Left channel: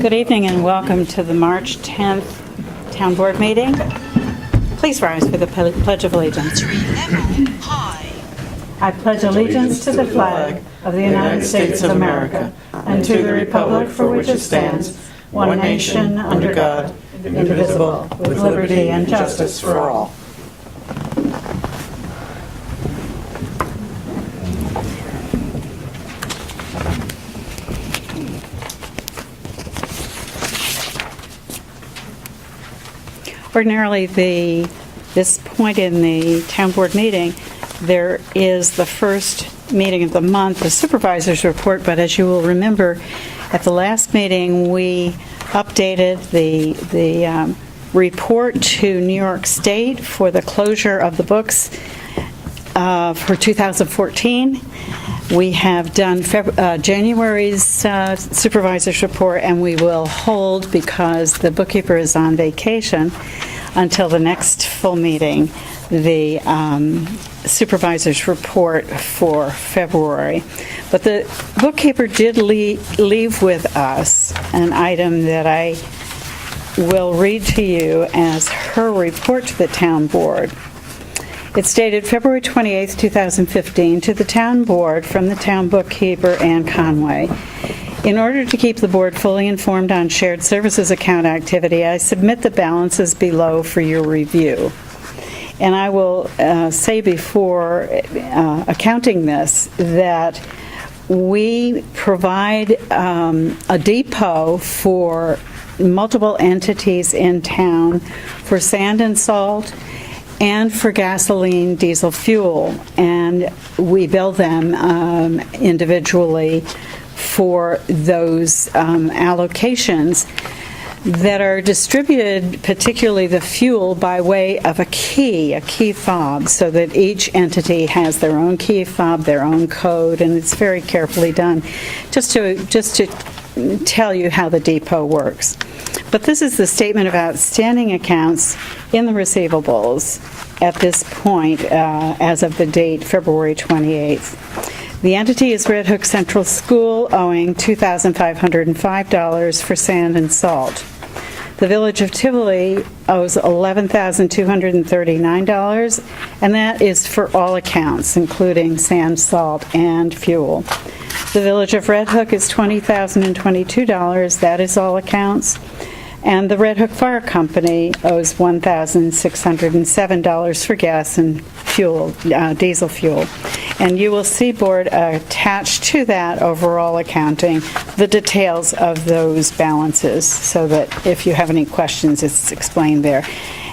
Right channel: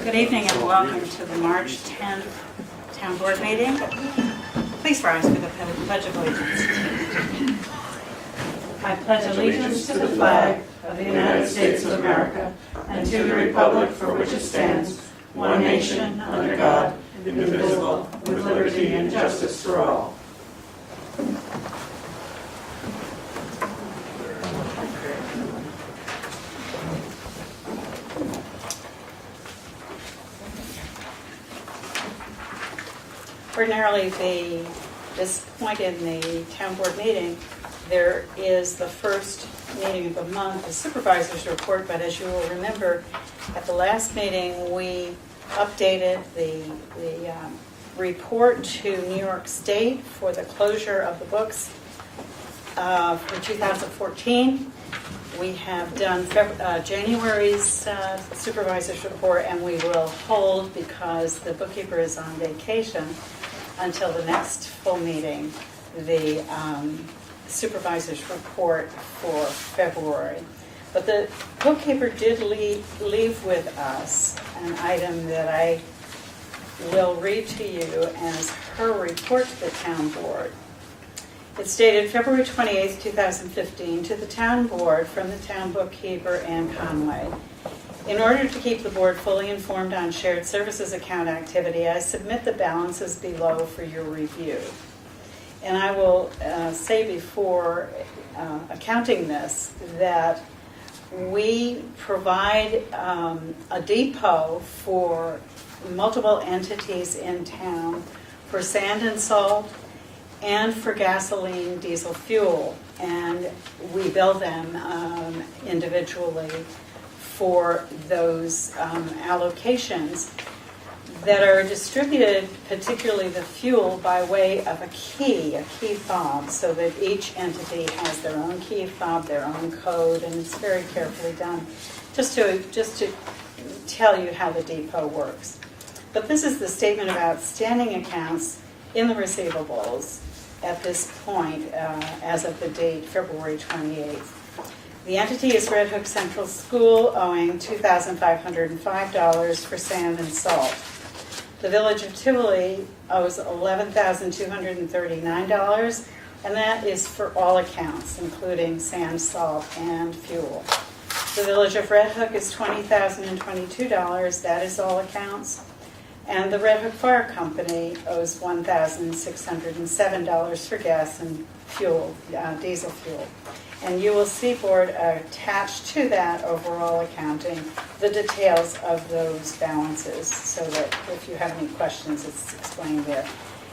Good evening and welcome to the March 10th Town Board meeting. Please rise for the Pledge of Allegiance. I pledge allegiance to the flag of the United States of America and to the republic for which it stands, one nation, under God, indivisible, with liberty and justice for all. Ordinarily, this point in the town board meeting, there is the first meeting of the month, the supervisor's report, but as you will remember, at the last meeting, we updated the report to New York State for the closure of the books for 2014. We have done January's supervisor's report, and we will hold, because the bookkeeper is on vacation, until the next full meeting, the supervisor's report for February. But the bookkeeper did leave with us an item that I will read to you as her report to the town board. It's dated February 28th, 2015, to the town board from the town bookkeeper, Ann Conway. In order to keep the board fully informed on shared services account activity, I submit the balances below for your review. And I will say before accounting this that we provide a depot for multiple entities in town for sand and salt and for gasoline, diesel fuel, and we bill them individually for those allocations that are distributed, particularly the fuel, by way of a key fob, so that each entity has their own key fob, their own code, and it's very carefully done, just to tell you how the depot works. But this is the statement of outstanding accounts in the receivables at this point, as of the date February 28th. The entity is Red Hook Central School, owing $2,505 for sand and salt. The Village of Tivoli owes $11,239, and that is for all accounts, including sand, salt, and fuel. The Village of Red Hook is $20,022, that is all accounts. And the Red Hook Fire Company owes $1,607 for gas and fuel, diesel fuel. And you will see, board, attached to that overall accounting, the details of those balances, so that if you have any questions, it's explained there.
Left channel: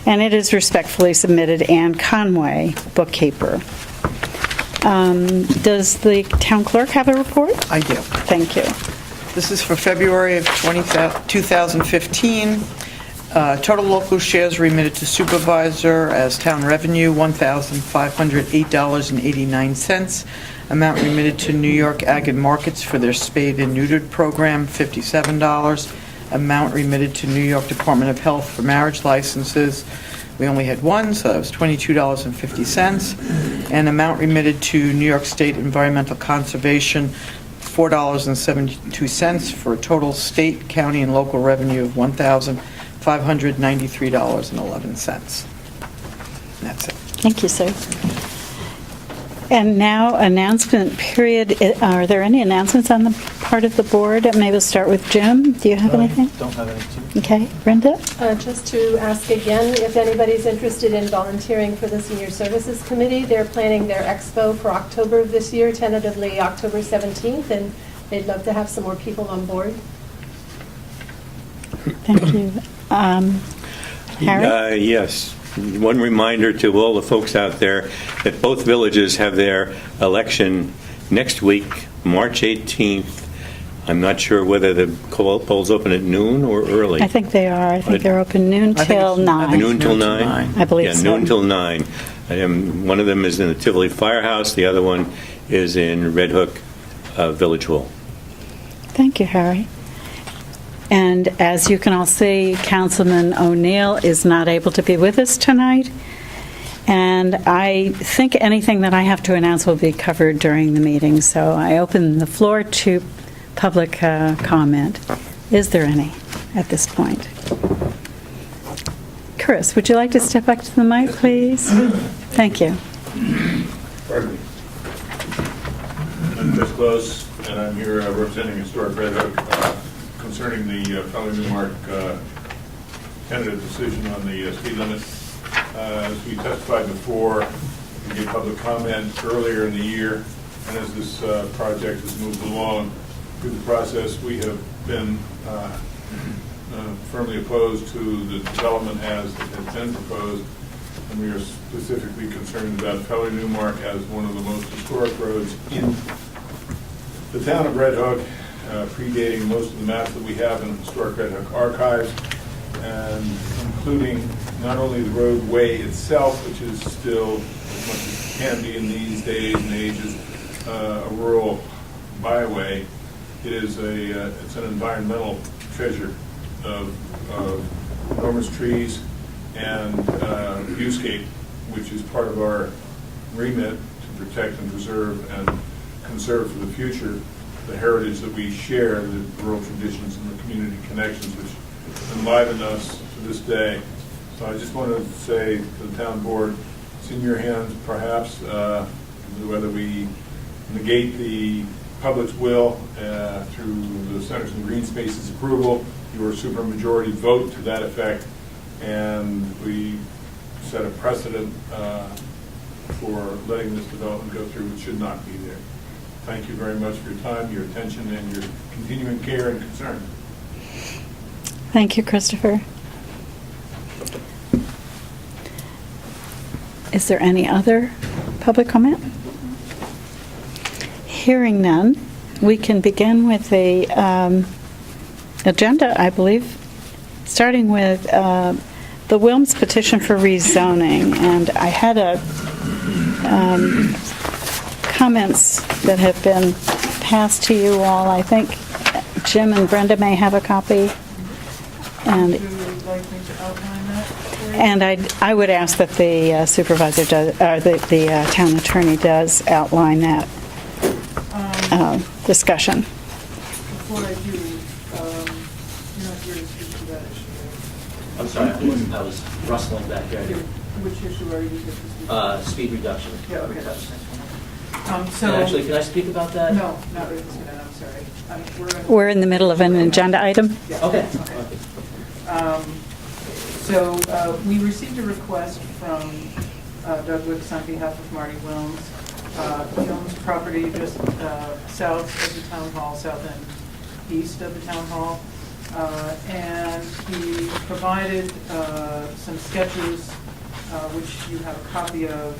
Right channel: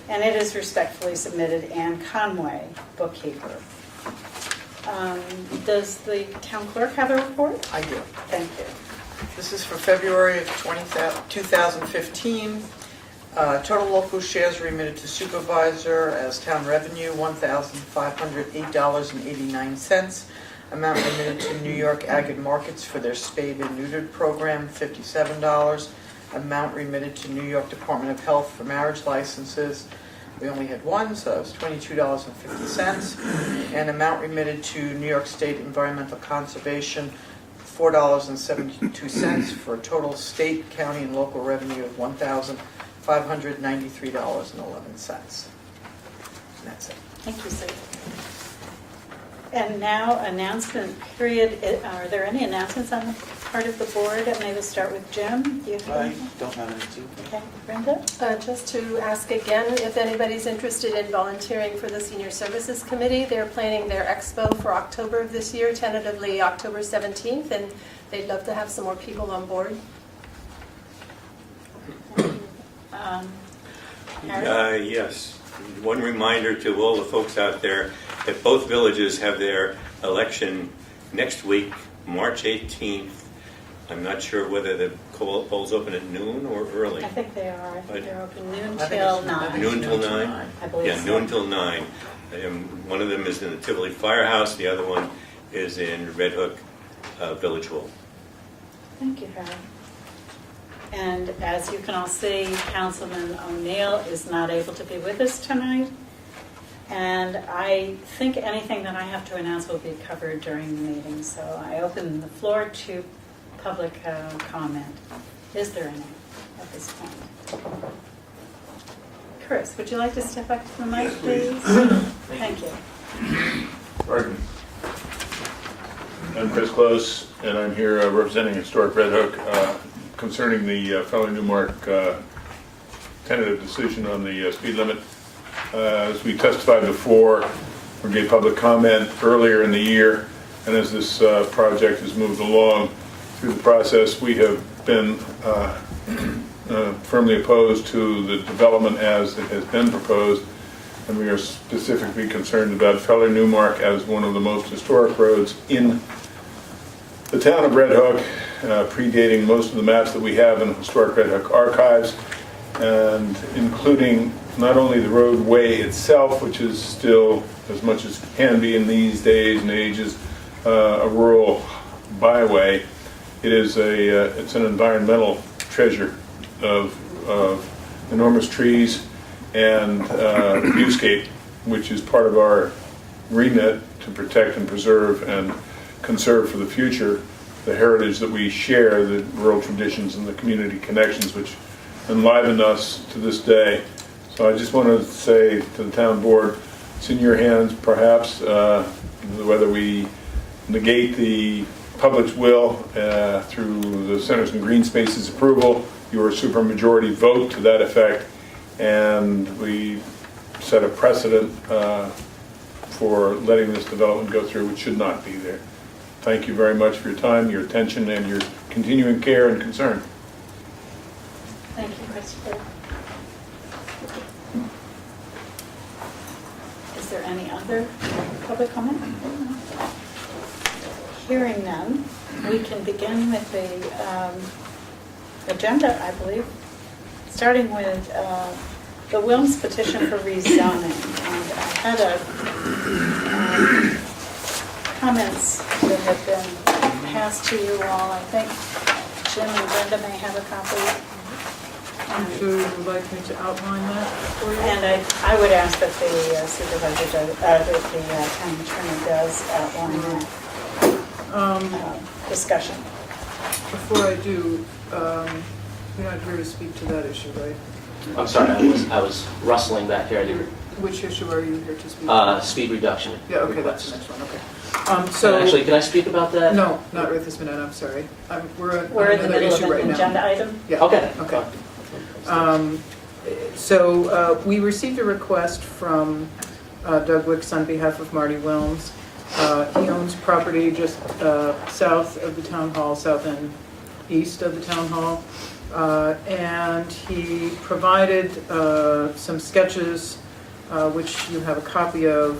And it is respectfully submitted, Ann Conway, bookkeeper. Does the town clerk have a report? I do. Thank you. This is for February of 2015. Total local shares remitted to supervisor as town revenue, $1,508.89. Amount remitted to New York Ag and Markets for their spayed and neutered program, $57. Amount remitted to New York Department of Health for marriage licenses. We only had one, so that was $22.50. And amount remitted to New York State Environmental Conservation, $4.72, for a total state, county, and local revenue of $1,593.11. That's it. Thank you, sir. And now, announcement period. Are there any announcements on the part of the board? Maybe we'll start with Jim. Do you have anything? Don't have anything. Okay. Brenda? Just to ask again, if anybody's interested in volunteering for the Senior Services Committee, they're planning their expo for October of this year, tentatively October 17th, and they'd love to have some more people on board. Thank you. Harry? Yes. One reminder to all the folks out there that both villages have their election next week, March 18th. I'm not sure whether the polls open at noon or early. I think they are. I think they're open noon till 9. Noon till 9? I believe so. Yeah, noon till 9. One of them is in the Tivoli Firehouse. The other one is in Red Hook Village Hall. Thank you, Harry. And as you can all see, Councilman O'Neill is not able to be with us tonight. And I think anything that I have to announce will be covered during the meeting. So I open the floor to public comment. Is there any at this point? Chris, would you like to step up to the mic, please? Thank you. Pardon me. I'm Chris Close, and I'm here representing Historic Red Hook concerning the Felling Newmark tentative decision on the speed limit. As we testified before, we gave public comment earlier in the year, and as this project has moved along through the process, we have been firmly opposed to the development as it has been proposed, and we are specifically concerned about Feller Newmark as one of the most historic roads in the town of Red Hook, predating most of the maps that we have in the Historic Red Hook archives, and including not only the roadway itself, which is still, as much as it can be in these days and ages, a rural byway. It is it's an environmental treasure of enormous trees and viewscape, which is part of our remit to protect and preserve and conserve for the future the heritage that we share, the rural traditions and the community connections which enliven us to this day. So I just want to say to the town board, it's in your hands perhaps, whether we negate the public's will through the Centers and Green Spaces approval, your supermajority vote to that effect, and we set a precedent for letting this development go through, which should not be there. Thank you very much for your time, your attention, and your continuing care and concern. Thank you, Christopher. Is there any other public comment? Hearing none, we can begin with the agenda, I believe, starting with the Wilms petition for rezoning. And I had comments that have been passed to you all. I think Jim and Brenda may have a copy. And Would you like me to outline that for you? And I would ask that the supervisor does, the town attorney does outline that discussion. Before I do, you're not here to speak to that issue, right? I'm sorry, I was rustling back there. Which issue are you here to speak to? Speed reduction. Yeah, okay, that's the next one, okay. Actually, can I speak about that? No, not right this minute, I'm sorry. We're in the middle of an issue right now. agenda item. Yeah. Okay. So we received a request from Doug Wicks on behalf of Marty Wilms. He owns property just south of the town hall, south and east of the town hall. And he provided some sketches, which you have a copy of,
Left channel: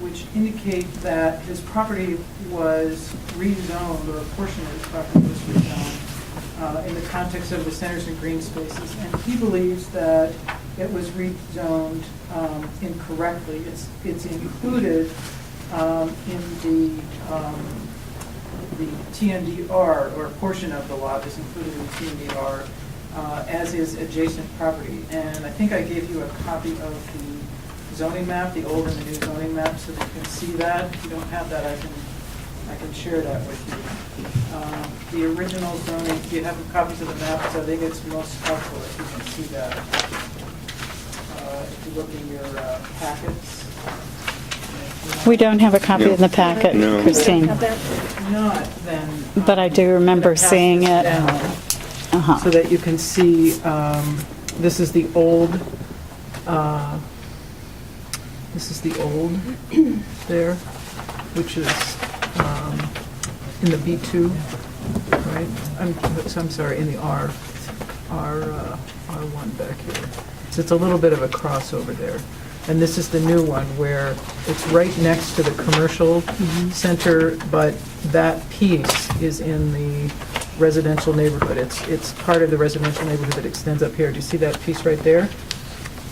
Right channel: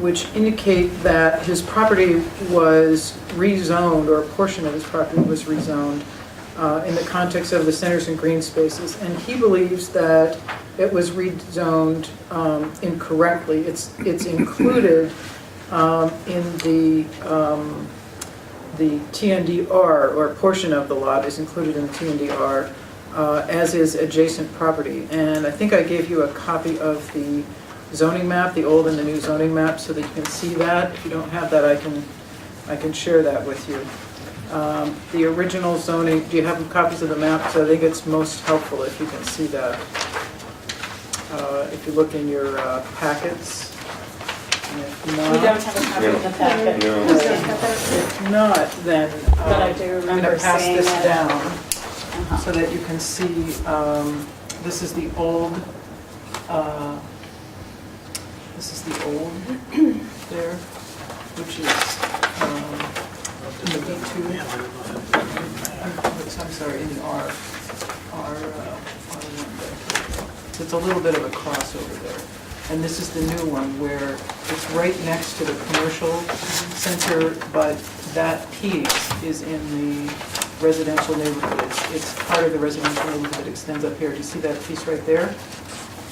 which indicate that his property was rezoned, or a portion of his property was rezoned, in the context of the Centers and Green Spaces. And he believes that it was rezoned incorrectly. It's included in the TNDR, or a portion of the lot is included in TNDR, as is adjacent property. And I think I gave you a copy of the zoning map, the old and the new zoning map, so that you can see that. If you don't have that, I can share that with you. The original zoning, do you have copies of the map? So I think it's most helpful if you can see that. If you look in your packets. We don't have a copy in the packet, No. Christine, If not, then. but I do remember pass seeing this it. down Uh-huh. so that you can see, this is the old, there, which is in the B2, right? I'm sorry, in the R1 back here. So it's a little bit of a crossover there. And this is the new one where it's right next to the commercial center, but that piece is in the residential neighborhood. It's part of the residential neighborhood that extends up here. Do you see that piece right there?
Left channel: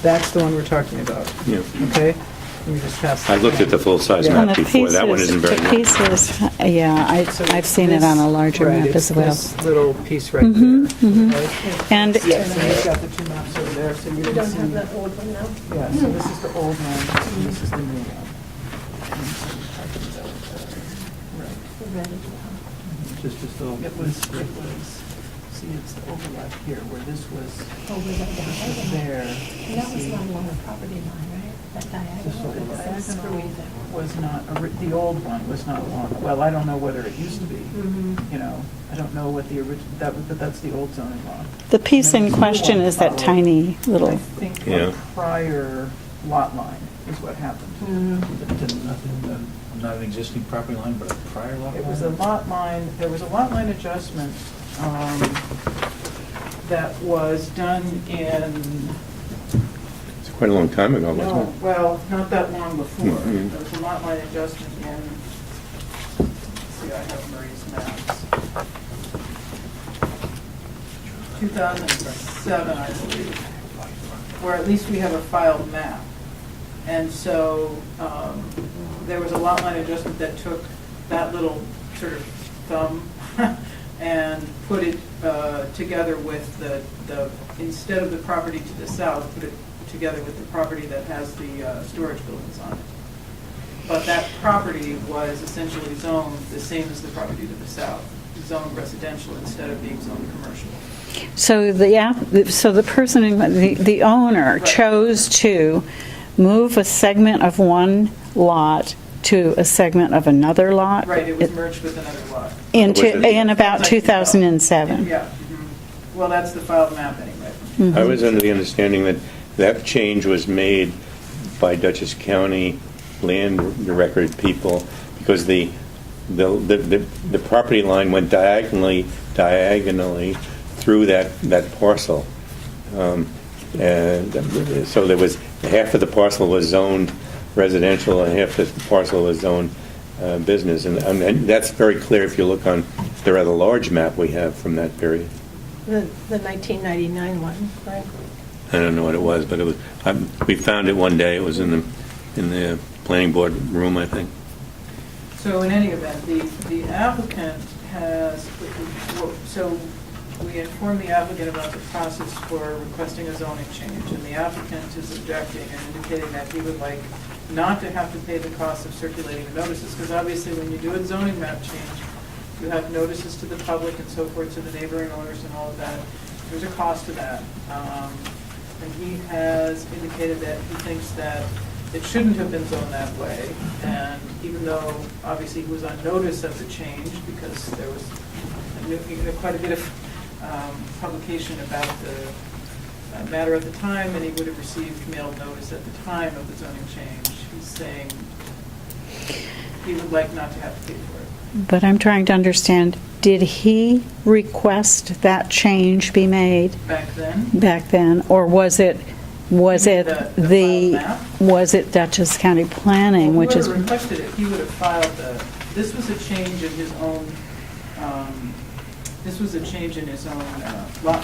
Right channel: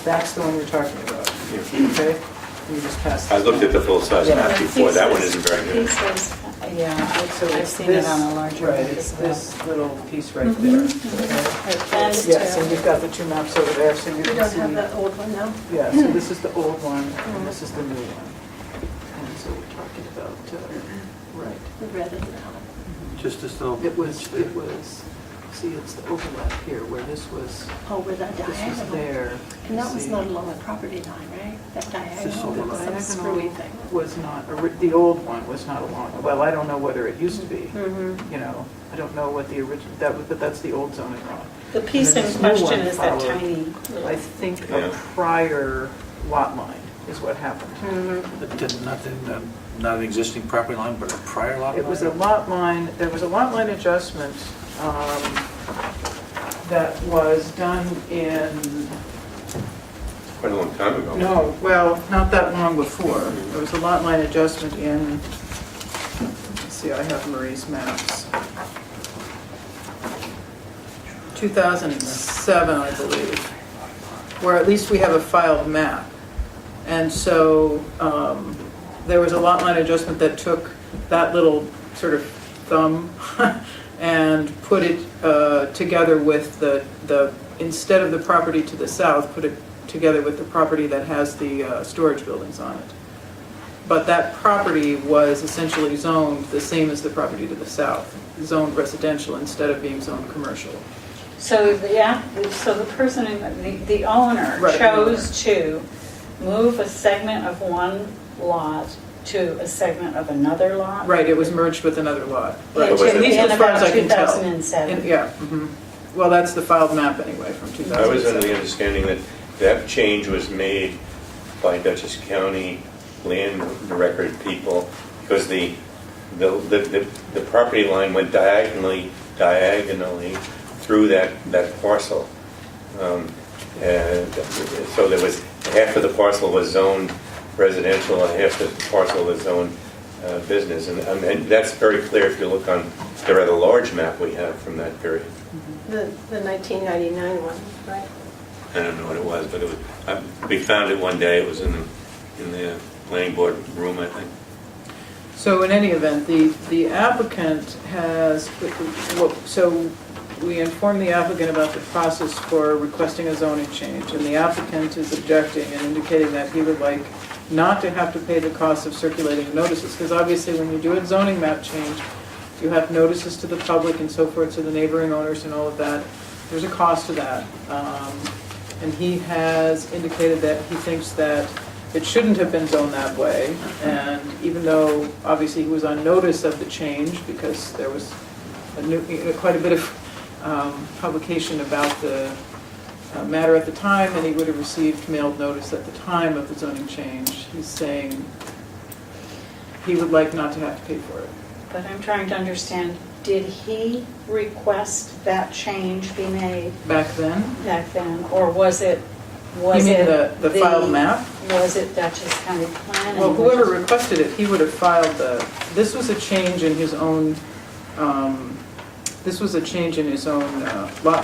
That's the one we're talking about. Yeah. Okay? And you just pass that I looked down. at the full-size Yeah. map before. That one isn't very The much. pieces, yeah, So I've seen it on a larger right, map it's as well. this little piece right there. Okay? And- Yes, and you've got the two maps over there, so you We can don't see. have the old one now? Yeah, so this is the old one, and this is the new one. And so we're talking about, right. We read it now. Just as though. It was See, it's the overlap here where this was, Oh, with that this was diagonal. there. And that was not along the property line, right? That diagonal, with some screwy thing. Was not, the old one was not along, well, I don't know whether it used to be, you know, I don't know what the original, but that's the old zoning law. The piece in There's no question one is that followed. tiny little, I think Yeah. a prior lot line is what happened. Not an existing property line, but a prior lot line? It was a lot line, there was a lot line adjustment that was done in, It's quite a long time ago. wasn't no, it? well, not that long before. Mhm. There was a lot line adjustment in, let's see, I have Marie's maps. 2007, I believe, where at least we have a filed map. And so there was a lot line adjustment that took that little sort of thumb and put it together with the, instead of the property to the south, put it together with the property that has the storage buildings on it. But that property was essentially zoned the same as the property to the south, zoned residential instead of being zoned commercial. so the person, the owner Right, chose the to move a segment of one lot to a segment of another lot? Right, it was merged with another lot. In Right. two- At least in as far about as I can tell. 2007. Yeah. Mhm. Well, that's the filed map anyway from 2007. I was under the understanding that that change was made by Dutchess County land record people because the property line went diagonally through that parcel. And so there was, half of the parcel was zoned residential and half the parcel was zoned business. And that's very clear if you look on the rather large map we have from that period. The 1999 one, right? I don't know what it was, but it was. We found it one day. It was in the planning board room, I think. So in any event, the applicant has, so we informed the applicant about the process for requesting a zoning change, and the applicant is objecting and indicating that he would like not to have to pay the cost of circulating notices, because obviously when you do a zoning map change, you have notices to the public and so forth, to the neighboring owners and all of that. There's a cost to that. And he has indicated that he thinks that it shouldn't have been zoned that way. And even though obviously he was on notice of the change, because there was quite a bit of publication about the matter at the time, and he would have received mailed notice at the time of the zoning change, he's saying he would like not to have to pay for it. But I'm trying to understand, did he request that change be made Back then, back then? Or was it You mean the filed map? Was it Dutchess County Planning, well, which whoever is, requested it, he would have filed this was a change in his own, lot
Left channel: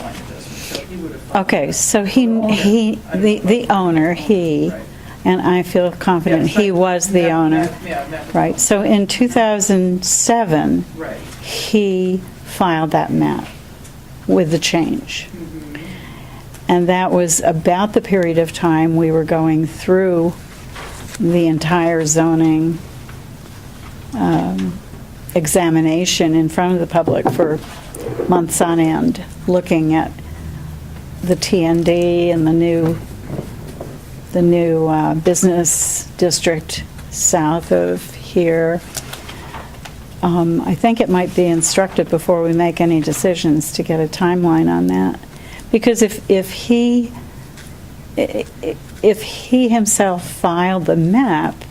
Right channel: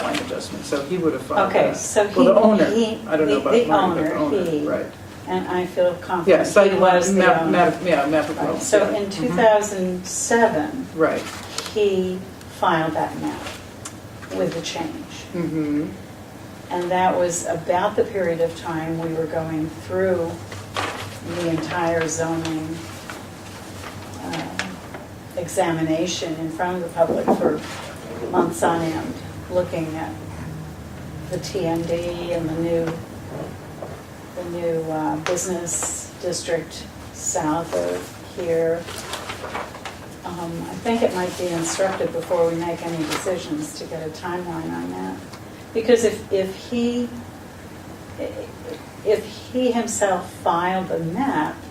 line adjustment, so he would have filed okay, that. so Well, the owner. I don't know about the owner, he, right. and I feel confident Yeah, he was the owner. map Right, so in 2007, Right. he filed that map with the change. Mhm. And that was about the period of time we were going through the entire zoning examination in front of the public for months on end, looking at the TND and the new business district south of here. I think it might be instructive before we make any decisions to get a timeline on that. Because if he himself filed the map,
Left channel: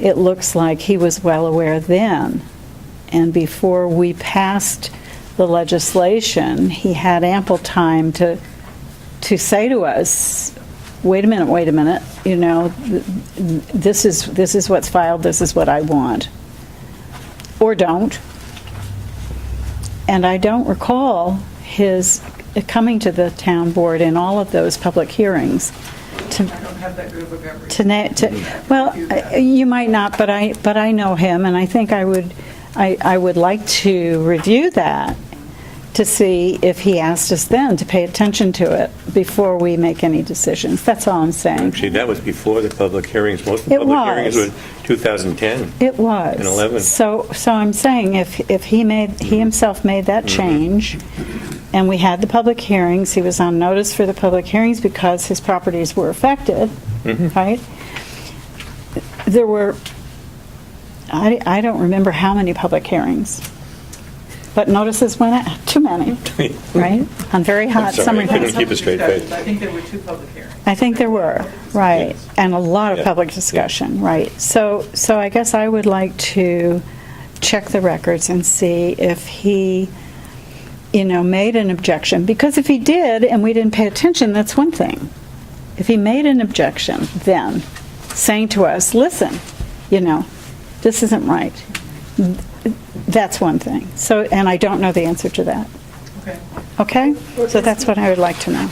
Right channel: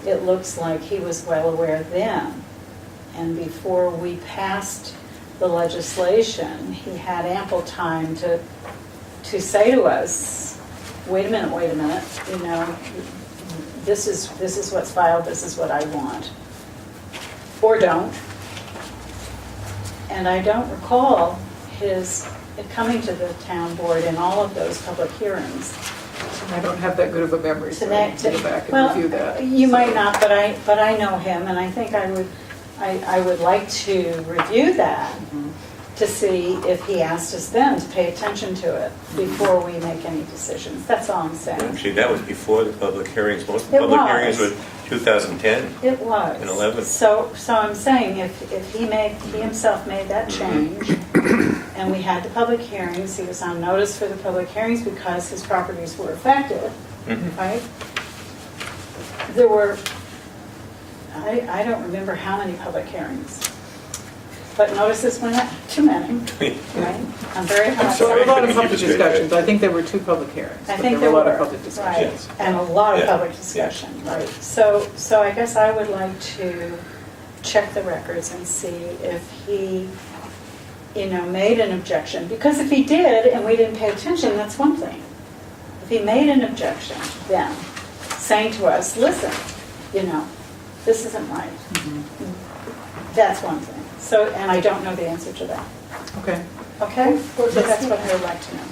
it looks like he was well aware then. And before we passed the legislation, he had ample time to say to us, wait a minute, you know, this is what's filed, this is what I want. Or don't. And I don't recall his coming to the town board in all of those public hearings to I don't have that good of a memory. to, so I na- can go to back and well, review that. you might So- not, but I know him, and I think I would like to review that to see if he asked us then to pay attention to it before we make any decisions. That's all I'm saying. Actually, that was before the public hearings. Most of the It public was. hearings were 2010. It was. In 11. So I'm saying if he himself made that change, and we had the public hearings, he was on notice for the public hearings because his properties were affected, right? There were, I don't remember how many public hearings, but notices went out, too many, right? On very hot sorry, summer I couldn't days. keep a straight Discussions. face. I think there were 2 public hearings. I think there were a lot of were, public right, discussions. and a lot of Yeah. public discussion, right. So I guess I would like to check the records and see if he, made an objection. Because if he did and we didn't pay attention, that's one thing. If he made an objection then, saying to us, listen, this isn't right, that's one thing. So, and I don't know the answer to that. Okay. Okay? Or So is that's he- what I would like to know.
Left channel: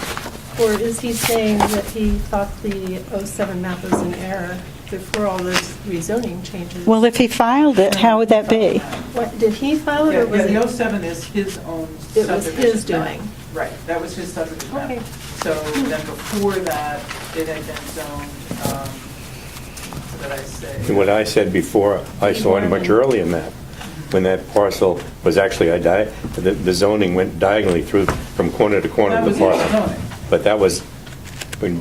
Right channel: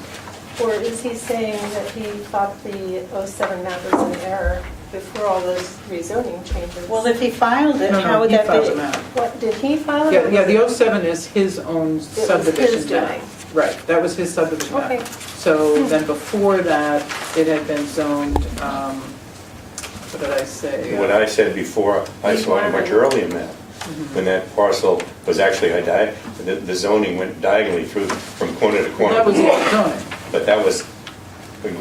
Or is he saying that he thought the '07 map was in error before all those rezoning changes? Well, if he filed it, how would that be? What, did he file it? or Yeah, was the it- 07 is his own It was his subdivision map. doing. Right, that was his subdivision Okay. map. So then before that, it had been zoned, what did I say? And what I said before, I saw a much earlier map, when that parcel was actually, the zoning went diagonally through from corner to corner. That of was the his lot. zoning. But that was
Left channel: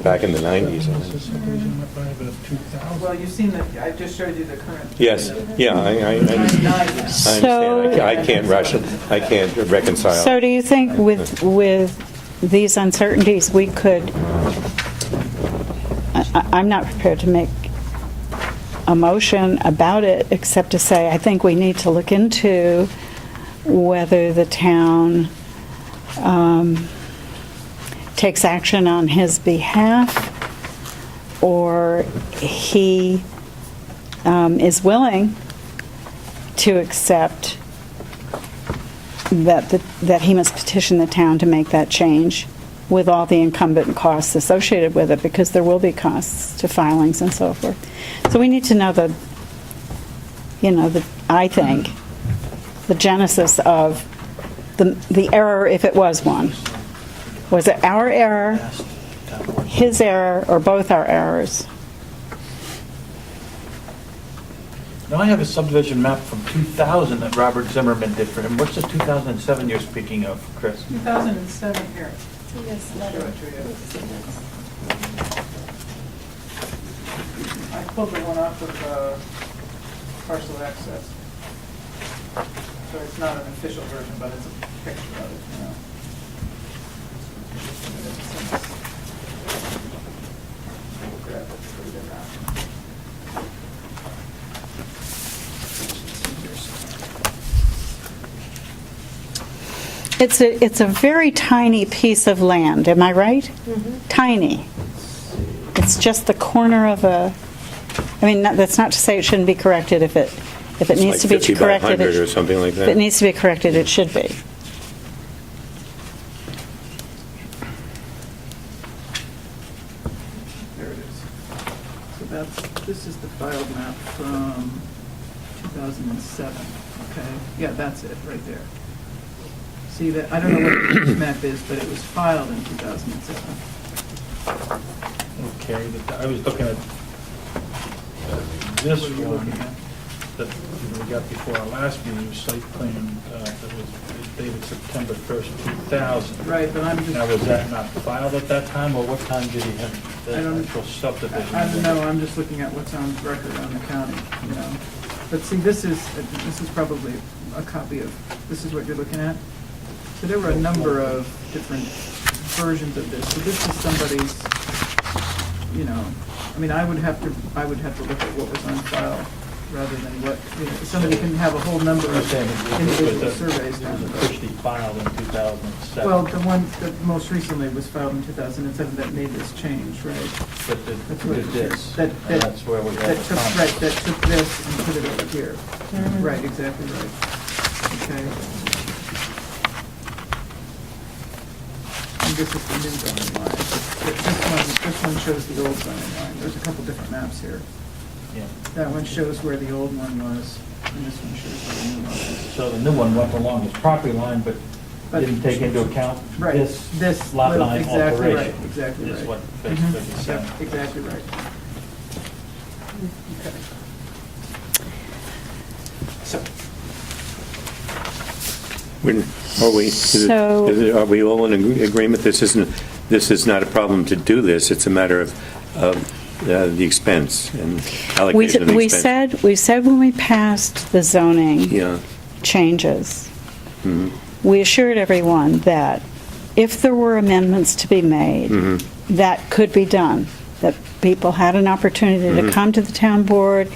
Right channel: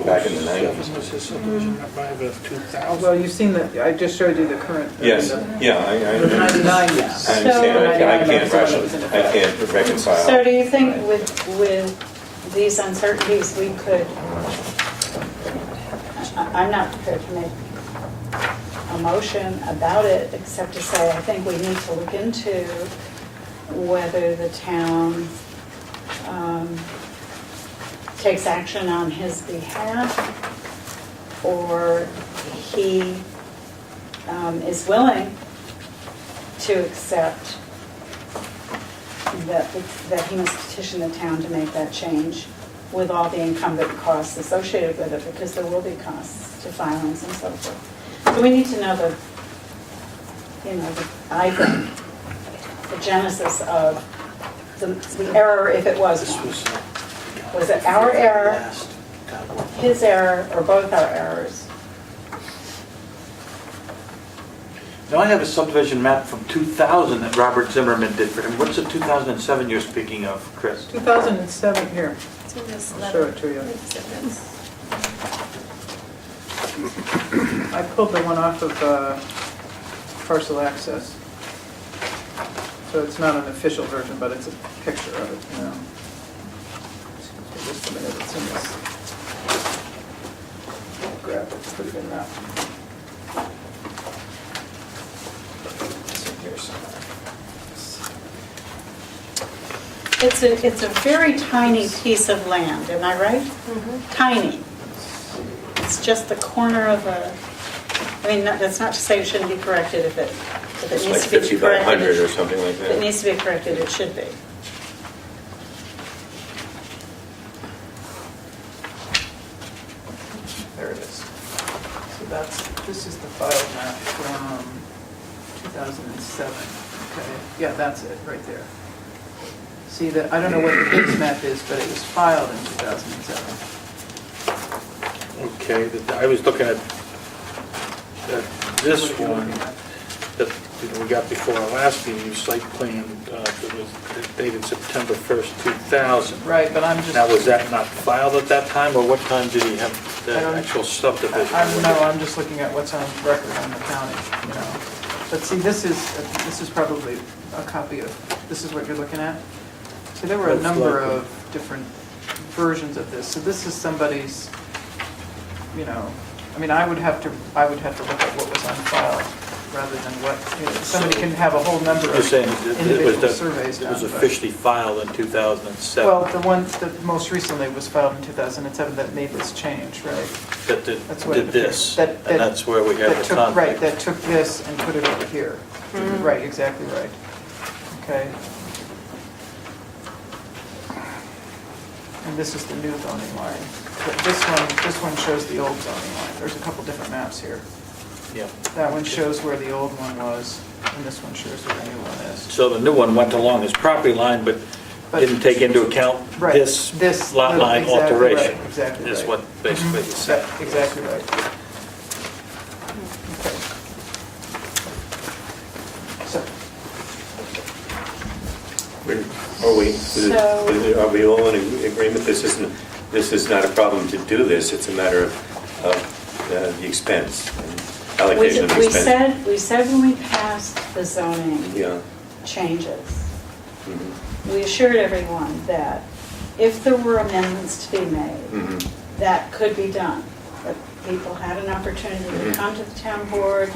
back in the 90s. Was his subdivision map by about 2000? Well, you've seen that, I just showed you the current. Yes, yeah, I understand. 99, yeah. I understand. I can't reconcile. So do you think with these uncertainties, we could, I'm not prepared to make a motion about it, except to say, I think we need to look into whether the town takes action on his behalf, or he is willing to accept that he must petition the town to make that change with all the incumbent costs associated with it, because there will be costs to filings and so forth. So we need to know I think, the genesis of the error, if it was one. Was it our error, his error, or both our errors? Now, I have a subdivision map from 2000 that Robert Zimmerman did for him. What's the 2007 you're speaking of, Chris? 2007 here. It's in this I'll letter. show it to you. Sentence. I pulled the one off of Parcel Access. So it's not an official version, but it's a picture of it, Just a minute, it's in this. Grab it, it's pretty big map. It's a very tiny piece of land, am I right? Mhm. Tiny. It's just the corner of that's not to say it shouldn't be corrected if it It's needs like to be 50 by corrected. 100 or something like If it that. needs to be corrected, it should be. There it is. So this is the file map from 2007. Okay, yeah, that's it, right there. See that, I don't know what this map is, but it was filed in 2007. Okay, I was looking at this one that we got before our last meeting, site plan that was dated September 1st, 2000. Right, but I'm just. Now, was that not filed at that time, or what time did he have I that don't- actual subdivision? I don't know, I'm just looking at what's on record on the county, But see, this is probably a copy of, this is what you're looking at? So there were a number of different versions of this. So this is somebody's, I would have to look at what was on file rather than what, somebody can have a whole number You're of saying that individual surveys it done. was but- officially filed in 2007? Well, the one that most recently was filed in 2007 that made this change, right? That did That's what it this, appears. and that's where we have That the took, conflict. right, that took this and put it over here. Right, exactly right. Okay. And this is the new zoning line. This one shows the old zoning line. There's a couple different maps here. Yeah. That one shows where the old one was, and this one shows where the new one is. So the new one went along his property line, but But- didn't take into account Right, this lot little- line exactly right, alteration. exactly Is right. what basically Mhm. he's saying. Yep, exactly right. Are we all in agreement? This is not a problem to do this. It's a matter of the expense and allocation of the expense. We said when we passed the zoning Yeah. changes, Mhm. we assured everyone that if there were amendments to be made, Mhm. that could be done, that people had an opportunity to Mhm. come to the town board,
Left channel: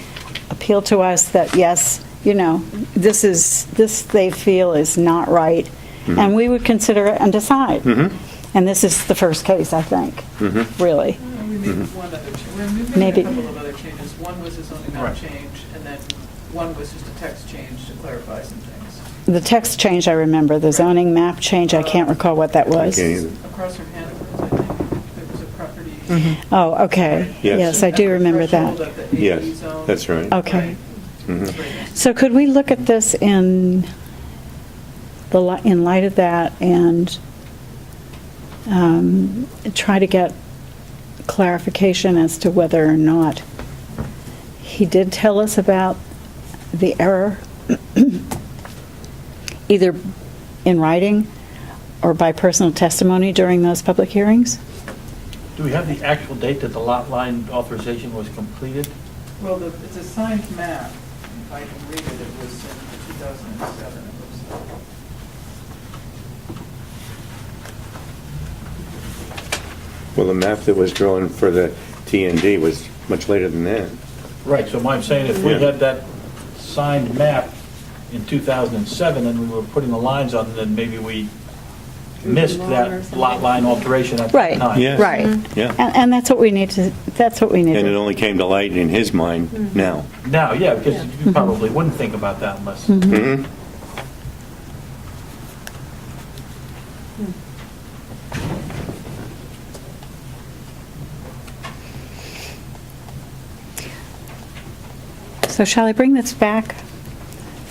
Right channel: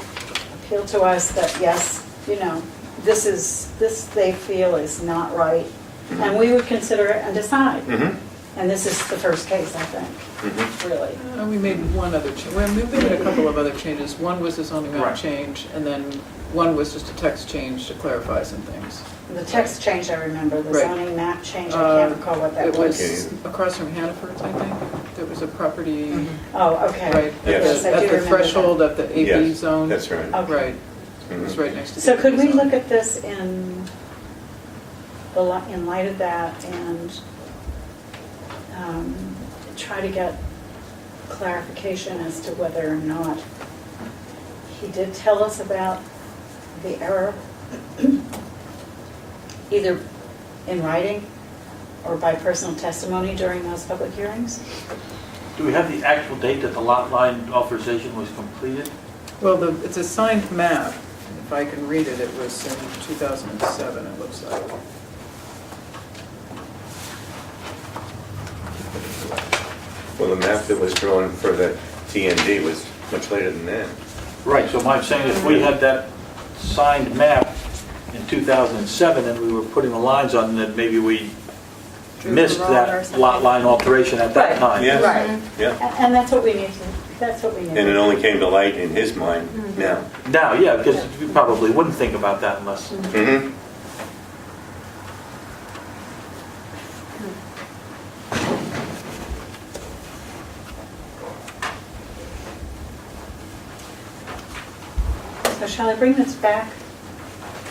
appeal to us that, yes, this they feel is not right, and we would consider it and decide. Mhm. And this is the first case, I think, Mhm. really. We made one other change, well, we made Maybe. a couple of other changes. One was the zoning map Right. change, and then one was just a text change to clarify some things. The text change, I remember. The Right. zoning map change, I can't recall what that It was. Okay. Across from Hannaford's, I think, there was a property. Oh, okay. Right, Yes, I do remember At the threshold that. of the Yeah, AE zone. that's right. Okay. Right, Mhm. it's right next to. So could we look at this in light of that and try to get clarification as to whether or not he did tell us about the error, either in writing or by personal testimony during those public hearings? Do we have the actual date that the lot line authorization was completed? Well, it's a signed map. If I can read it, it was in 2007, it looks like. Well, the map that was drawn for the TND was much later than that. Right, so I'm saying if we had that signed map in 2007 and we were putting the lines on, then maybe we missed that lot line alteration at that Right. time. Yeah. Right. Yeah. And that's what we need to, And it only came to light in his mind now. Now, yeah, because we probably wouldn't think about that unless, Mhm. So shall I bring this back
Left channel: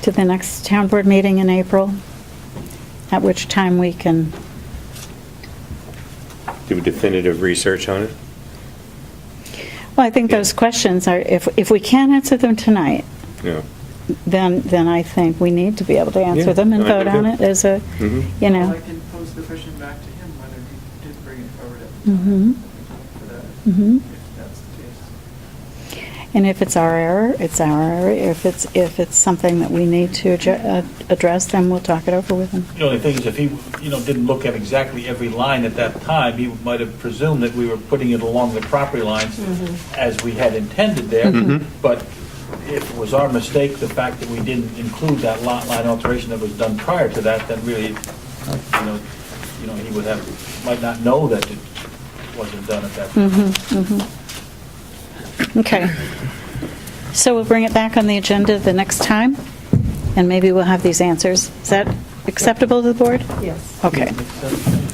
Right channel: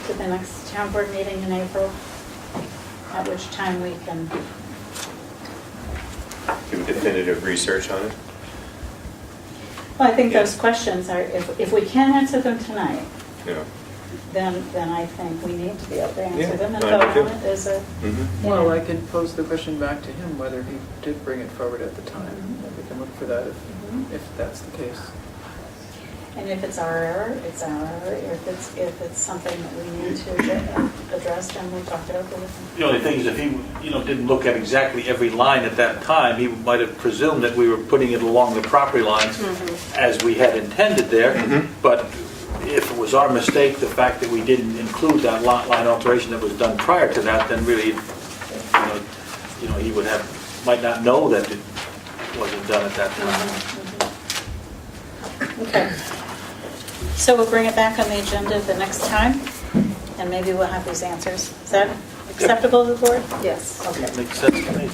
to the next town board meeting in April? At which time we can, Do definitive research on it? well, I think those questions are, if we can't answer them tonight, Yeah. then I think we need to be able to answer Yeah, them and I vote on agree. it as a, Mhm. you Well, I know. can pose the question back to him, whether he did bring it forward at the Mhm. time. We can look for that Mhm. if that's the case. And if it's our error, it's our error. If it's something that we need to address, then we'll talk it over with him. the only thing is if he, didn't look at exactly every line at that time, he might have presumed that we were putting it along the property lines as we had intended there. Mhm. But if it was our mistake, the fact that we didn't include that lot line alteration that was done prior to that, then really, he might not know that it wasn't done at that time. Okay. So we'll bring it back on the agenda the next time, and maybe we'll have these answers. Is that acceptable to the board? Yes. Okay. Makes sense to me.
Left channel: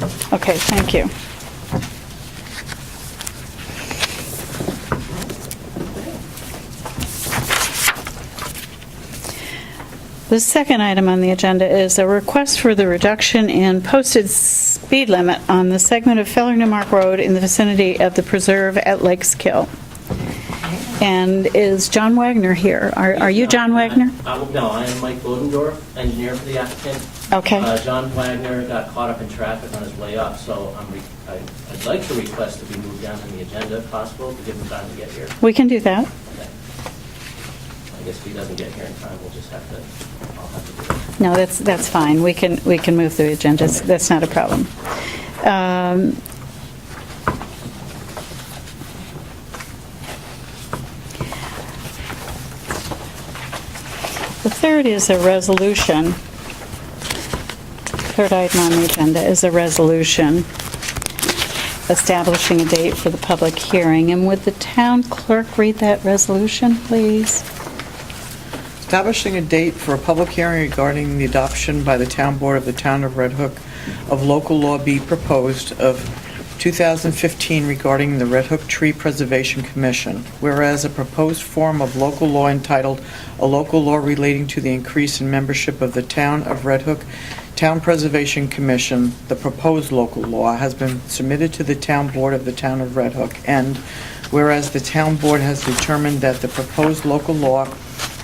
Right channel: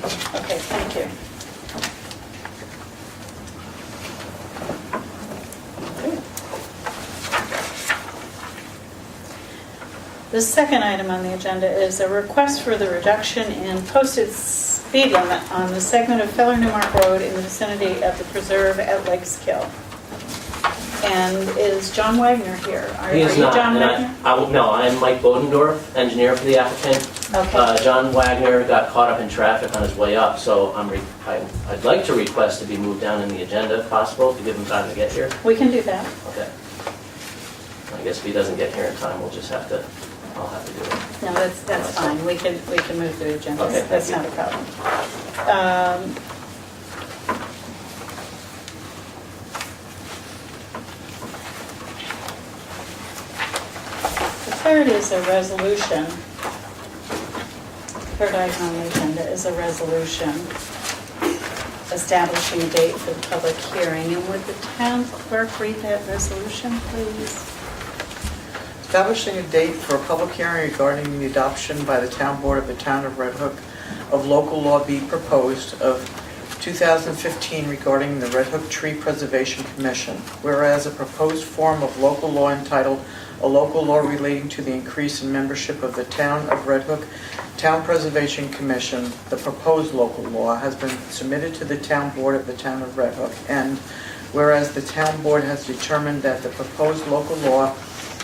So- Okay, thank you. The second item on the agenda is a request for the reduction in posted speed limit on the segment of Feller Newmark Road in the vicinity of the preserve at Lakes Kill. And is John Wagner here? Are He's you not, John and Wagner? No, I'm Mike Bodendorf, engineer for the applicant. Okay. John Wagner got caught up in traffic on his way up, so I'd like to request to be moved down in the agenda if possible, to give him time to get here. We can do that. Okay. I guess if he doesn't get here in time, I'll have to do it. No, that's fine. We can move the agendas. Okay. That's not a problem. The third is a resolution. Third item on the agenda is a resolution establishing a date for the public hearing. And would the town clerk read that resolution, please? Establishing a date for a public hearing regarding the adoption by the town board of the town of Red Hook of local law be proposed of 2015 regarding the Red Hook Tree Preservation Commission. Whereas a proposed form of local law entitled "A Local Law Relating to the Increase in Membership of the Town of Red Hook Town Preservation Commission," the proposed local law, has been submitted to the town board of the town of Red Hook. And whereas the town board has determined that the proposed local law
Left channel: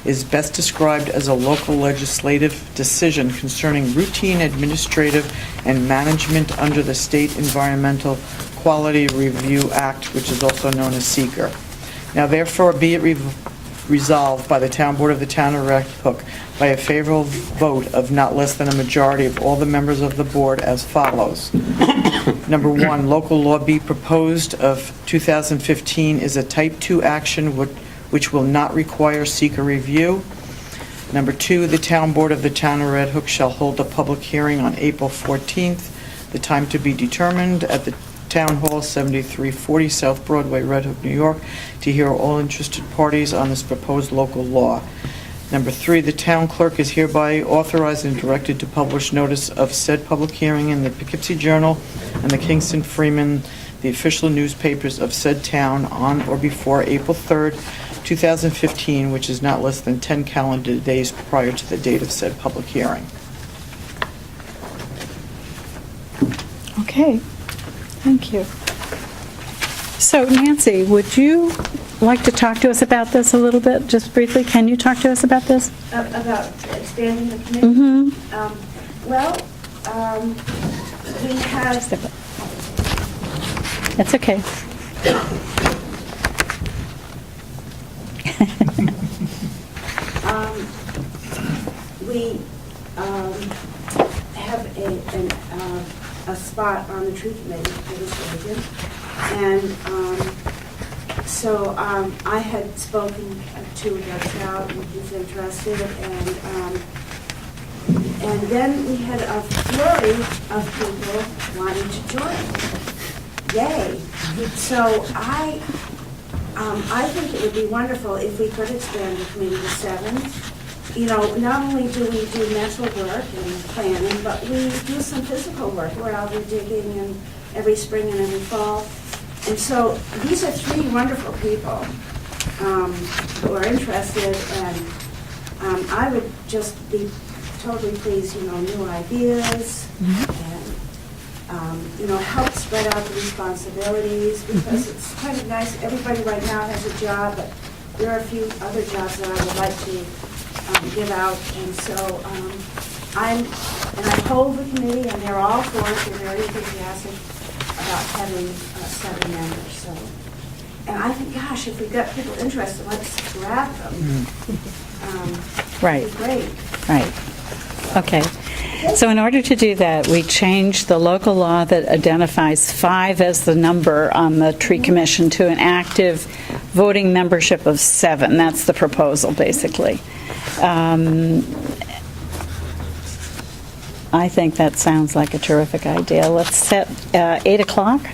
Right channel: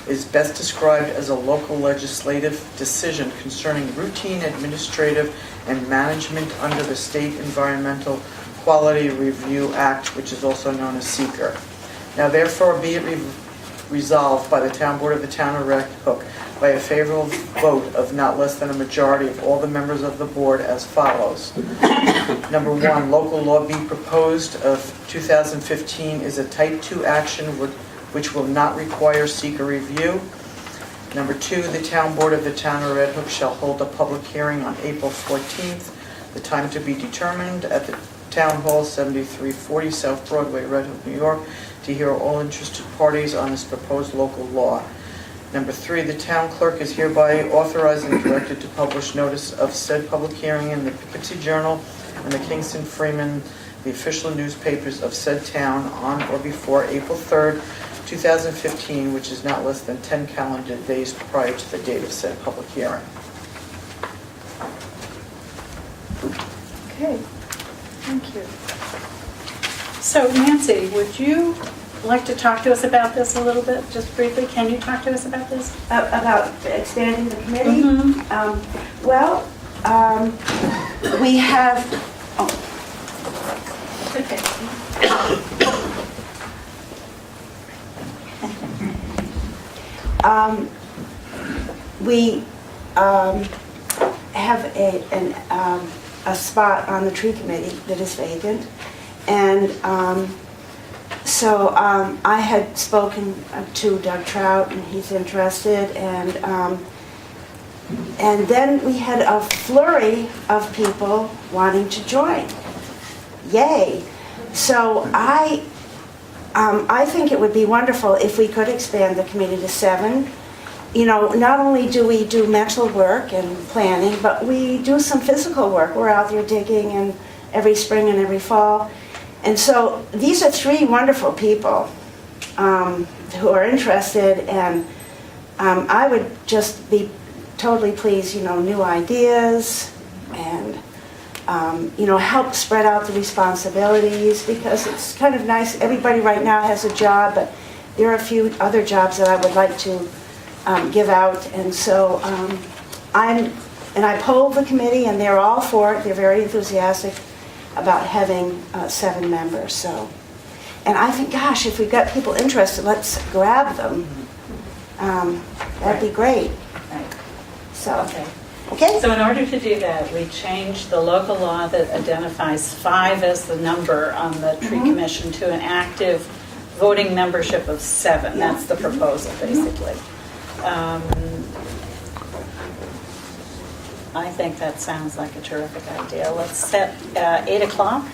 is best described as a local legislative decision concerning routine administrative and management under the State Environmental Quality Review Act, which is also known as SEQR. Now therefore be it resolved by the Town Board of the Town of Red Hook by a favorable vote of not less than a majority of all the members of the board as follows. Number one, local law B proposed of 2015 is a type 2 action which will not require SEQR review. Number two, the Town Board of the Town of Red Hook shall hold a public hearing on April 14th, the time to be determined, at the Town Hall, 7340 South Broadway, Red Hook, New York, to hear all interested parties on this proposed local law. Number three, the town clerk is hereby authorized and directed to publish notice of said public hearing in the Poughkeepsie Journal and the Kingston Freeman, the official newspapers of said town, on or before April 3rd, 2015, which is not less than 10 calendar days prior to the date of said public hearing. Okay, thank you. So Nancy, would you like to talk to us about this a little bit, just briefly? Can you talk to us about this? About expanding the committee? Mhm. We have, That's okay. we have a spot on the tree committee that is vacant. And so I had spoken to Doug Trout, and he's interested, and then we had a flurry of people wanting to join. Yay! So I think it would be wonderful if we could expand the committee to 7. You know, not only do we do mental work and planning, but we do some physical work. We're out there digging and every spring and every fall. And so these are 3 wonderful people who are interested, and I would just be totally pleased, new ideas, and, help spread out the responsibilities, because it's kind of nice. Everybody right now has a job, but there are a few other jobs that I would like to give out. And so I polled the committee, and they're all for it. They're very enthusiastic about having 7 members. So, and I think, gosh, if we've got people interested, let's grab them. That'd be great. Right. So, Okay. Okay. So in order to do that, we changed the local law that identifies 5 as the number on the tree commission to an active voting membership of 7. That's the proposal, basically. I think that sounds like a terrific idea. Let's set 8 o'clock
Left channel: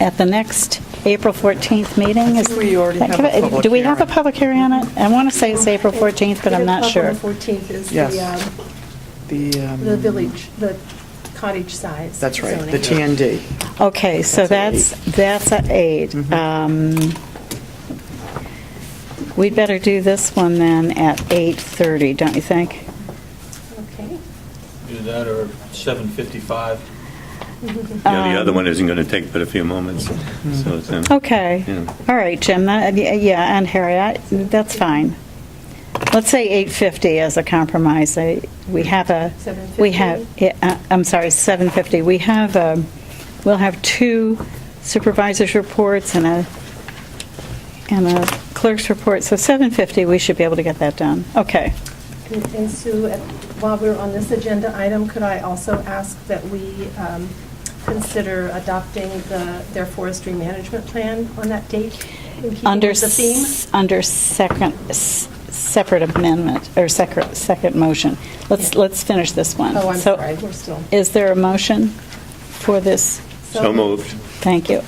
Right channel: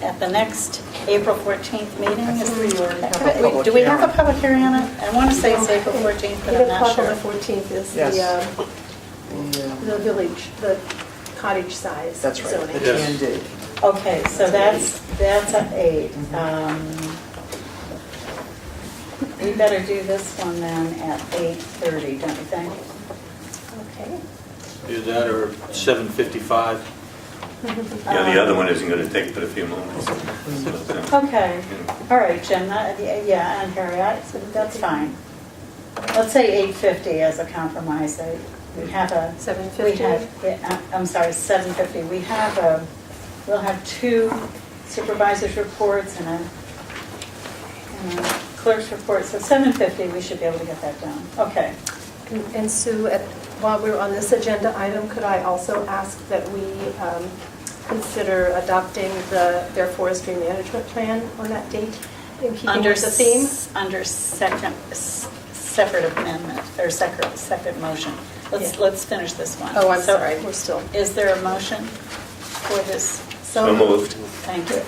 at the next April 14th meeting. I think we already have a public Do we have a hearing. public hearing on it? I want to say it's April 14th, but I'm not sure. 8 o'clock on the 14th is Yes. the village, the cottage size. That's right, zoning. the TND. Okay, so that's at 8. We better do this one then at 8:30, don't you think? Okay. Either that or 7:55. Yeah, the other one isn't going to take but a few moments. So it's, Okay. Yeah. All right, Jim. Yeah, and Harry, that's fine. Let's say 8:50 as a compromise. We have a. 7:50? We have. I'm sorry, 7:50. We'll have 2 supervisors' reports and a clerk's report. So 7:50, we should be able to get that done. Okay. And Sue, while we're on this agenda item, could I also ask that we consider adopting their forestry management plan on that date in keeping with the theme? Under separate amendment, or second motion. Let's finish this one. Oh, I'm So, sorry, we're still. Is there a motion for this? So moved. Thank you.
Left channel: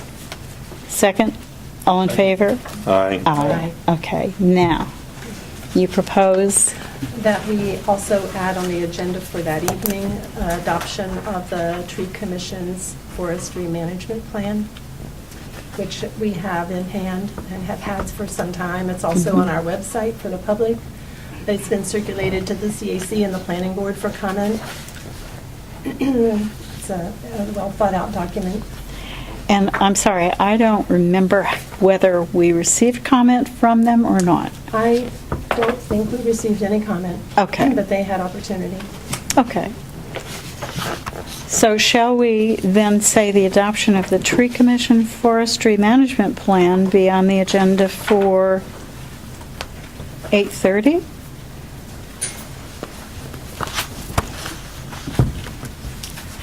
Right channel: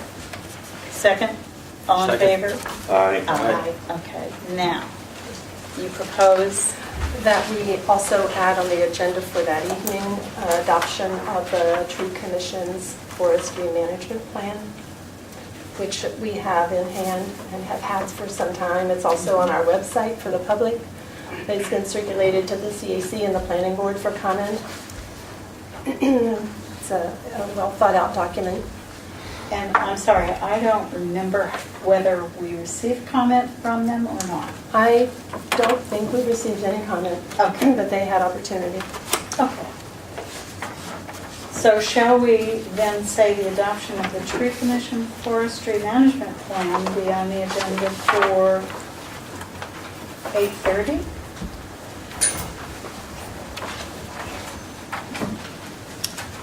Second? All in Second. favor? Aye. Aye. Okay, now, you propose, That we also add on the agenda for that evening, adoption of the Tree Commission's forestry management plan, which we have in hand and have had for some time. It's also on our website for the public. It's been circulated to the CAC and the Planning Board for comment. It's a well-thought-out document. and I'm sorry, I don't remember whether we received comment from them or not. I don't think we received any comment. Okay. But they had opportunity. Okay. So shall we then say the adoption of the Tree Commission Forestry Management Plan be on the agenda for 8:30?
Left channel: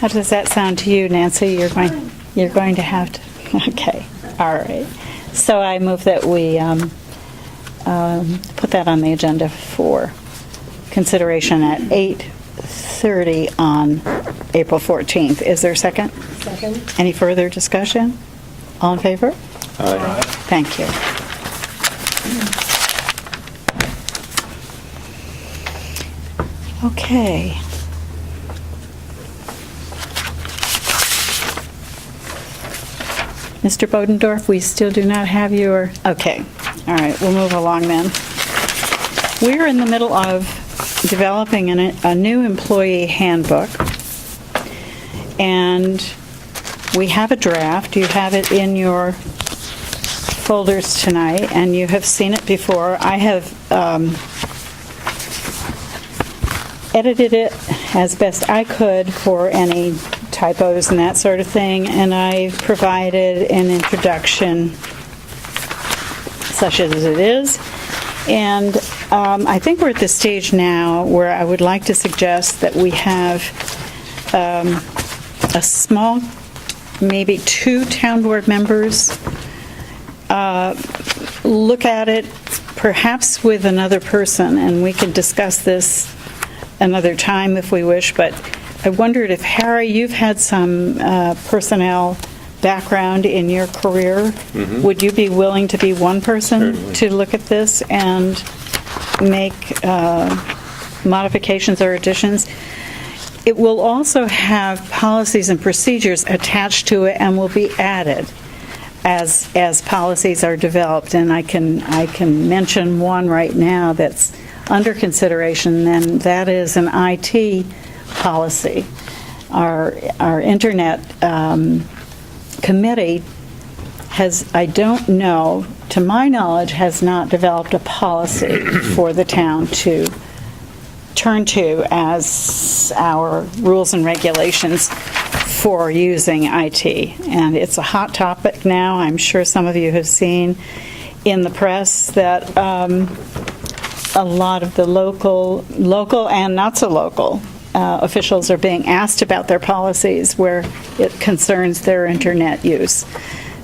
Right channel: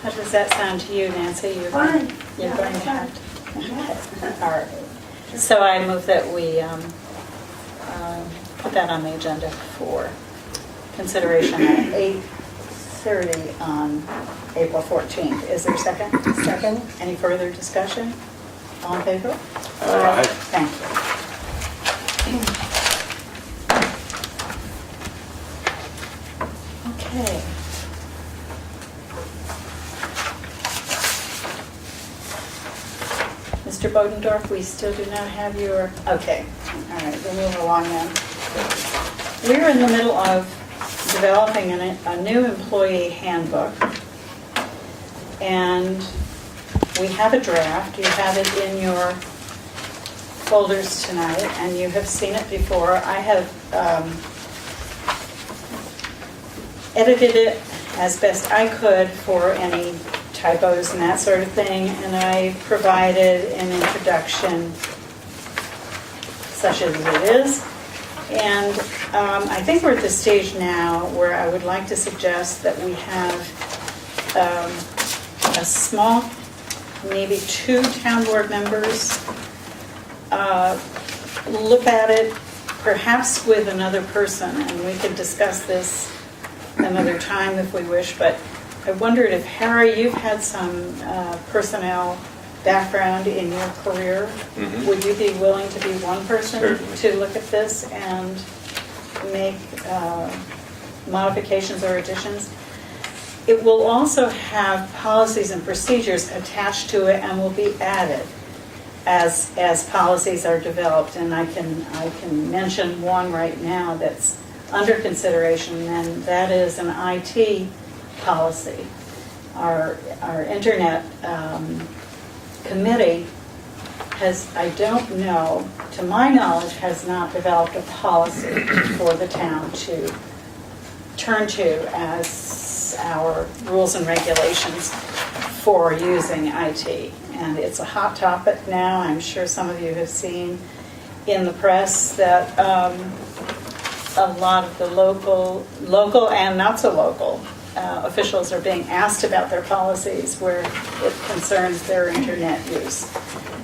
How does that sound to you, Nancy? You're going to have to, okay, all right. So I move that we put that on the agenda for consideration at 8:30 on April 14th. Is there a second? Second? Any further discussion? All in favor? Aye. Thank you. Okay. Mr. Bodendorf, we still do not have your, okay. All right, we'll move along then. We're in the middle of developing a new employee handbook. And we have a draft. You have it in your folders tonight, and you have seen it before. I have edited it as best I could for any typos and that sort of thing, and I provided an introduction such as it is. And I think we're at the stage now where I would like to suggest that we have a small, maybe 2 town board members look at it, perhaps with another person, and we could discuss this another time if we wish. But I wondered if, Harry, you've had some personnel background in your career. Mhm. Would you be willing to be one person Certainly. to look at this and make modifications or additions? It will also have policies and procedures attached to it and will be added as policies are developed. And I can mention one right now that's under consideration, and that is an IT policy. Our internet committee has, I don't know, to my knowledge, has not developed a policy for the town to turn to as our rules and regulations for using IT. And it's a hot topic now. I'm sure some of you have seen in the press that a lot of the local and not so local officials are being asked about their policies where it concerns their internet use.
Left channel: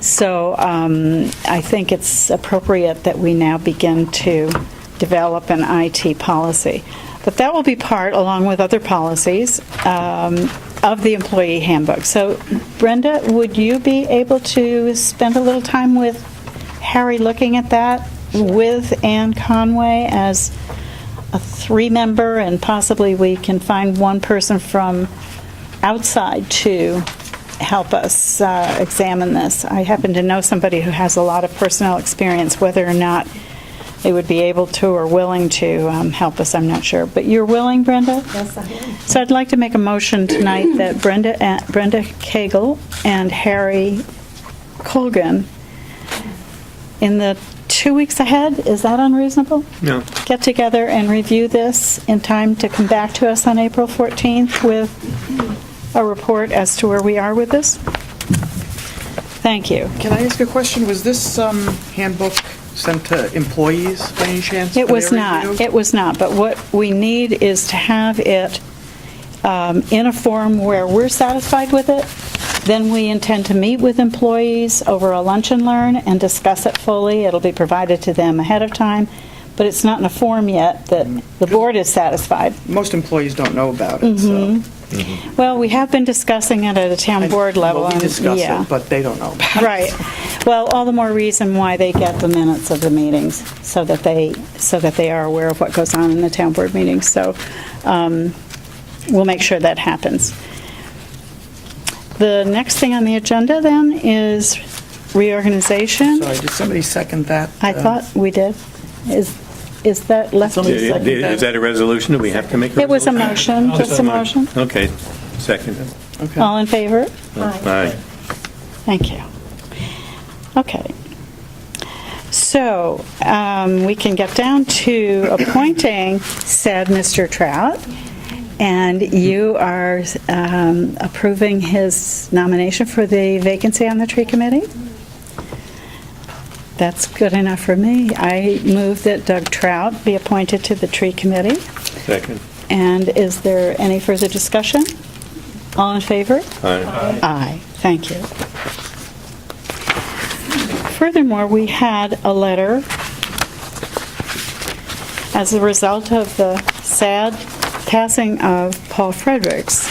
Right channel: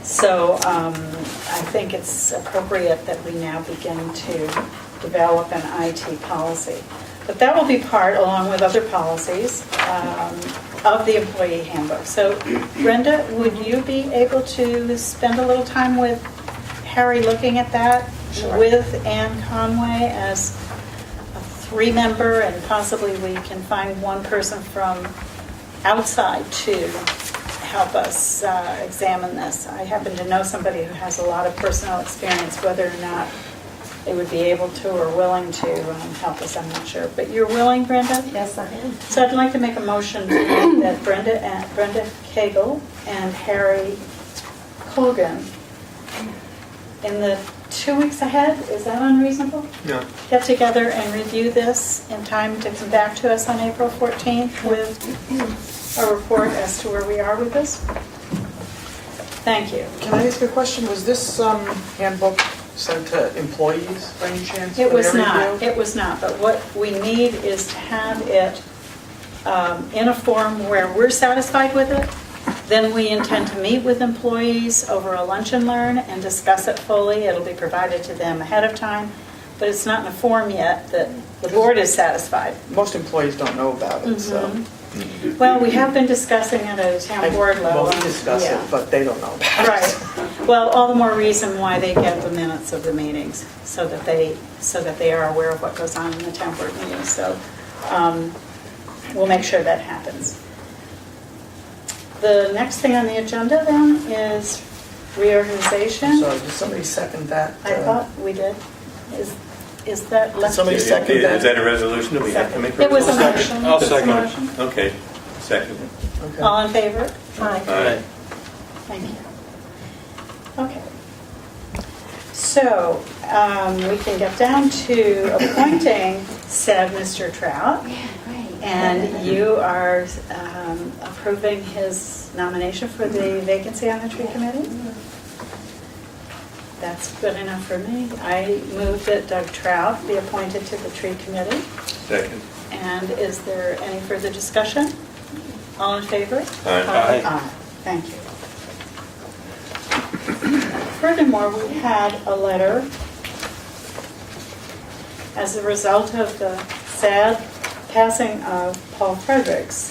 So I think it's appropriate that we now begin to develop an IT policy. But that will be part, along with other policies, of the employee handbook. So Brenda, would you be able to spend a little time with Harry looking at that, with Ann Conway as a 3-member, and possibly we can find one person from outside to help us examine this? I happen to know somebody who has a lot of personnel experience. Whether or not they would be able to or willing to help us, I'm not sure. But you're willing, Brenda? Yes, I am. So I'd like to make a motion tonight that Brenda Cagle and Harry Colgan, in the 2 weeks ahead, is that unreasonable? No. Get together and review this in time to come back to us on April 14th with a report as to where we are with this? Thank you. Can I ask a question? Was this handbook sent to employees by any chance? It for was their not. review? It was not. But what we need is to have it in a form where we're satisfied with it. Then we intend to meet with employees over a lunch and learn and discuss it fully. It'll be provided to them ahead of time, but it's not in a form yet that the board is satisfied. Most employees don't know about it, so. Well, we have been discussing it at a town board level. Well, we and- discuss yeah. it, but they don't know about it. Right. Well, all the more reason why they get the minutes of the meetings, so that they are aware of what goes on in the town board meetings. So we'll make sure that happens. The next thing on the agenda then is reorganization. So did somebody second that? I thought we did. Is that left? Somebody second that. Is that a resolution? Do we have to make a It was a resolution? motion. I'll It's a second it. motion. Okay, second. Okay. All in favor? Aye. Aye. Thank you. Okay. So we can get down to appointing said Mr. Trout, and you are approving his nomination for the vacancy on the tree committee? That's good enough for me. I move that Doug Trout be appointed to the tree committee. Second. And is there any further discussion? All in favor? Aye. Aye. Thank you. Furthermore, we had a letter as a result of the sad passing of Paul Fredericks.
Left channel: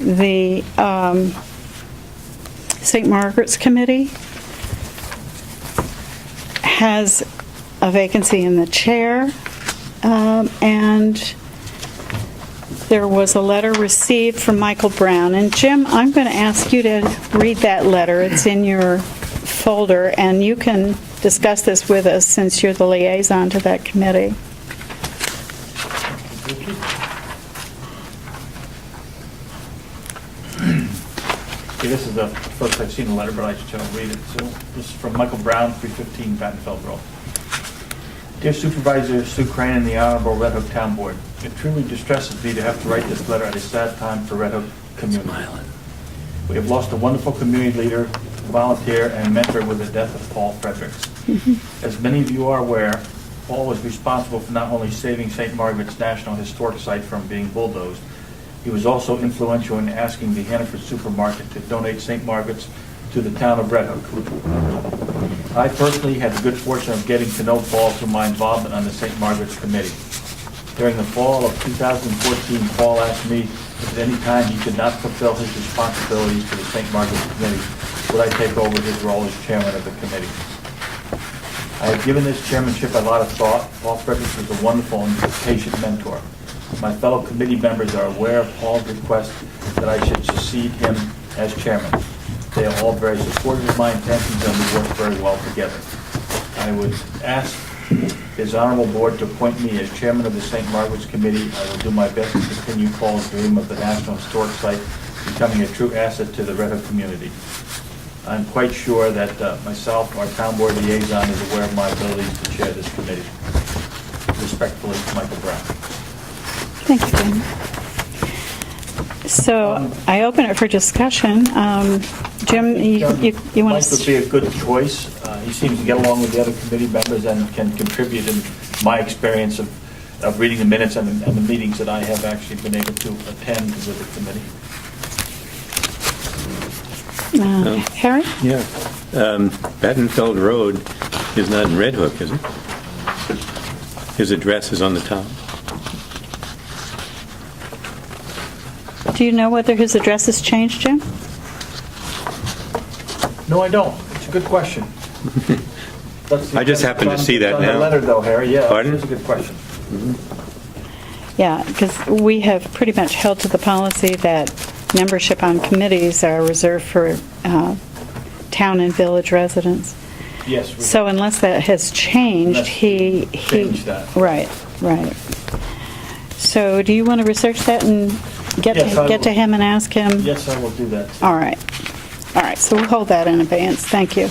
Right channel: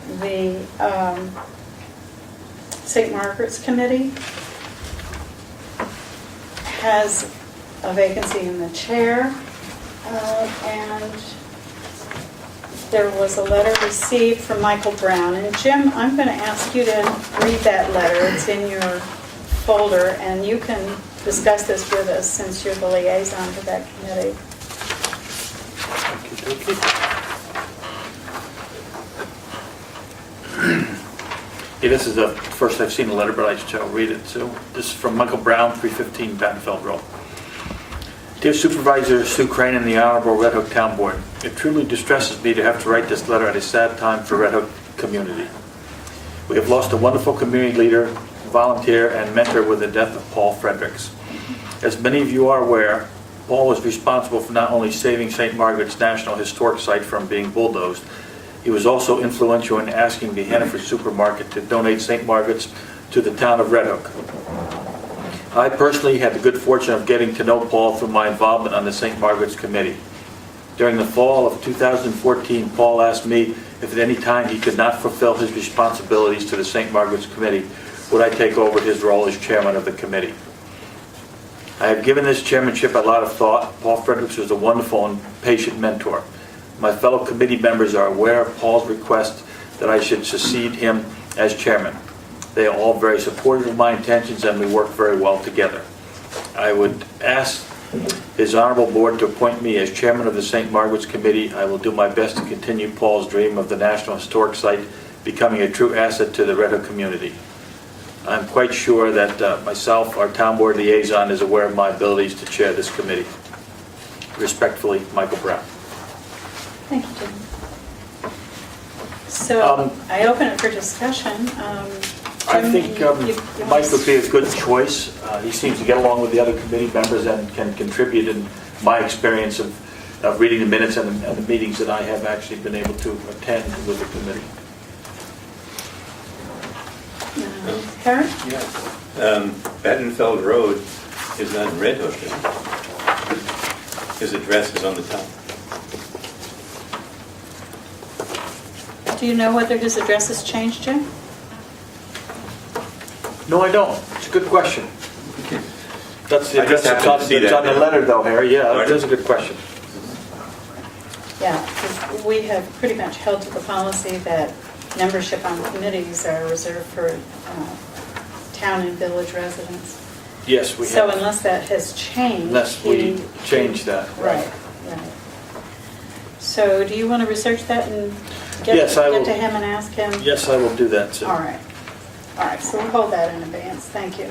The St. Margaret's Committee has a vacancy in the chair, and there was a letter received from Michael Brown. And Jim, I'm going to ask you to read that letter. It's in your folder, and you can discuss this with us since you're the liaison to that committee. Okay. Okay, this is the first I've seen the letter, but I shall read it. So this is from Michael Brown, 315 Battenfeld Road. Dear Supervisor Sue Crane and the Honorable Red Hook Town Board, it truly distresses me to have to write this letter at a sad time for Red Hook community. We have lost a wonderful community leader, volunteer, and mentor with the death of Paul Fredericks. As many of you are aware, Paul was responsible for not only saving St. Margaret's National Historic Site from being bulldozed, he was also influential in asking the Hannaford Supermarket to donate St. Margaret's to the town of Red Hook. I personally had the good fortune of getting to know Paul through my involvement on the St. Margaret's Committee. During the fall of 2014, Paul asked me if at any time he could not fulfill his responsibilities to the St. Margaret's Committee, would I take over his role as chairman of the committee. I have given this chairmanship a lot of thought. Paul Fredericks was a wonderful and patient mentor. My fellow committee members are aware of Paul's request that I should succeed him as chairman. They are all very supportive of my intentions, and we work very well together. I would ask his honorable board to appoint me as chairman of the St. Margaret's Committee. I will do my best to continue Paul's dream of the National Historic Site becoming a true asset to the Red Hook community. I'm quite sure that myself, our town board liaison, is aware of my abilities to chair this committee. Respectfully, Michael Brown. Thank you, Jim. So I open it for discussion. Jim, I think you want Mike would be a good choice. He seems to get along with the other committee members and can contribute in my experience of reading the minutes and the meetings that I have actually been able to attend with the committee. Harry? Yeah. Battenfeld Road is not in Red Hook, is it? His address is on the top. Do you know whether his address has changed, Jim? No, I don't. It's a good question. That's the I just happen to see that on the now. letter, though, Harry. Yeah, Pardon? that's a good question. Yeah, because we have pretty much held to the policy that membership on committees are reserved for town and village residents. Yes, we So have. unless that has changed, Unless we change that. Right, right. So do you want to research that and get Yes, I to will. him and ask him? Yes, I will do that, too. All right. All right, so we'll hold that in advance. Thank you.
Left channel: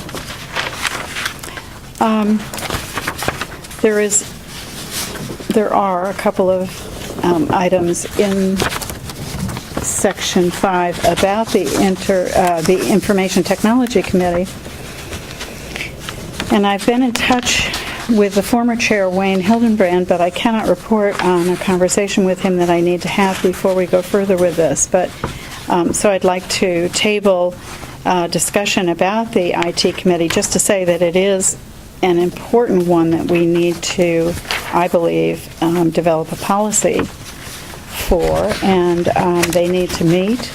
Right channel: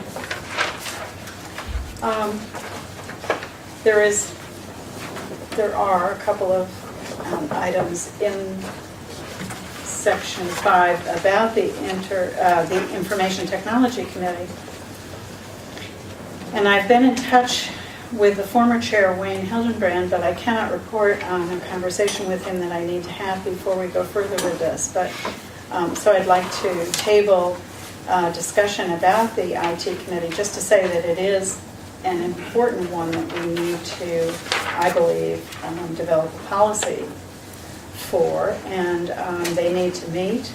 There are a couple of items in Section 5 about the Information Technology Committee. And I've been in touch with the former chair, Wayne Hildenbrand, but I cannot report on a conversation with him that I need to have before we go further with this. But so I'd like to table discussion about the IT committee, just to say that it is an important one that we need to, I believe, develop a policy for, and they need to meet.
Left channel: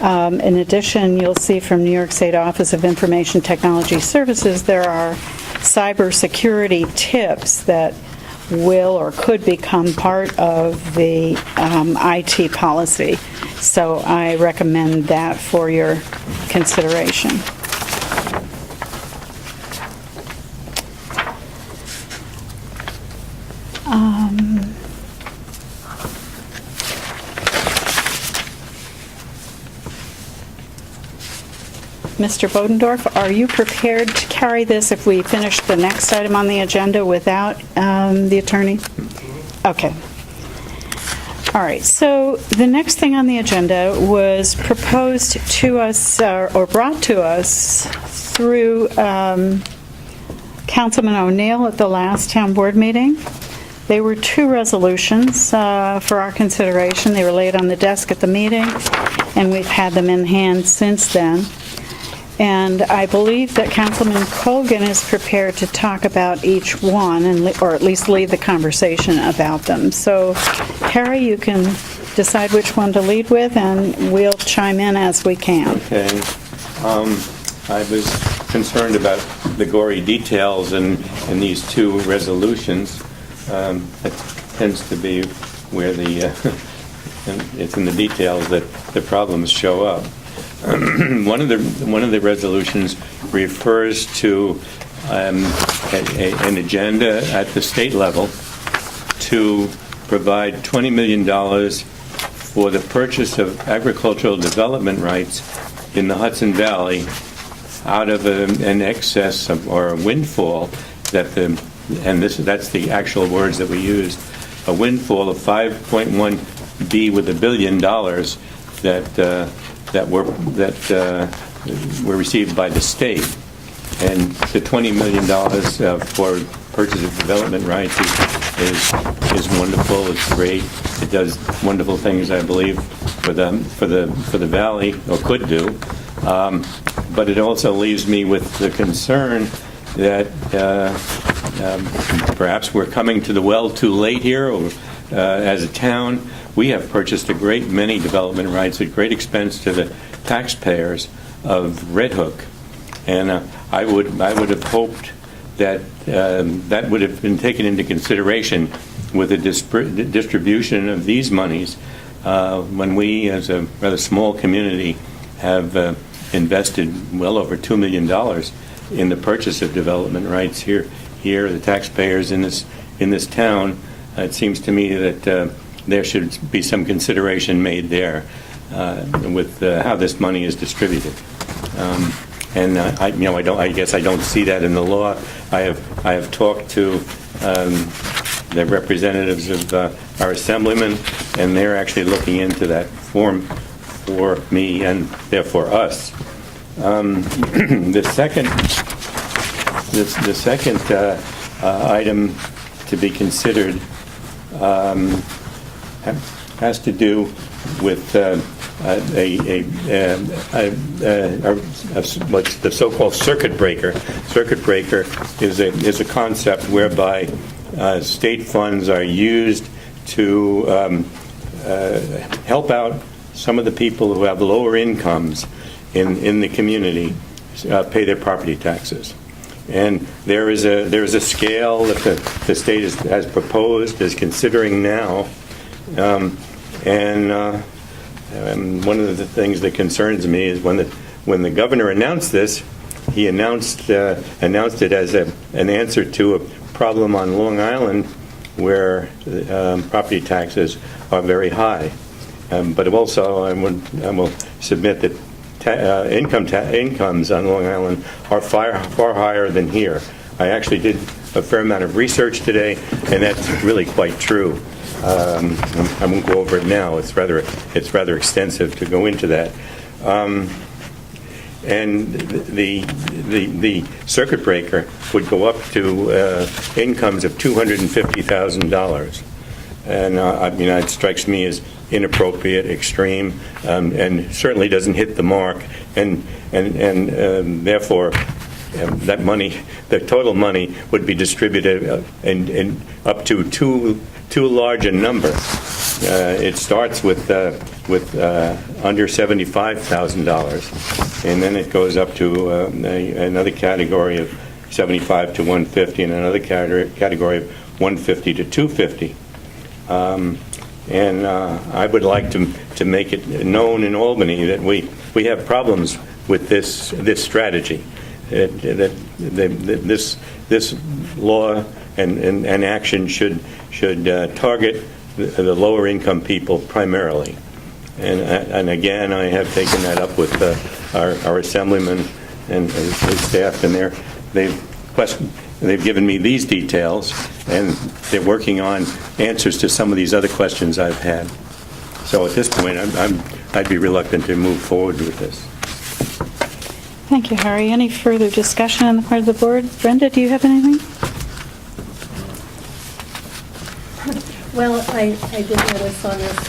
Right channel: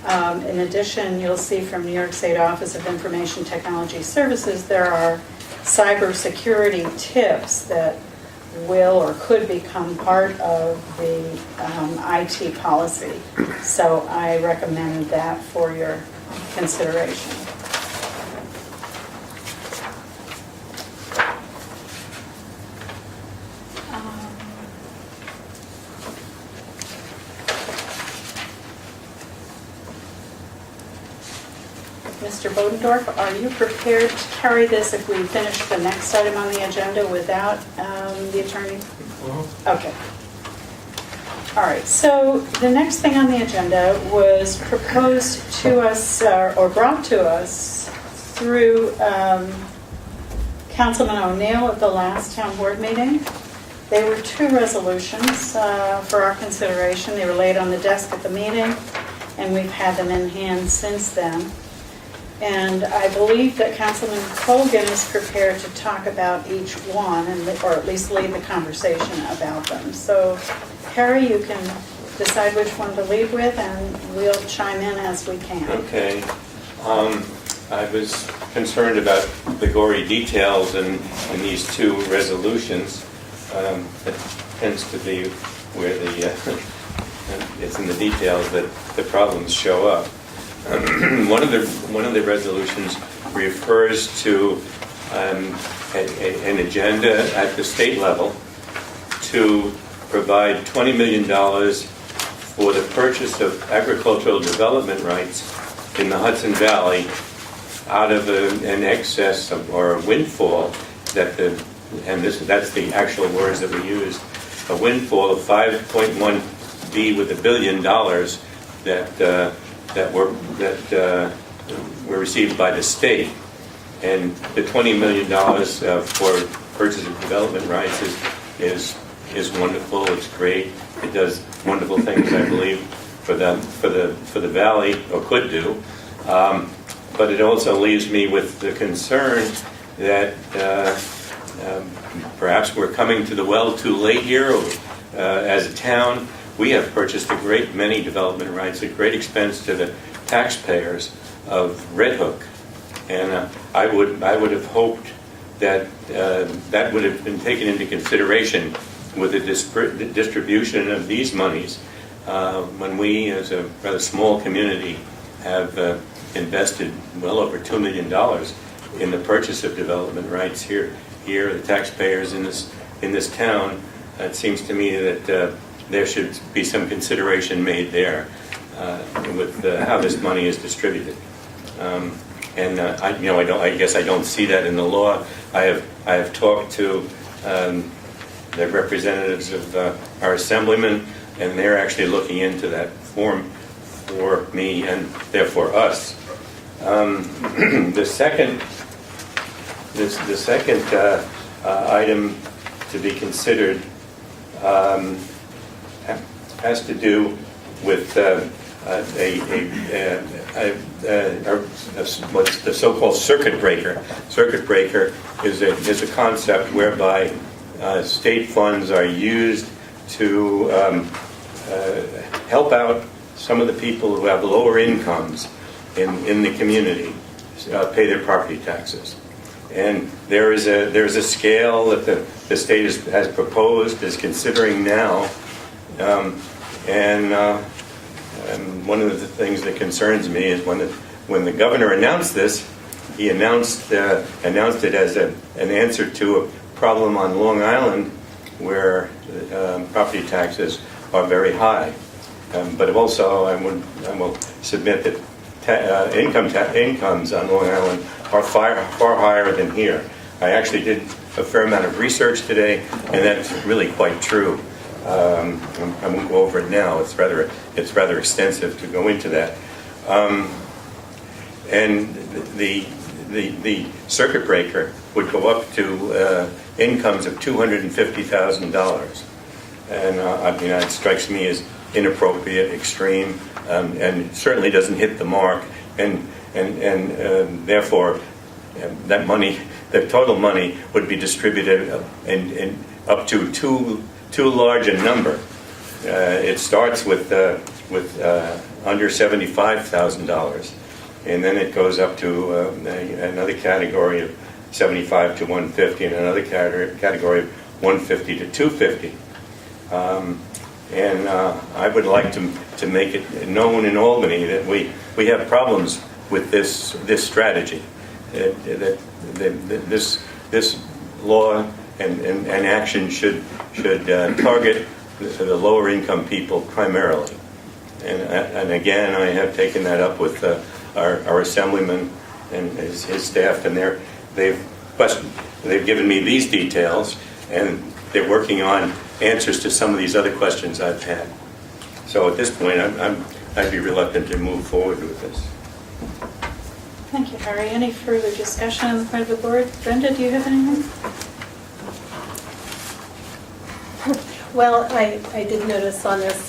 In addition, you'll see from New York State Office of Information Technology Services, there are cybersecurity tips that will or could become part of the IT policy. So I recommend that for your consideration. Mr. Bodendorf, are you prepared to carry this if we finish the next item on the agenda without the attorney? Okay. All right, so the next thing on the agenda was proposed to us, or brought to us through Councilman O'Neill at the last town board meeting. There were two resolutions for our consideration. They were laid on the desk at the meeting, and we've had them in hand since then. And I believe that Councilman Colgan is prepared to talk about each one, or at least lead the conversation about them. So, Harry, you can decide which one to lead with, and we'll chime in as we can. Okay. I was concerned about the gory details in these two resolutions. That tends to be where it's in the details that the problems show up. One of the resolutions refers to an agenda at the state level to provide $20 million for the purchase of agricultural development rights in the Hudson Valley out of an excess or a windfall that's the actual words that we used, a windfall of 5.1 with $1 billion that were received by the state. And the $20 million for purchase of development rights is wonderful. It's great. It does wonderful things, I believe, for the valley, or could do. But it also leaves me with the concern that perhaps we're coming to the well too late here, or, as a town. We have purchased a great many development rights at great expense to the taxpayers of Red Hook, and I would have hoped that that would have been taken into consideration with the distribution of these monies when we, as a rather small community, have invested well over $2 million in the purchase of development rights here. The taxpayers in this town. It seems to me that there should be some consideration made there with how this money is distributed. I guess I don't see that in the law. I have talked to the representatives of our assemblyman, and they're actually looking into that form for me and therefore us. The second item to be considered has to do with what's the so-called circuit breaker. Circuit breaker is a concept whereby state funds are used to help out some of the people who have lower incomes in the community pay their property taxes. And there is a scale that the state has proposed, is considering now, and one of the things that concerns me is when the governor announced this, he announced it as an answer to a problem on Long Island where property taxes are very high. But also, I will submit that incomes on Long Island are far higher than here. I actually did a fair amount of research today, and that's really quite true. I won't go over it now. It's rather extensive to go into that. And the circuit breaker would go up to incomes of $250,000, and it strikes me as inappropriate, extreme, and certainly doesn't hit the mark, and therefore that money, that total money, would be distributed in up to too large a number. It starts with under $75,000, and then it goes up to another category of 75 to 150, and another category of 150 to 250. And I would like to make it known in Albany that we have problems with this strategy. This law and action should target the lower income people primarily. And again, I have taken that up with our assemblyman and his staff, and they've given me these details, and they're working on answers to some of these other questions I've had. So at this point, I'd be reluctant to move forward with this. Thank you, Harry. Any further discussion on the part of the board? Brenda, do you have anything? Well, I did notice on this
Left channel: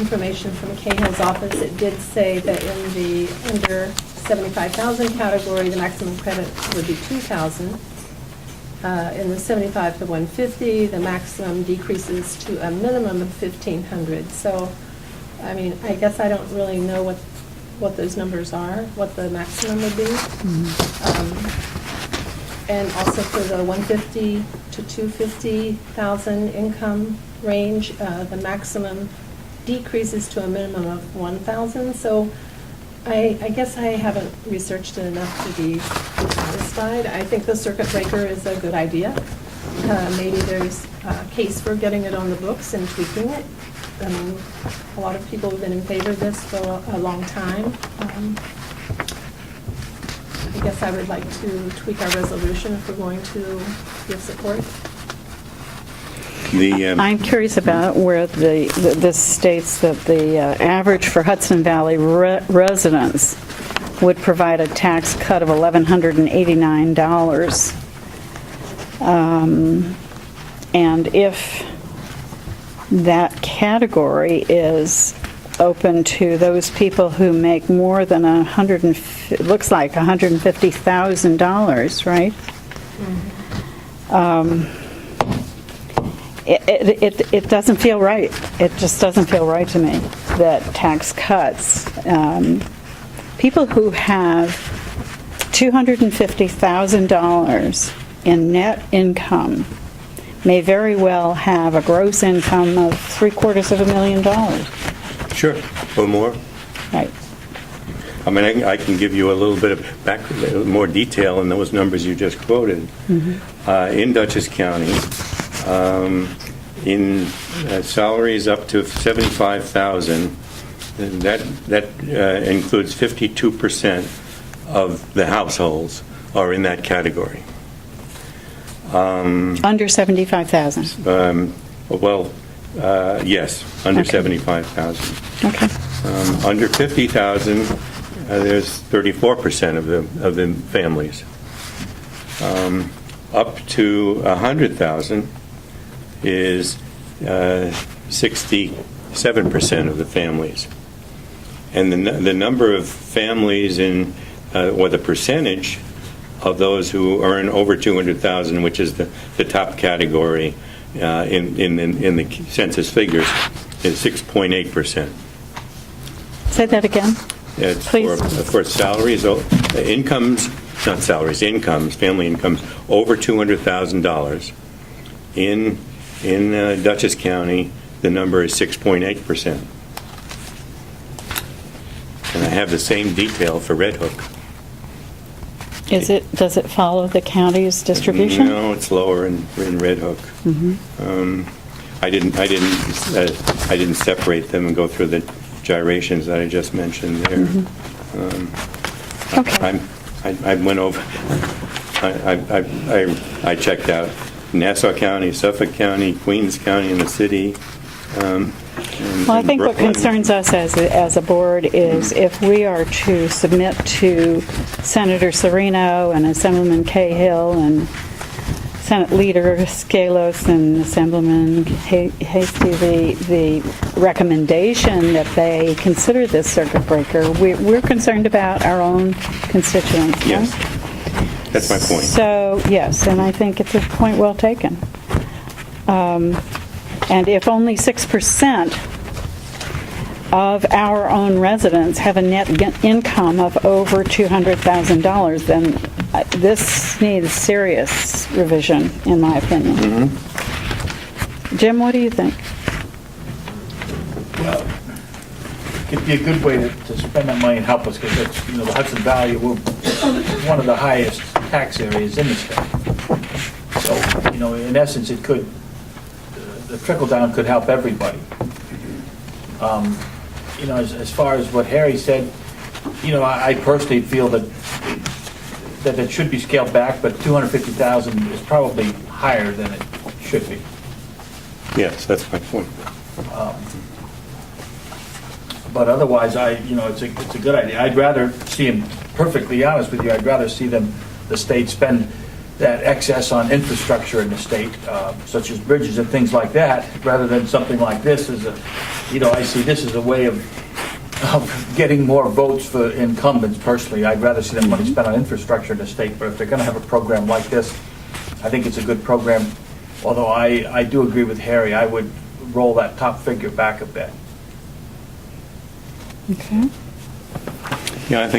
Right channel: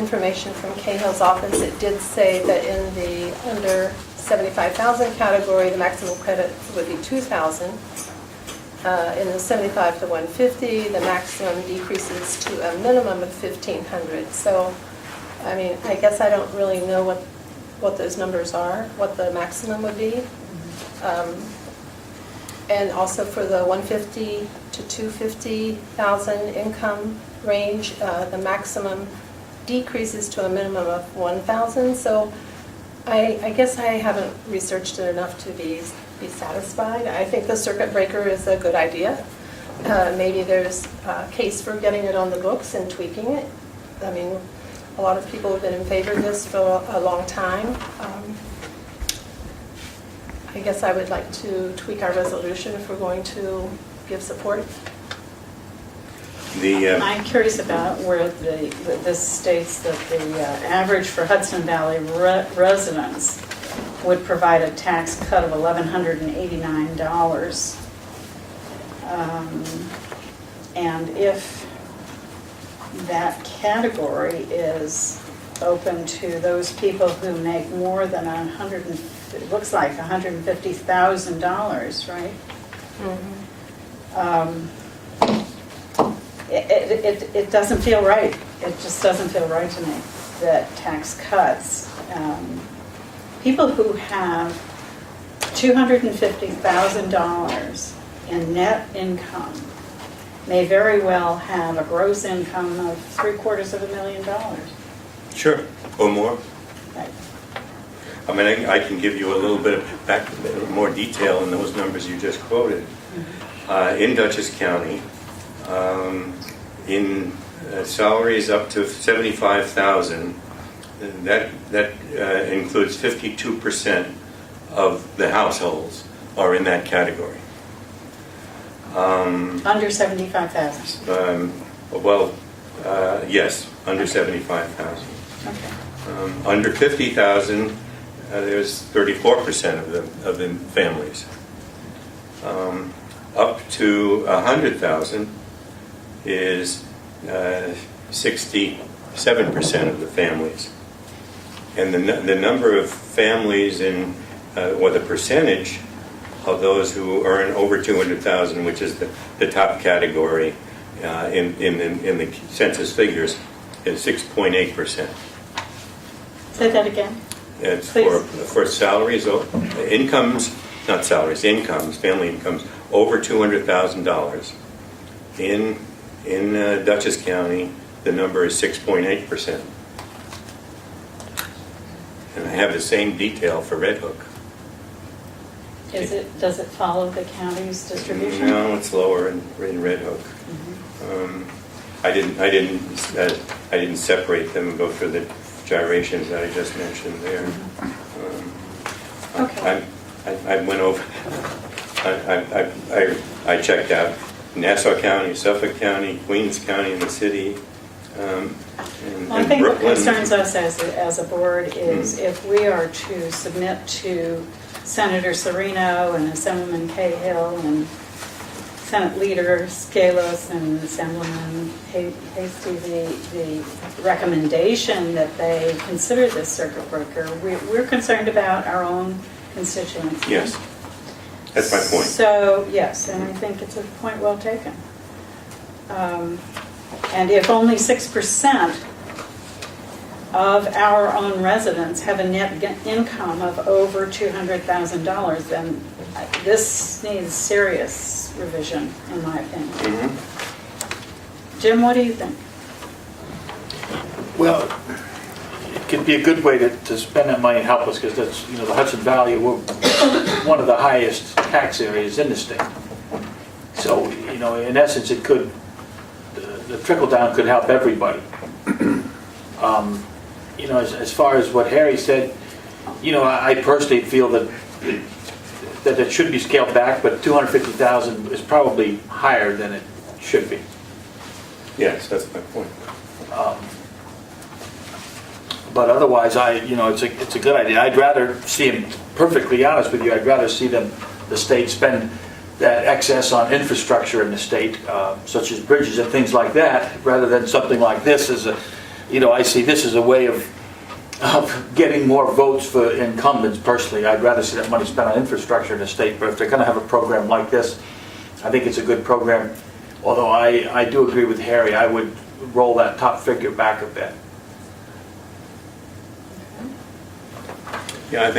information from Cahill's office, it did say that in the under 75,000 category, the maximum credit would be 2,000. In the 75 to 150, the maximum decreases to a minimum of 1,500. So, I mean, I guess I don't really know what those numbers are, what the maximum would be. And also for the 150 to 250,000 income range, the maximum decreases to a minimum of 1,000. So I guess I haven't researched it enough to be satisfied. I think the circuit breaker is a good idea. Maybe there's a case for getting it on the books and tweaking it. I mean, a lot of people have been in favor of this for a long time. I guess I would like to tweak our resolution if we're going to give support. I'm curious about where this states that the average for Hudson Valley residents would provide a tax cut of $1,189. And if that category is open to those people who make more than it looks like $150,000, right? Mm-hmm. It doesn't feel right. It just doesn't feel right to me that tax cuts. People who have $250,000 in net income may very well have a gross income of $750,000. Sure. Or more. Right. I mean, I can give you a little bit of more detail in those numbers you just quoted. Mm-hmm. In Dutchess County, in salaries up to $75,000, that includes 52% of the households are in that category. Under 75,000. Yes, under Okay. 75,000. Okay. Under 50,000, there's 34% of the families. Up to 100,000 is 67% of the families. And the number of families the percentage of those who earn over 200,000, which is the top category in the census figures, is 6.8%. Say that again. It's Please. for salaries, incomes, not salaries, incomes, family incomes over $200,000. In Dutchess County, the number is 6.8%. And I have the same detail for Red Hook. Does it follow the county's distribution? No, it's lower in Red Hook. Mm-hmm. I didn't separate them and go through the gyrations that I just mentioned there. Mm-hmm. Okay. I went over. I checked out Nassau County, Suffolk County, Queens County, and the city. Well, I think what concerns us as a board is if we are to submit to Senator Serino and Assemblyman Cahill and Senate Leader Scalos and Assemblyman Hasty the recommendation that they consider this circuit breaker, we're concerned about our own constituents. Yes, that's my point. So, yes, and I think it's a point well taken. And if only 6% of our own residents have a net income of over $200,000, then this needs serious revision, in my opinion. Mm-hmm. Jim, what do you think? Well, it could be a good way to spend that money and help us, because it's, the Hudson Valley, we're one of the highest tax areas in the state. So, in essence, it could, the trickle down could help everybody. you know, as far as what Harry said, you know, I personally feel that it should be scaled back, but 250,000 is probably higher than it should be. Yes, that's my point. But otherwise, you know, it's a good idea. I'd rather see them, perfectly honest with you, I'd rather see the state spend that excess on infrastructure in the state, such as bridges and things like that, rather than something like this you know, I see this as a way of getting more votes for incumbents personally. I'd rather see that money spent on infrastructure in the state, but if they're going to have a program like this, I think it's a good program. Although I do agree with Harry, I would roll that top figure back a bit. Okay. Yeah, I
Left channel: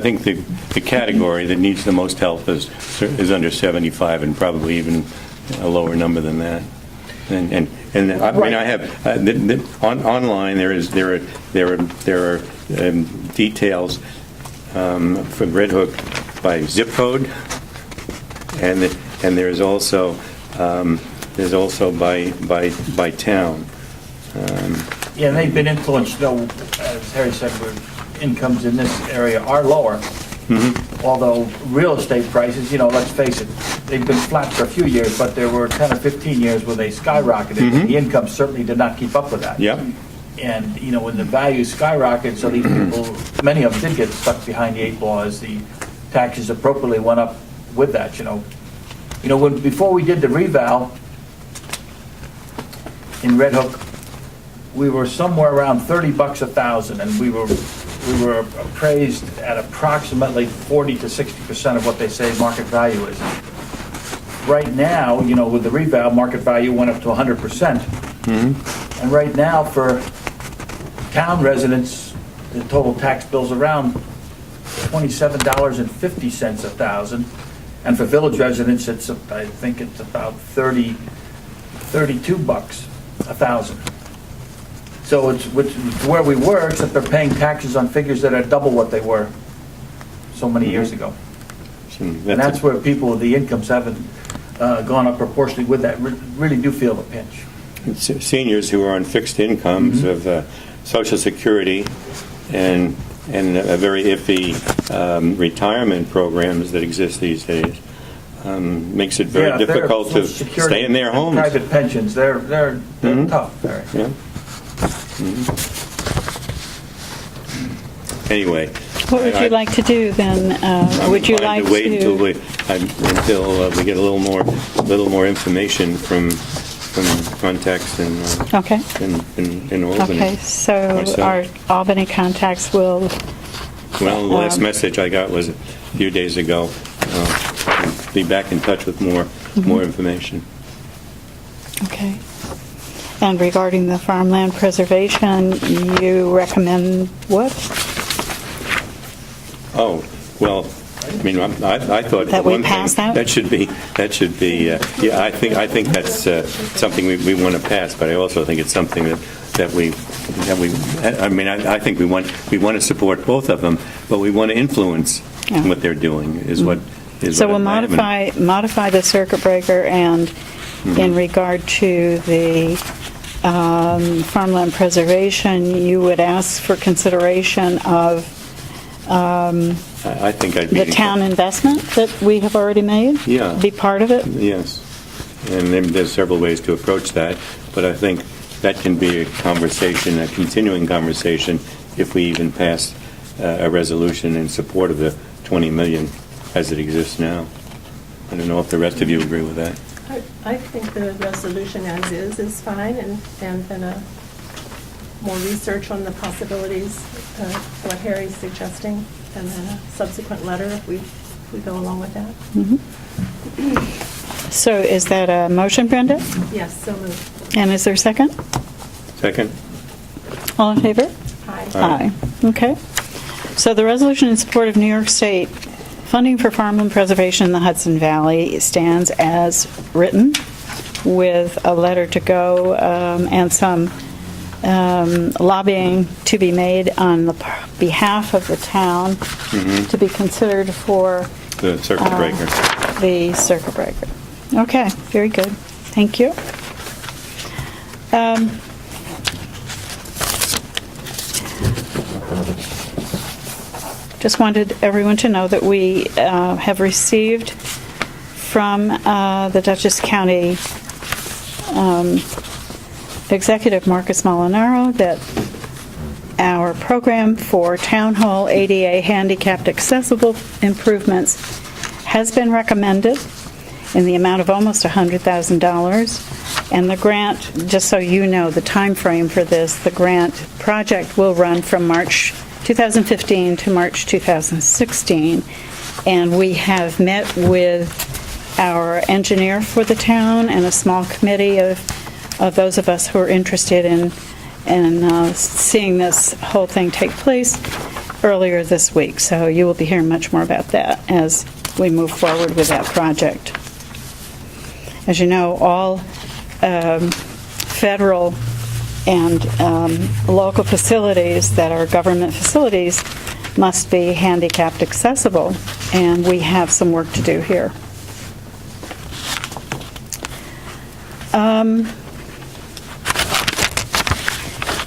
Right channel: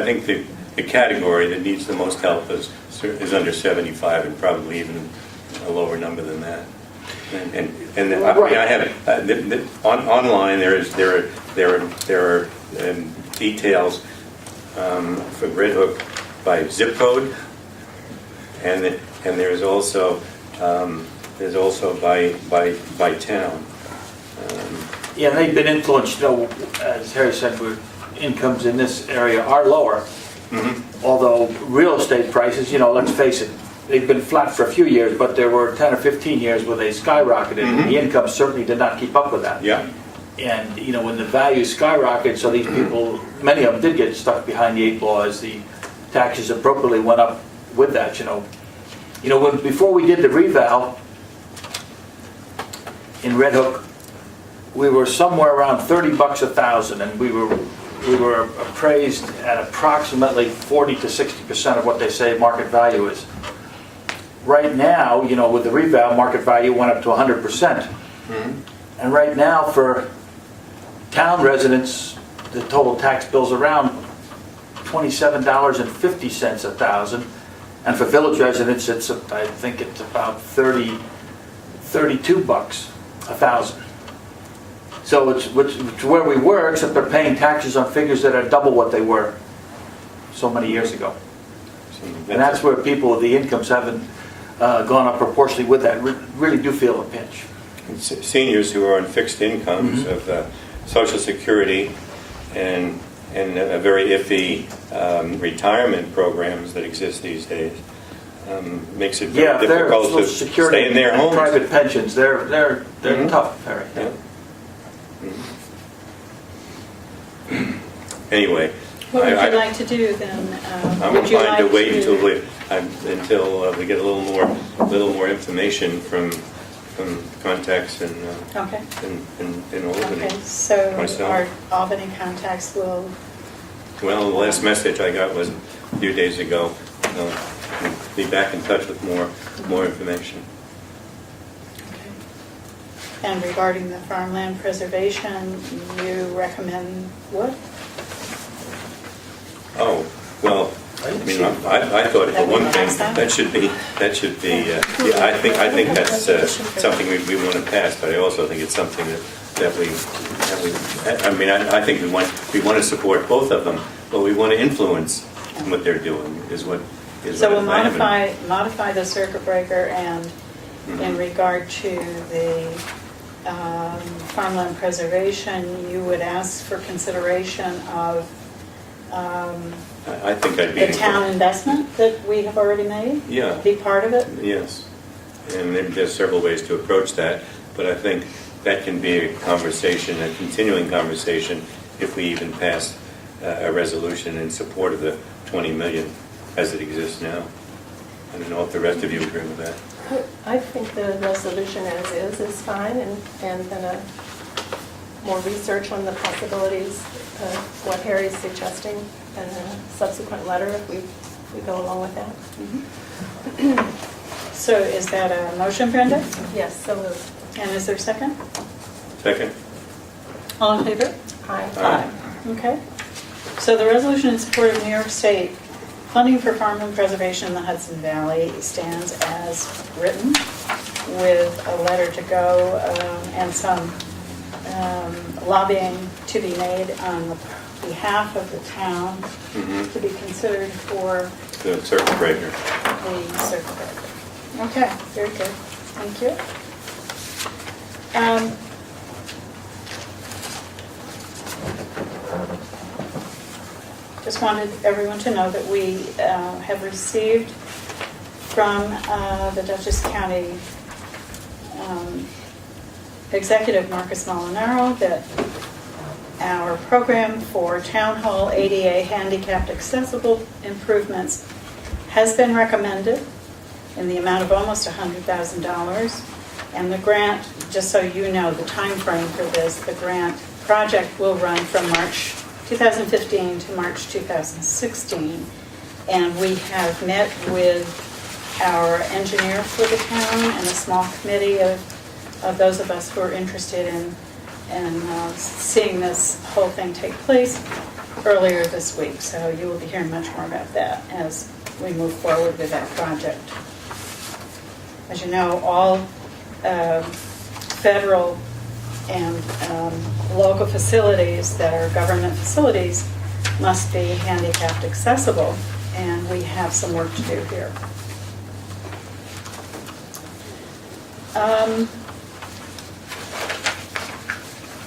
think the category that needs the most help is under 75, and probably even a lower number than that. And I mean, I have online there are details for Red Hook by zip code, and there's also by town. Yeah, and they've been influenced, though, as Harry said, incomes in this area are lower. Although real estate prices, you know, let's face it, they've been flat for a few years, but there were 10 or 15 years where they skyrocketed, and the income certainly did not keep up with that. Yeah. And, you know, when the values skyrocketed, so these people, many of them did get stuck behind the 8 ball as the taxes appropriately went up with that, you know. You know, before we did the reval in Red Hook, we were somewhere around $30 a thousand, and we were appraised at approximately 40 to 60% of what they say market value is. Right now, you know, with the reval, market value went up to 100%. And right now, for town residents, the total tax bill's around $27.50 a thousand. And for village residents, I think it's about $32 a thousand. So it's where we were, except they're paying taxes on figures that are double what they were so many years ago. And that's where people with the incomes haven't gone up proportionally with that, really do feel a pinch. Seniors who are on fixed incomes of Social Security and very iffy retirement programs that exist these days makes it very difficult to stay in their homes. Private pensions, they're tough. Very. Yeah. Anyway, What would you like to do then? Would you like to wait until we get a little more information from contacts in Okay. in Albany. Okay, so myself. our Albany contacts will... Well, the last message I got was a few days ago. I'll be back in touch with more information. Okay. And regarding the farmland preservation, you recommend what? Oh, well, I mean, I thought That the we one thing pass that? that should be yeah, I think that's something we want to pass, but I also think it's something that we I mean, I think we want to support both of them, but we want to influence what they're doing is what is. So we'll what I- modify the circuit breaker, and in regard to the farmland preservation, you would ask for consideration of I think I'd be the town investment that we have already made? Yeah. Be part of it? Yes, and maybe there's several ways to approach that, but I think that can be a conversation, a continuing conversation, if we even pass a resolution in support of the 20 million as it exists now. I don't know if the rest of you agree with that. I think the resolution as is fine, and more research on the possibilities of what Harry's suggesting, and then a subsequent letter if we go along with that. So is that a motion, Brenda? Yes, so moved. And is there a second? Second? All in favor? Aye. Aye. Okay. So the resolution in support of New York State funding for farmland preservation in the Hudson Valley stands as written, with a letter to go and some lobbying to be made on the behalf of the town to be considered for The circuit breaker. the circuit breaker. Okay, very good. Thank you. just wanted everyone to know that we have received from the Dutchess County Executive Marcus Molinaro that our program for Town Hall ADA handicapped accessible improvements has been recommended in the amount of almost $100,000. And the grant, just so you know the time frame for this, the grant project will run from March 2015 to March 2016. And we have met with our engineer for the town and a small committee of those of us who are interested in seeing this whole thing take place earlier this week. So you will be hearing much more about that as we move forward with that project. As you know, all federal and local facilities that are government facilities must be handicapped accessible, and we have some work to do here.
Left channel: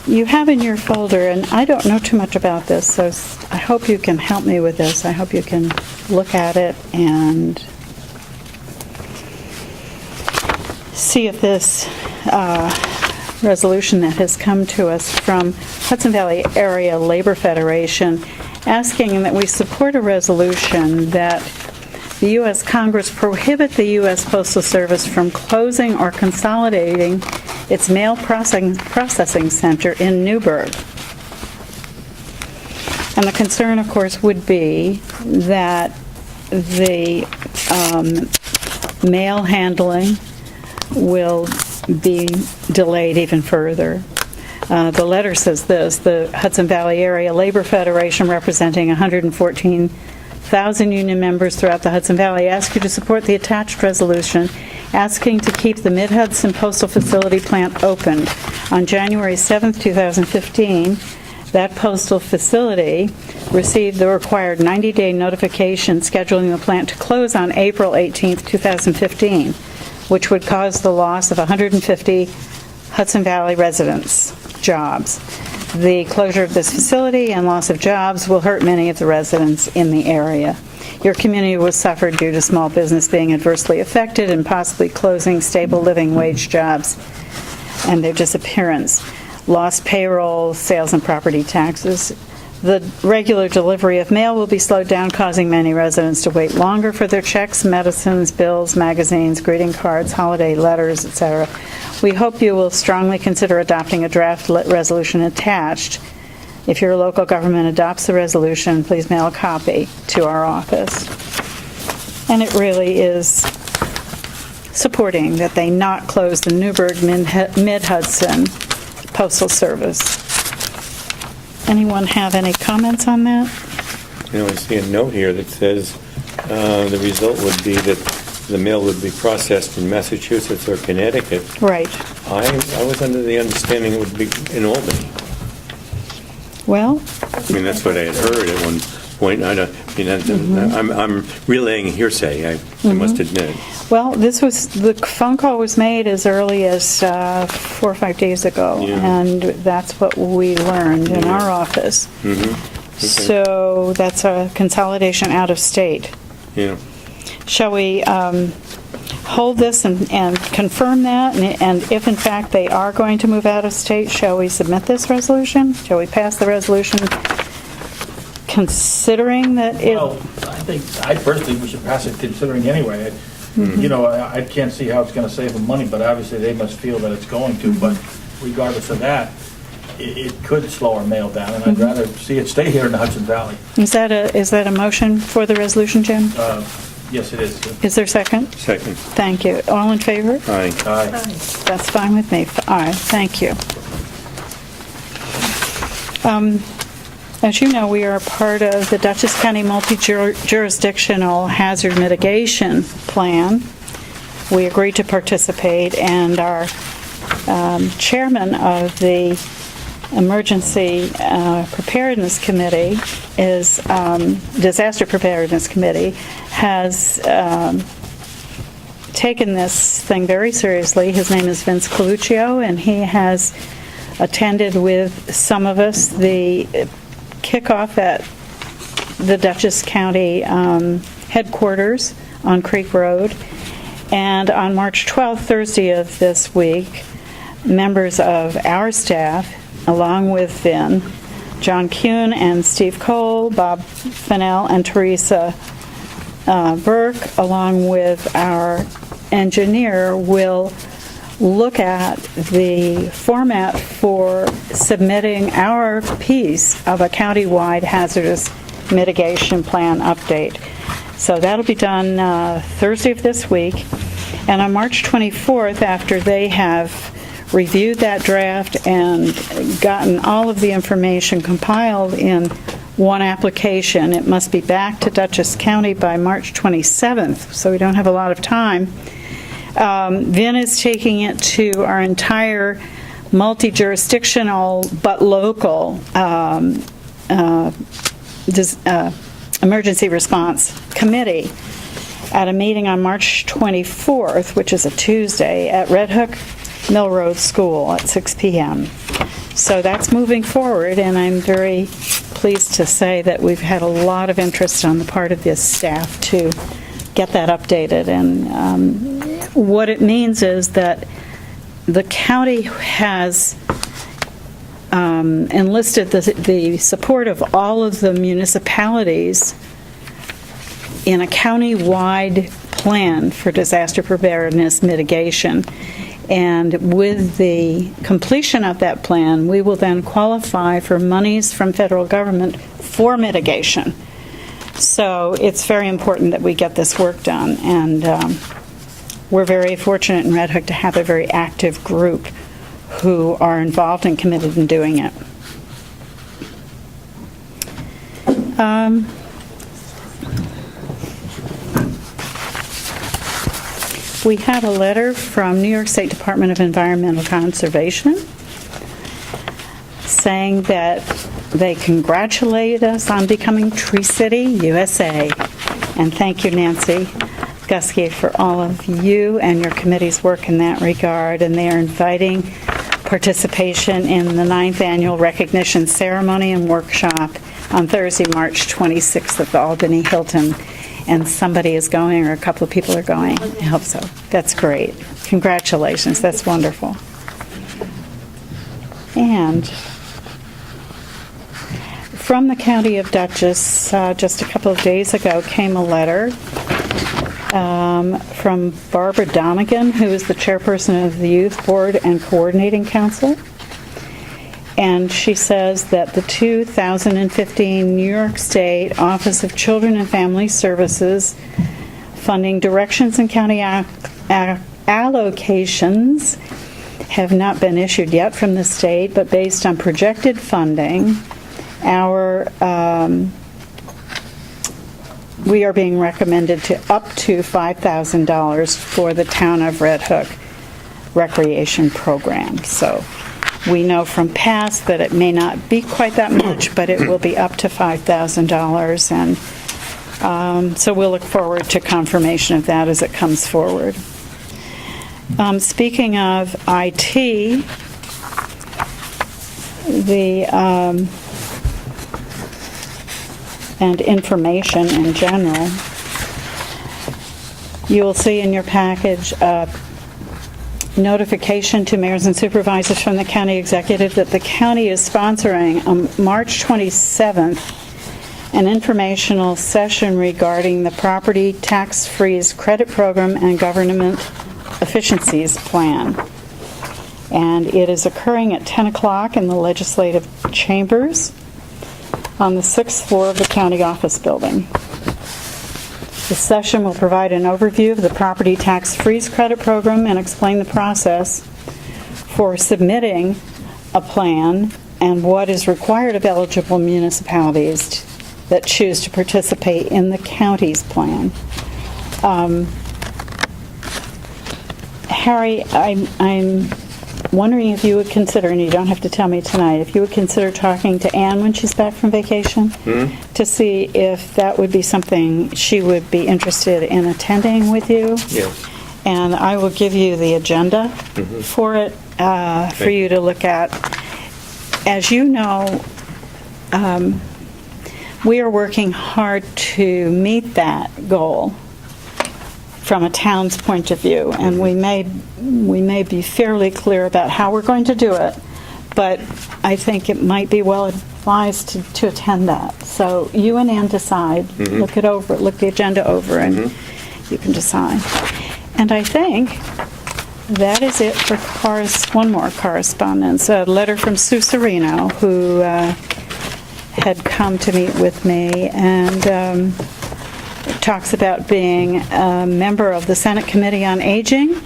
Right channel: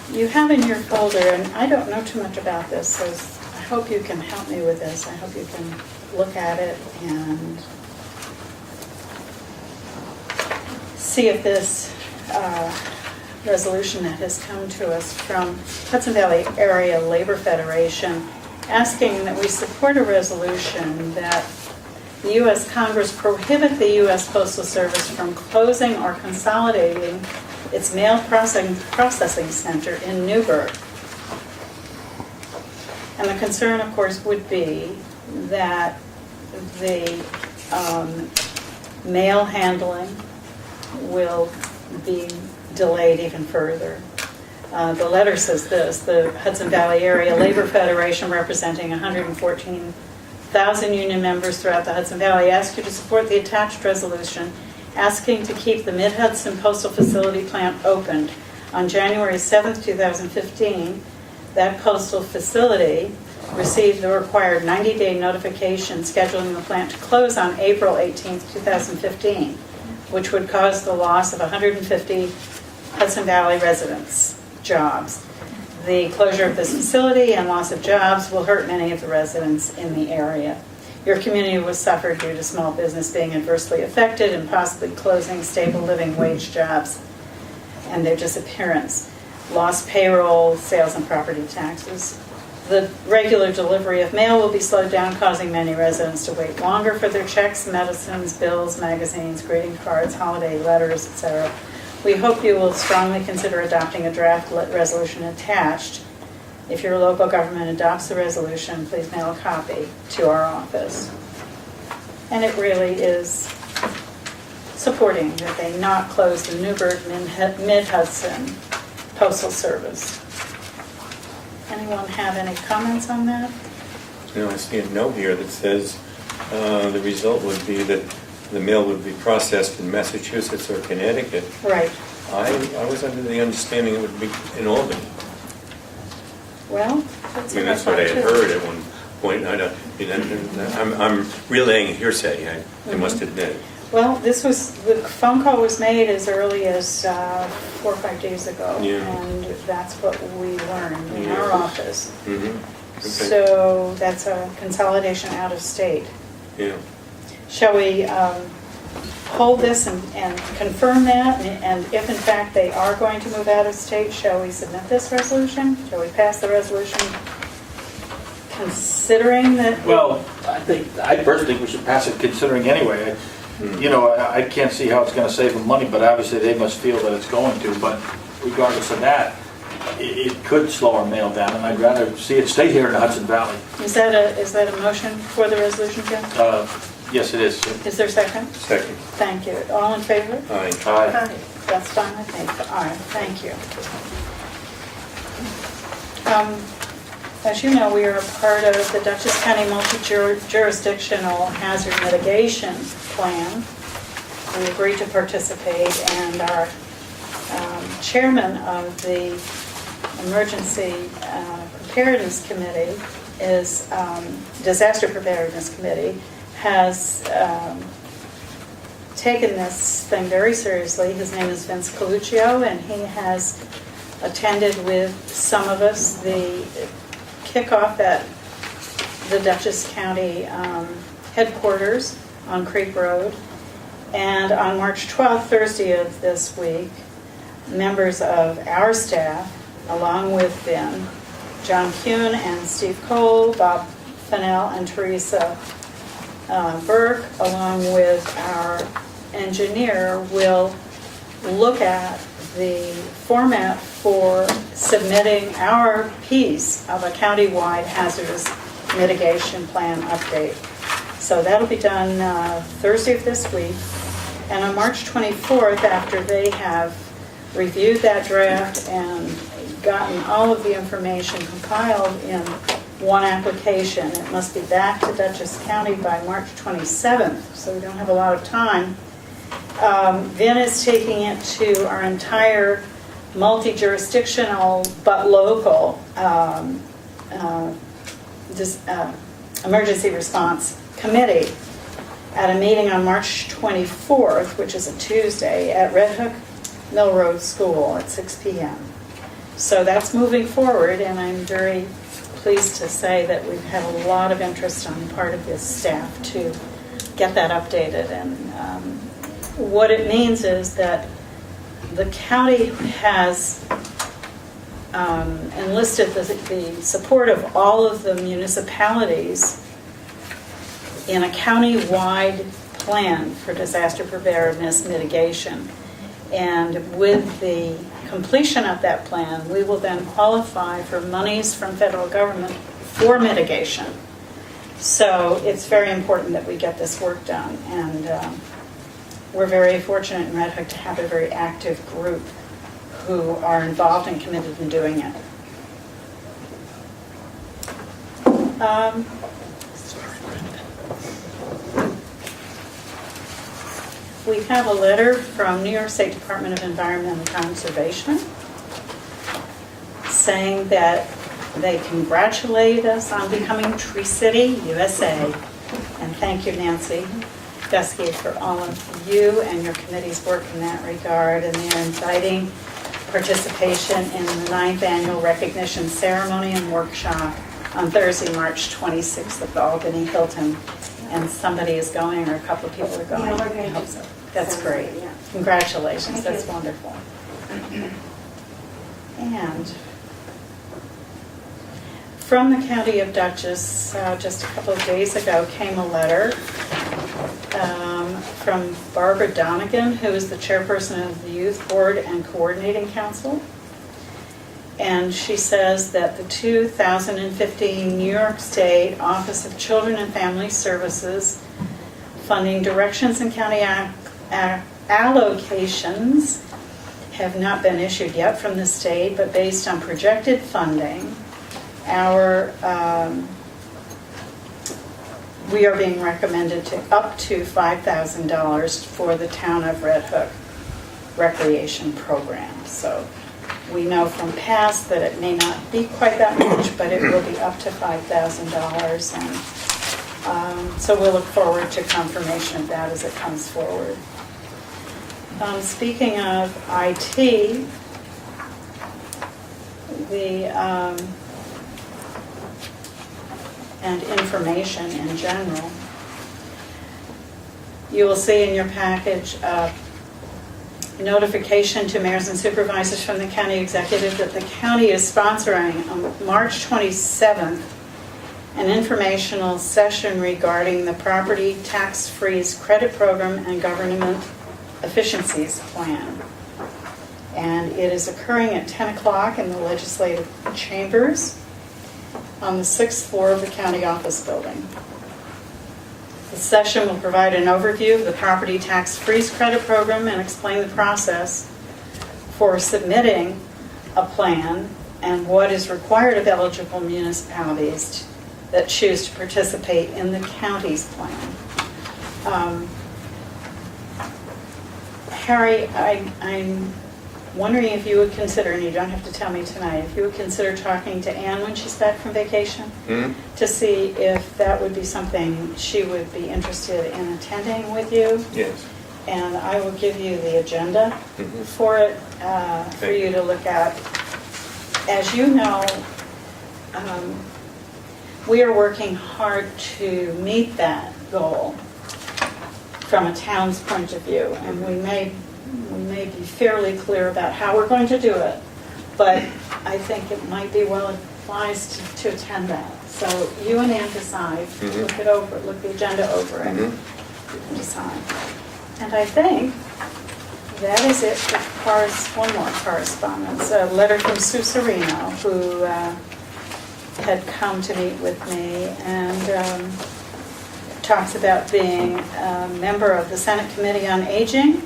You have in your folder, and I don't know too much about this, so I hope you can help me with this. I hope you can look at it and see if this resolution that has come to us from Hudson Valley Area Labor Federation asking that we support a resolution that the U.S. Congress prohibit the U.S. Postal Service from closing or consolidating its mail processing center in Newburgh. And the concern, of course, would be that the mail handling will be delayed even further. The letter says this: the Hudson Valley Area Labor Federation, representing 114,000 union members throughout the Hudson Valley, ask you to support the attached resolution asking to keep the Mid-Hudson Postal Facility plant open. On January 7th, 2015, that postal facility received the required 90-day notification scheduling the plant to close on April 18th, 2015, which would cause the loss of 150 Hudson Valley residents' jobs. The closure of this facility and loss of jobs will hurt many of the residents in the area. Your community will suffer due to small business being adversely affected and possibly closing stable living wage jobs and their disappearance. Lost payroll, sales and property taxes. The regular delivery of mail will be slowed down, causing many residents to wait longer for their checks, medicines, bills, magazines, greeting cards, holiday letters, etc. We hope you will strongly consider adopting a draft resolution attached. If your local government adopts the resolution, please mail a copy to our office. And it really is supporting that they not close the Newburgh Mid-Hudson Postal Service. Anyone have any comments on that? You know, I see a note here that says the result would be that the mail would be processed in Massachusetts or Connecticut. Right. I was under the understanding it would be in Albany. Well, I mean, that's what I had heard at one point. I'm relaying hearsay, I must admit. well, the phone call was made as early as 4 or 5 days ago, Yeah. and that's what we learned in our office. Mm-hmm. Okay. So that's a consolidation out of state. Yeah. Shall we hold this and confirm that? And if in fact they are going to move out of state, shall we submit this resolution? Shall we pass the resolution considering that Well, I personally we should pass it considering anyway. You know, I can't see how it's going to save them money, but obviously they must feel that it's going to. But regardless of that, it could slow our mail down, and I'd rather see it stay here in the Hudson Valley. Is that a motion for the resolution, Jim? Yes, it is. Is there a second? Second. Thank you. All in favor? Aye. Aye. That's fine with me. All right, thank you. As you know, we are a part of the Dutchess County Multi-Jurisdictional Hazard Mitigation Plan. We agreed to participate, and our chairman of the Emergency Preparedness Committee Disaster Preparedness Committee has taken this thing very seriously. His name is Vince Coluccio, and he has attended with some of us the kickoff at the Dutchess County headquarters on Creek Road. And on March 12th, Thursday of this week, members of our staff, along with Vin, John Kuhn and Steve Cole, Bob Fennell and Teresa Burke, along with our engineer, will look at the format for submitting our piece of a county-wide hazardous mitigation plan update. So that'll be done Thursday of this week. And on March 24th, after they have reviewed that draft and gotten all of the information compiled in one application, it must be back to Dutchess County by March 27th, so we don't have a lot of time. Vin is taking it to our entire multi-jurisdictional but local emergency response committee at a meeting on March 24th, which is a Tuesday, at Red Hook Mill Road School at 6 p.m. So that's moving forward, and I'm very pleased to say that we've had a lot of interest on the part of this staff to get that updated. And what it means is that the county has enlisted the support of all of the municipalities in a county-wide plan for disaster preparedness mitigation. And with the completion of that plan, we will then qualify for monies from federal government for mitigation. So it's very important that we get this work done. And we're very fortunate in Red Hook to have a very active group who are involved and committed in doing it. We have a letter from New York State Department of Environmental Conservation saying that they congratulate us on becoming Tree City, USA. And thank you, Nancy Gusky, for all of you and your committee's work in that regard. And they are inviting participation in the 9th Annual Recognition Ceremony and Workshop on Thursday, March 26th at the Albany Hilton. And somebody is going, or a couple of people are going. I hope so. That's great. Congratulations. That's wonderful. And from the County of Dutchess, just a couple of days ago, came a letter from Barbara Donegan, who is the chairperson of the Youth Board and Coordinating Council. And she says that the 2015 New York State Office of Children and Family Services funding directions and county allocations have not been issued yet from the state, but based on projected funding, we are being recommended to up to $5,000 for the Town of Red Hook recreation program. So we know from past that it may not be quite that much, but it will be up to $5,000. And so we'll look forward to confirmation of that as it comes forward. Speaking of IT, and information in general, you'll see in your package notification to mayors and supervisors from the county executive that the county is sponsoring on March 27th an informational session regarding the property tax freeze credit program and government efficiencies plan. And it is occurring at 10 o'clock in the legislative chambers on the 6th floor of the county office building. The session will provide an overview of the property tax freeze credit program and explain the process for submitting a plan and what is required of eligible municipalities that choose to participate in the county's plan. Harry, I'm wondering if you would consider, and you don't have to tell me tonight, if you would consider talking to Anne when she's back from vacation to see if that would be something she would be interested in attending with you. Yeah. And I will give you the agenda for it for you to look at. As you know, we are working hard to meet that goal from a town's point of view, and we may be fairly clear about how we're going to do it, but I think it might be well advised to attend that. So you and Ann decide, look the agenda over, and you can decide. And I think that is it for one more correspondence. A letter from Sue Serino, who had come to meet with me, and talks about being a member of the Senate Committee on Aging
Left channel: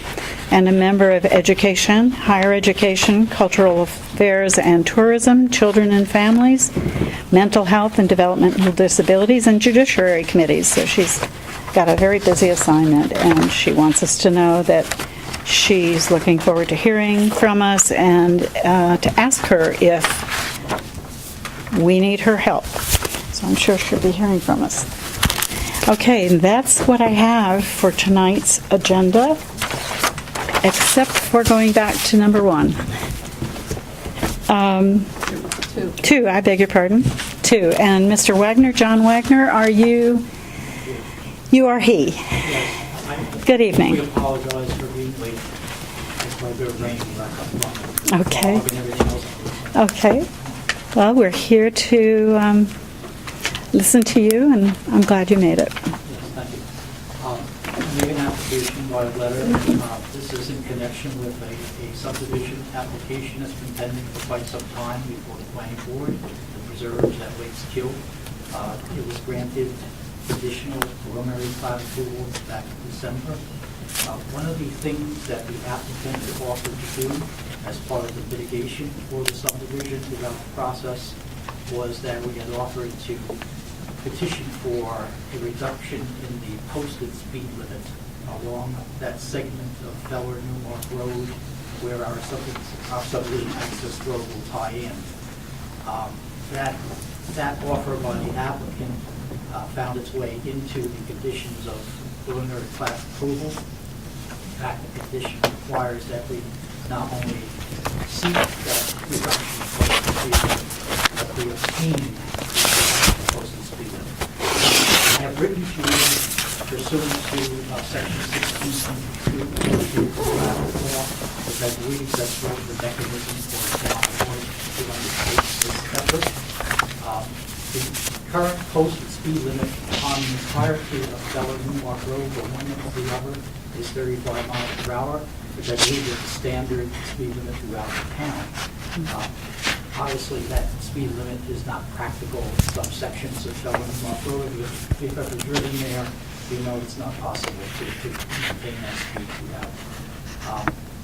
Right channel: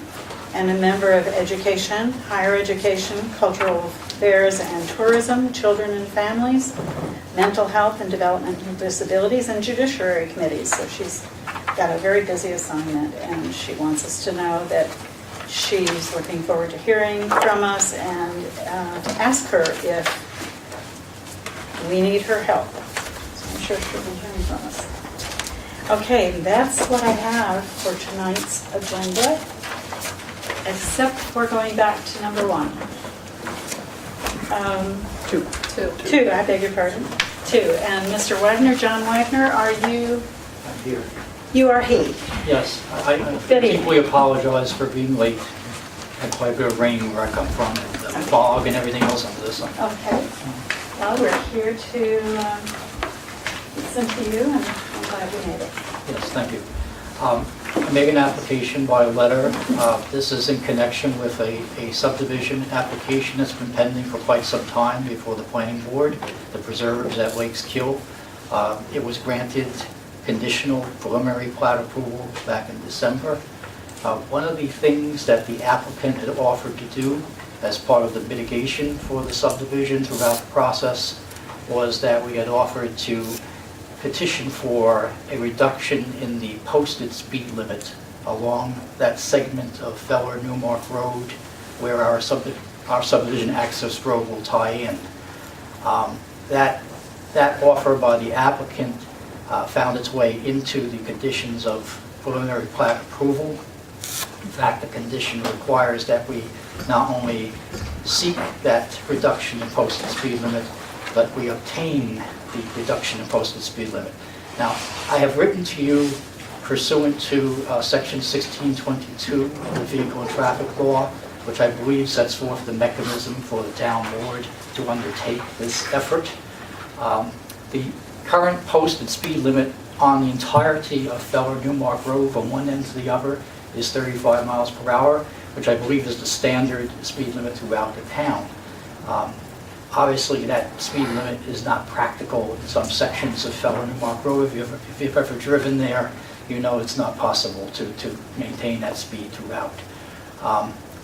and a member of Education, Higher Education, Cultural Affairs and Tourism, Children and Families, Mental Health and Developmental Disabilities, and Judiciary Committees. So she's got a very busy assignment, and she wants us to know that she's looking forward to hearing from us and to ask her if we need her help. So I'm sure she'll be hearing from us. Okay, that's what I have for tonight's agenda, except for going back to number 1. Two, I beg your pardon. 2. And Mr. Wagner, John Wagner, are you? You are he. Yes. Good evening. We apologize for being late. Had quite a bit of rain where I come from, and Okay. fog and everything else on this side. Okay. Well, we're here to listen to you, and I'm glad you made it. Yes, thank you. I made an application by letter. This is in connection with a subdivision application that's been pending for quite some time before the planning board, the preserves at Lakes Kill. It was granted conditional preliminary plat approval back in December. One of the things that the applicant had offered to do as part of the mitigation for the subdivision throughout the process was that we had offered to petition for a reduction in the posted speed limit along that segment of Feller Newmark Road where our subdivision access road will tie in. That offer by the applicant found its way into the conditions of preliminary plat approval. In fact, the condition requires that we not only seek that reduction in posted speed limit, but we obtain the reduction in posted speed limit. Now, I have written to you pursuant to Section 1622 of the Vehicle Traffic Law, which I believe sets forth the mechanism for the town board to undertake this effort. The current posted speed limit on the entirety of Feller Newmark Road from one end to the other is 35 miles per hour, which I believe is the standard speed limit throughout the town. Obviously, that speed limit is not practical in some sections of Feller Newmark Road. If you've ever driven there, you know it's not possible to maintain that speed throughout.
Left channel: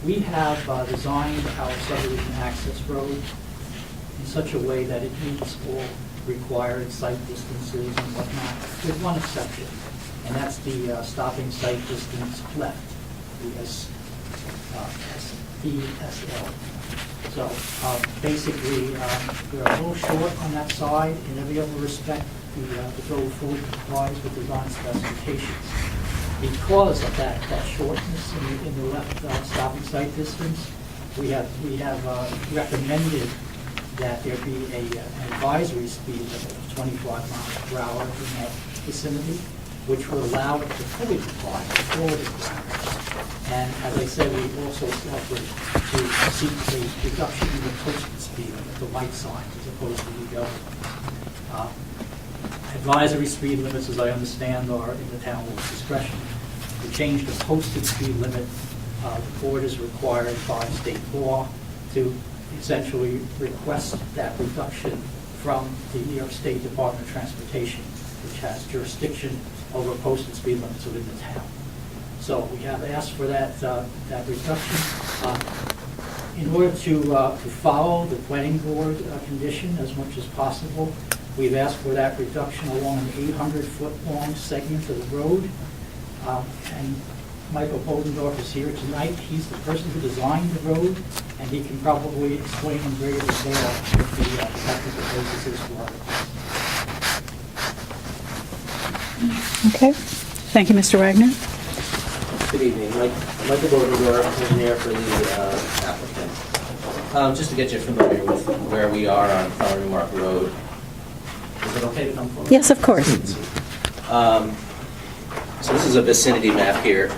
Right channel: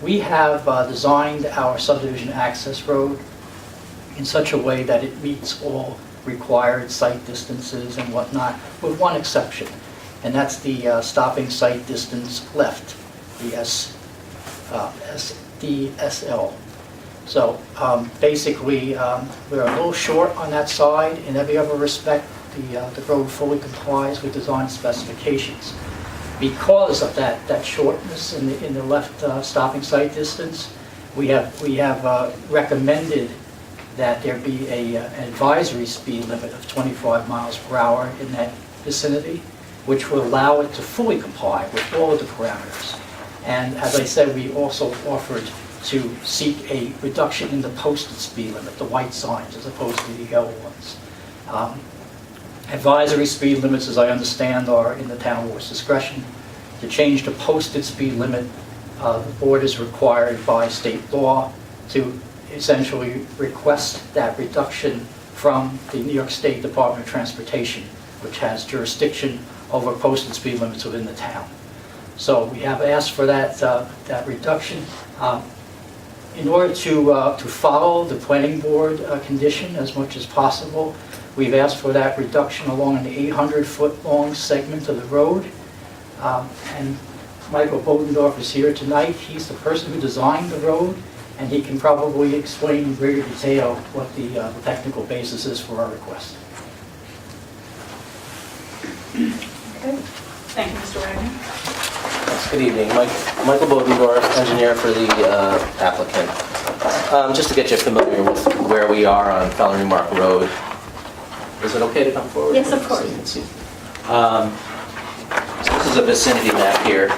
We have designed our subdivision access road in such a way that it meets all required site distances and whatnot, with one exception, and that's the stopping site distance left, the SDSL. So basically, we're a little short on that side. In every other respect, the road fully complies with design specifications. Because of that shortness in the left stopping site distance, we have recommended that there be an advisory speed limit of 25 miles per hour in that vicinity, which will allow it to fully comply with all of the parameters. And as I said, we also offered to seek a reduction in the posted speed limit, the white signs, as opposed to the yellow ones. Advisory speed limits, as I understand, are in the town board's discretion. To change the posted speed limit, the board is required by state law to essentially request that reduction from the New York State Department of Transportation, which has jurisdiction over posted speed limits within the town. So we have asked for that reduction. In order to follow the planning board condition as much as possible, we've asked for that reduction along an 800-foot long segment of the road. And Michael Bodendorf is here tonight. He's the person who designed the road, and he can probably explain in greater detail what the technical basis is for our request. Okay. Thank you, Mr. Wagner. Good evening. Michael Bodendorf, engineer for the applicant. Just to get you familiar with where we are on Feller Newmark Road. Is it okay to come forward? Yes, of course. So this is a vicinity map here.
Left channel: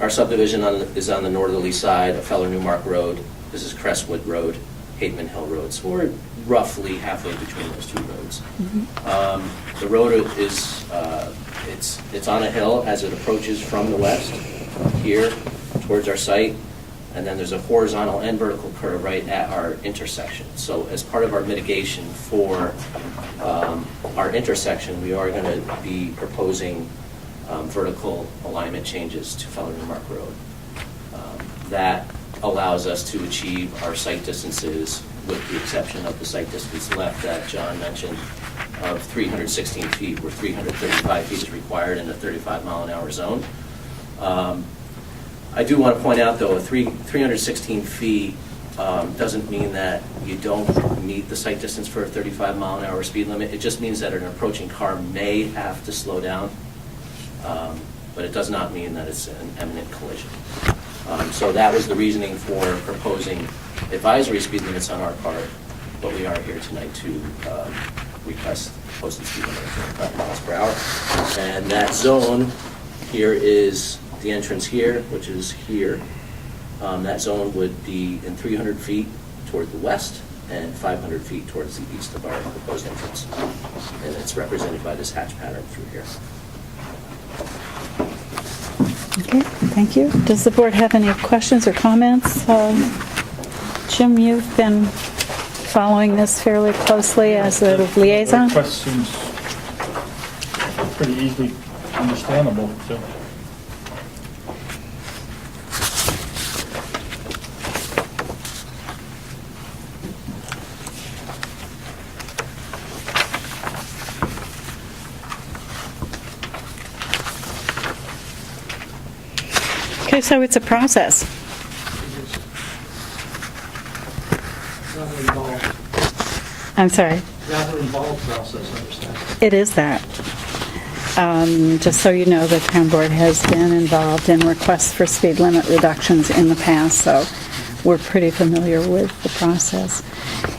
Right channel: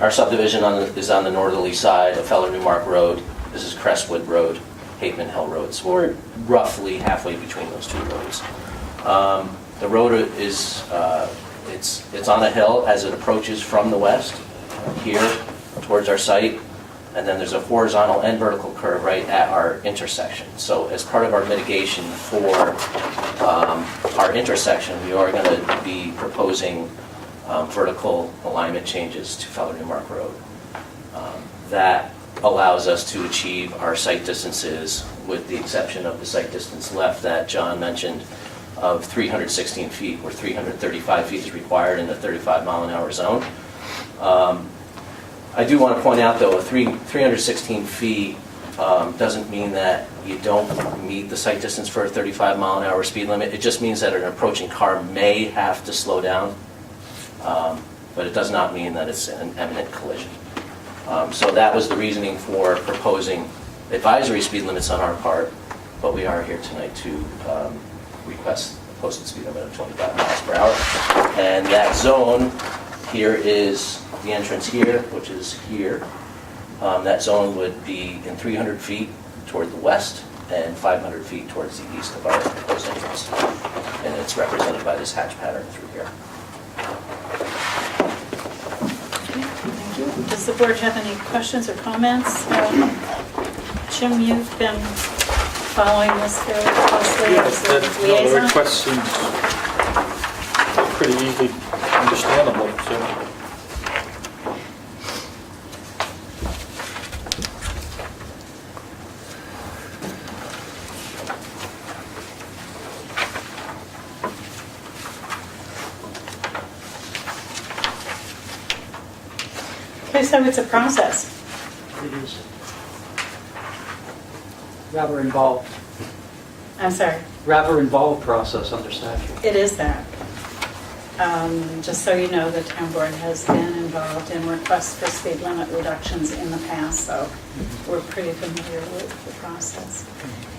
Our subdivision is on the northerly side of Feller Newmark Road. This is Crestwood Road, Hateman Hill Road. So we're roughly halfway between those two roads. The road is, it's on a hill as it approaches from the west, here towards our site. And then there's a horizontal and vertical curve right at our intersection. So as part of our mitigation for our intersection, we are going to be proposing vertical alignment changes to Feller Newmark Road. That allows us to achieve our site distances, with the exception of the site distance left that John mentioned of 316 feet, where 335 feet is required in the 35-mile-an-hour zone. I do want to point out, though, 316 feet doesn't mean that you don't meet the site distance for a 35-mile-an-hour speed limit. It just means that an approaching car may have to slow down, but it does not mean that it's an imminent collision. So that was the reasoning for proposing advisory speed limits on our part, but we are here tonight to request posted speed limit of 25 miles per hour. And that zone here is the entrance here, which is here. That zone would be in 300 feet toward the west and 500 feet towards the east of our proposed entrance. And it's represented by this hatch pattern through here. Okay, thank you. Does the board have any questions or comments? Jim, you've been following this fairly closely as a liaison? The request seems pretty easily understandable, so. Okay, so it's a process. It is rather involved, I'm sorry. rather involved process, understand? It is that. Just so you know, the town board has been involved in requests for speed limit reductions in the past, so we're pretty familiar with the process.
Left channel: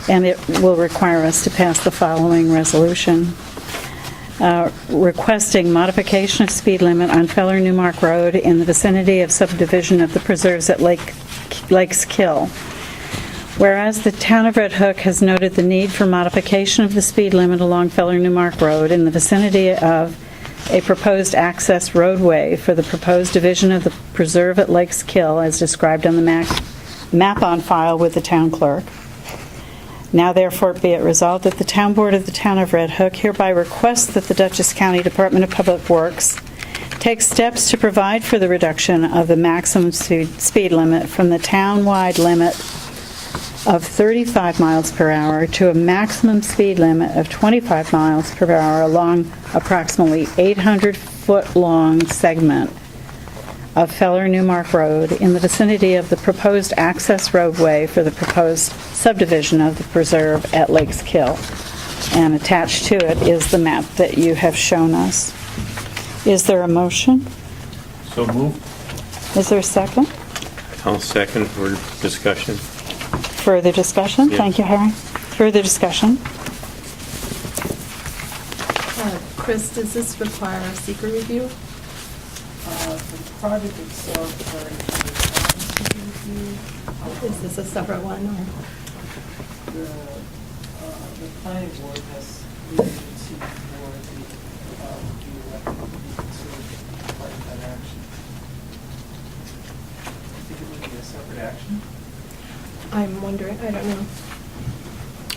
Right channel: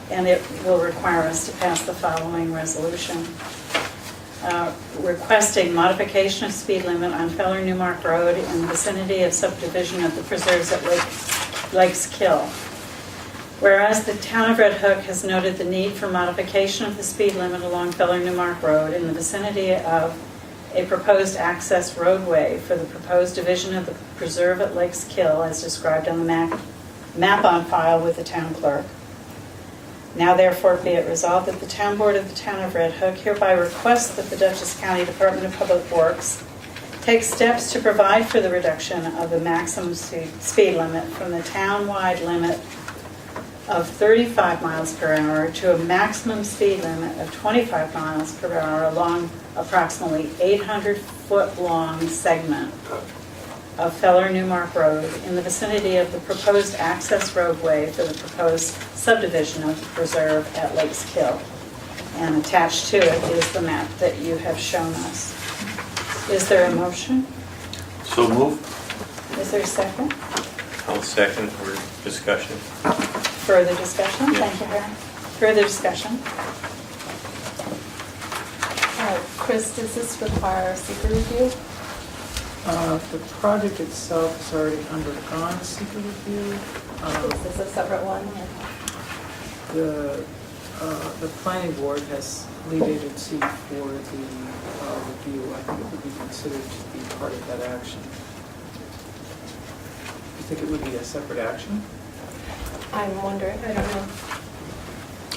And it will require us to pass the following resolution. Requesting modification of speed limit on Feller Newmark Road in the vicinity of subdivision of the preserves at Lakes Kill. Whereas the town of Red Hook has noted the need for modification of the speed limit along Feller Newmark Road in the vicinity of a proposed access roadway for the proposed division of the preserve at Lakes Kill as described on the map on file with the town clerk. Now therefore be it resolved that the town board of the town of Red Hook hereby requests that the Dutchess County Department of Public Works take steps to provide for the reduction of the maximum speed limit from the town-wide limit of 35 miles per hour to a maximum speed limit of 25 miles per hour along approximately 800-foot-long segment of Feller Newmark Road in the vicinity of the proposed access roadway for the proposed subdivision of the preserve at Lakes Kill. And attached to it is the map that you have shown us. Is there a motion? So moved. Is there a second? I'll second for discussion. Further discussion? Yeah. Thank you, Harry. Further discussion? Chris, does this require a secret review? The project itself is already undergone secret review. Is this a separate one? The planning board has lead agency for the review. I think it would be considered to be part of that action. You think it would be a separate action? I'm wondering, I don't know.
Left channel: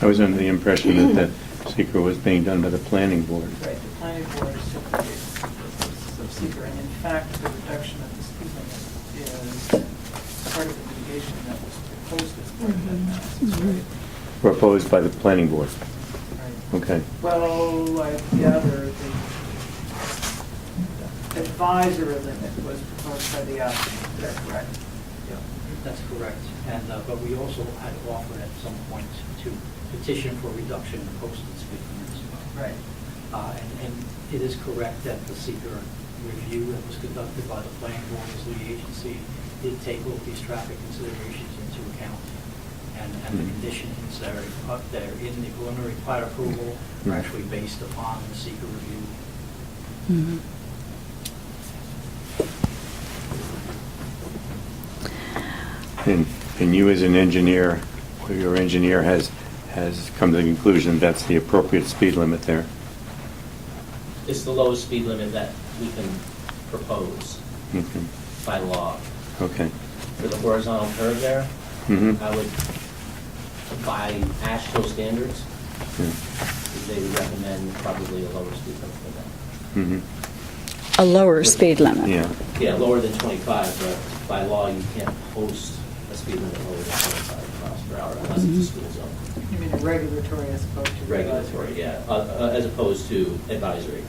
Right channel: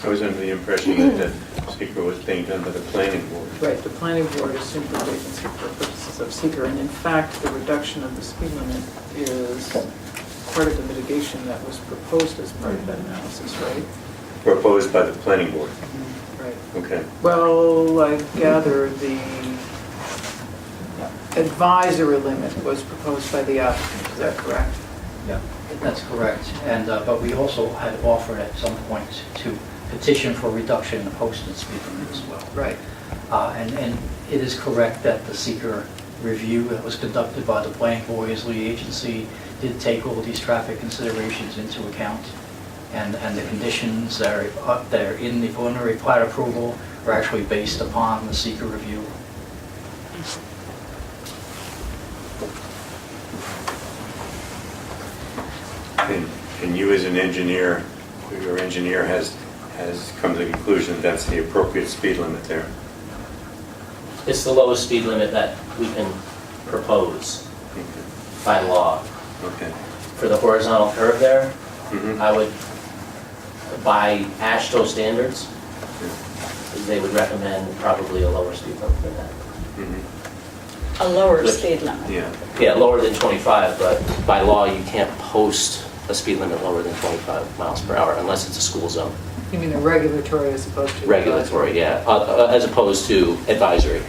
I was under the impression that secret was being done by the planning board. Right, the planning board is super agency for purposes of seeker, and in fact, the reduction of the speed limit is part of the mitigation that was proposed as part of that analysis, right? Proposed by the planning board. Right. Okay. Well, I gather the advisory limit was proposed by the applicant, is that correct? Yeah, that's correct. And, but we also had offered at some point to petition for reduction in the posted speed limit as well. Right. And it is correct that the seeker review that was conducted by the planning board as lead agency did take all these traffic considerations into account. and the conditions that are up there in the preliminary plat approval are actually based upon the seeker review. And you as an engineer, or your engineer has come to the conclusion that's the appropriate speed limit there. It's the lowest speed limit that we can propose Okay. by law. Okay. For the horizontal curve there, Mhm. I would, by AASHTO standards, they would recommend probably a lower speed limit than that. Mhm. A lower speed limit. Yeah. Yeah, lower than 25, but by law, you can't post a speed limit lower than 25 miles per hour unless it's a school zone. You mean the regulatory as opposed to? Regulatory, yeah, as opposed to advisory.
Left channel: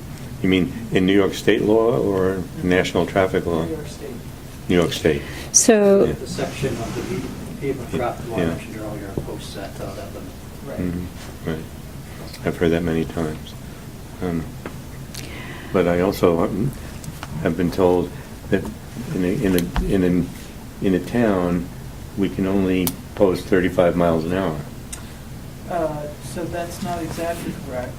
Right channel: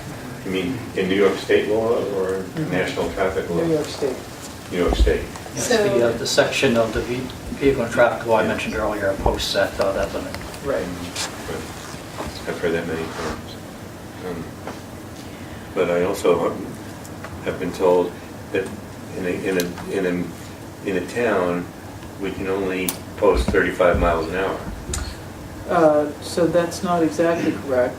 You mean in New York State law or national traffic law? New York State. New York State. So, The section of the vehicle and traffic law I mentioned earlier posts that limit. Right. Right. I've heard that many times. But I also have been told that in a town, we can only post 35 miles an hour. So that's not exactly correct.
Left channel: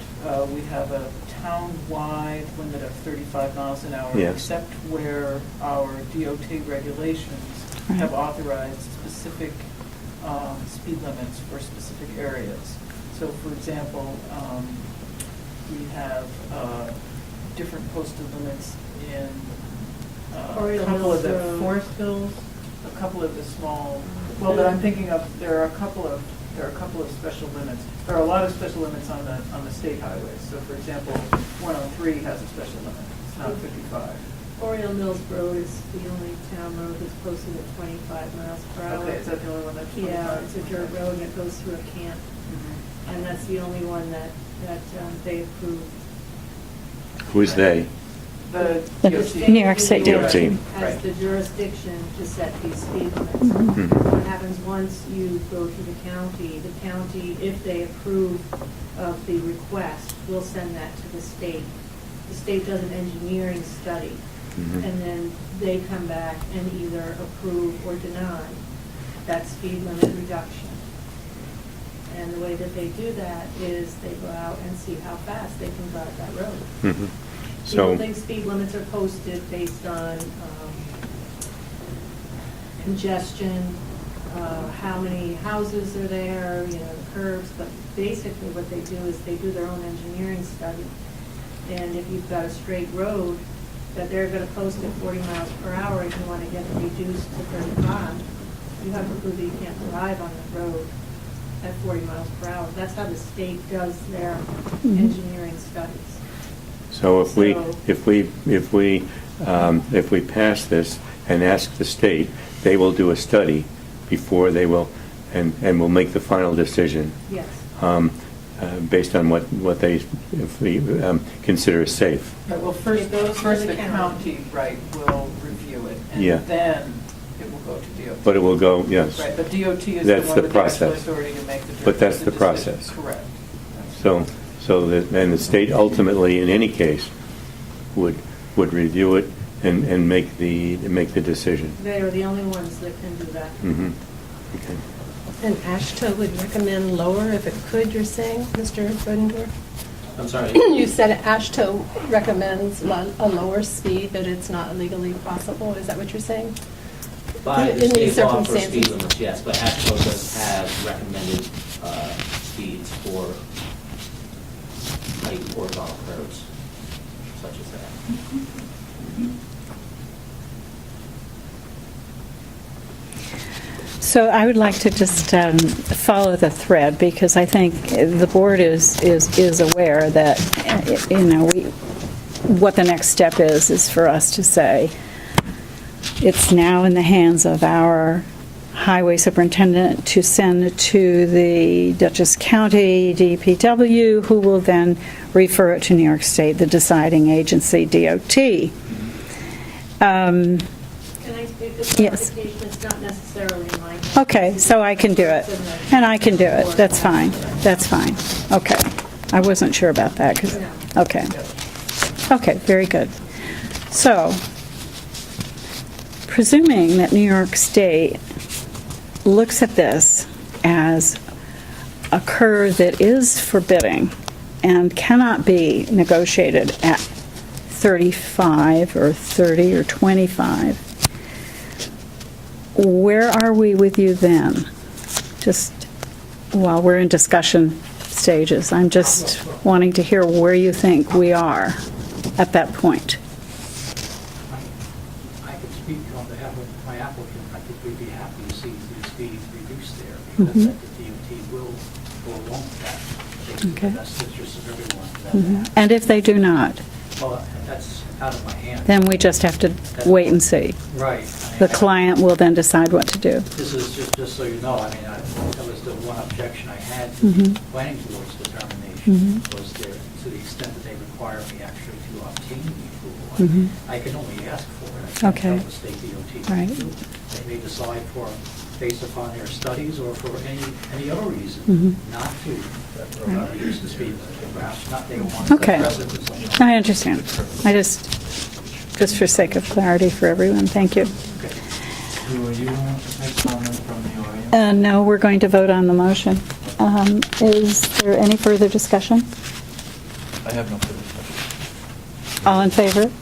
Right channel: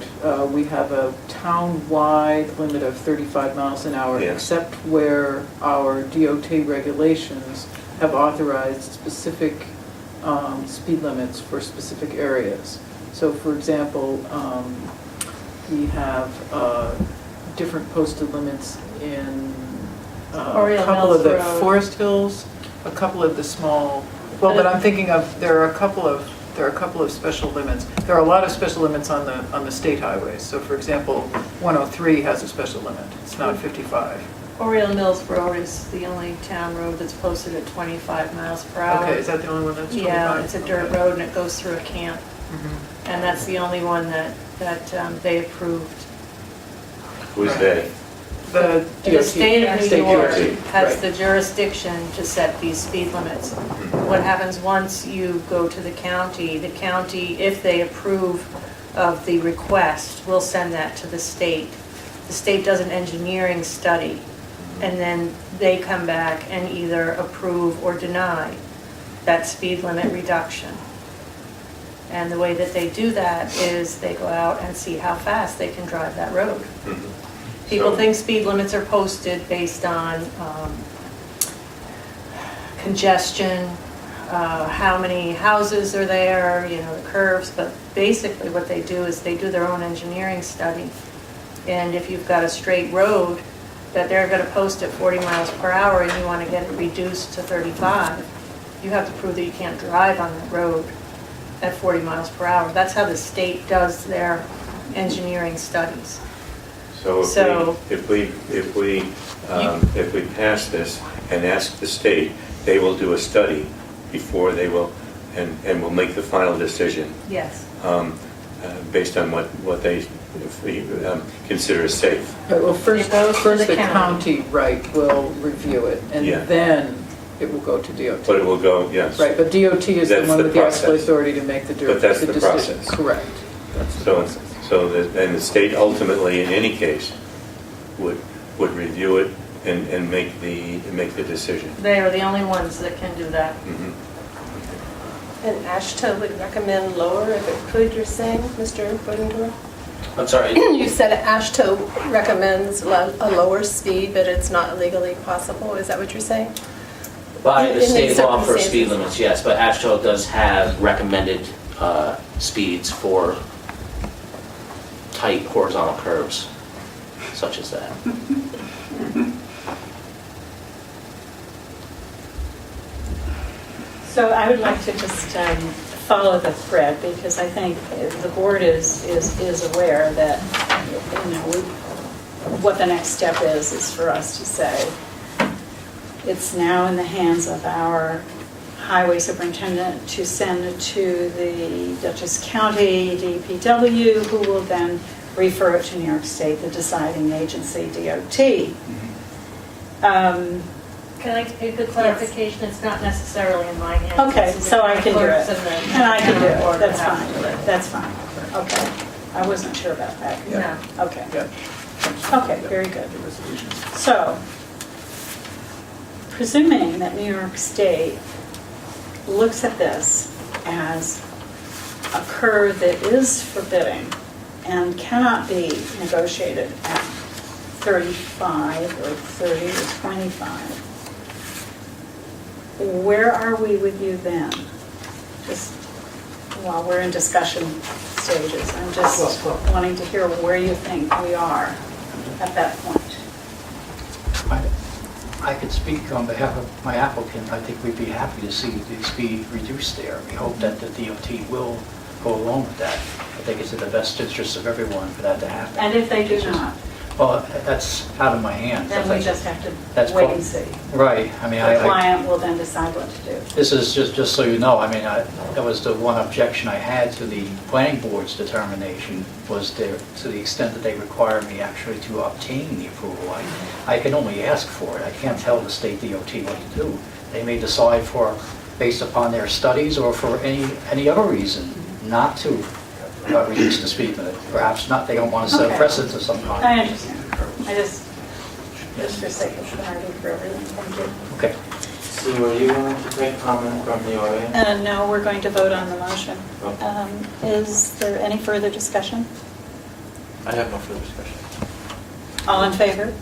We have a town-wide limit of 35 miles an hour, Yeah. except where our DOT regulations have authorized specific speed limits for specific areas. So for example, we have different posted limits in a Oriole couple of the Mills Road. Forest Hills, a couple of the small, well, but I'm thinking of, there are a couple of special limits. There are a lot of special limits on the state highways. So for example, 103 has a special limit. It's not 55. Oriole Mills Road is the only town road that's posted at 25 miles per hour. Okay, is that the only one that's 25? Yeah, it's a dirt Okay. road and it goes through a camp. Mhm. And that's the only one that they approved. Who's they? The The The DOT. state New York of State New York DOT. has Right. the jurisdiction to set these speed limits. Mhm. What happens once you go to the county, if they approve of the request, will send that to the state. The state does an engineering study, Mhm. and then they come back and either approve or deny that speed limit reduction. And the way that they do that is they go out and see how fast they can drive that road. Mhm. People So- think speed limits are posted based on congestion, how many houses are there, the curves, but basically what they do is they do their own engineering study. And if you've got a straight road that they're going to post at 40 miles per hour and you want to get it reduced to 35, you have to prove that you can't drive on that road at 40 miles per hour. That's how the state does their engineering studies. So So- if we pass this and ask the state, they will do a study before they will, and will make the final decision Yes. based on what they consider as safe. Right, well, It goes to first the the county, right, will review it, and Yeah. then it will go to DOT. But it will go, yes. Right, but DOT is the That's one the with the actual process. authority to make the But that's the decision. process. Correct. That's the So, process. then the state ultimately, in any case, would review it and make the decision. They are the only ones that can do that. Mhm. And AASHTO would recommend lower if it could, you're saying, Mr. Freudenberg? I'm sorry, You said AASHTO recommends a lower speed, but it's not legally possible. Is that what you're saying? by In the state these law for circumstances. speed limits, yes, but AASHTO does have recommended speeds for tight horizontal curves, such as that. So I would like to just follow the thread, because I think the board is aware that, what the next step is for us to say, it's now in the hands of our highway superintendent to send to the Dutchess County DPW, who will then refer it to New York State, the deciding agency, DOT. Can I make a clarification? It's not necessarily in my hands. Okay, This is so I can do clerks it. the And I can do town it, board that's that fine, has to do it. that's fine. Okay, I wasn't sure about that, because, No. okay. Okay, very good. So, presuming that New York State looks at this as a curve that is forbidding and cannot be negotiated at 35 or 30 or 25, where are we with you then? Just while we're in discussion stages, I'm just wanting to hear where you think we are at that point. I could speak on behalf of my applicant. I think we'd be happy to see the speed reduced there. We hope that the DOT will go along with that. I think it's in the best interest of everyone for that to happen. And if they do not, Well, that's out of my hands. then we just have to wait and see. Right. I mean, The client will then decide what to do. This is just so you know, I mean, that was the one objection I had to the planning board's determination, was there, to the extent that they require me actually to obtain the approval. I can only ask for it. I can't Okay. tell the state DOT what Right. to do. They may decide based upon their studies or for any other reason, not to reduce the speed limit. Perhaps not, they don't want to set Okay. precedent or something. I understand. I just for sake of clarity for everyone, thank you. Okay. So were you going to take comment from the audience? No, we're going to vote on the motion. Is there any further discussion? I have no further discussion. All in favor?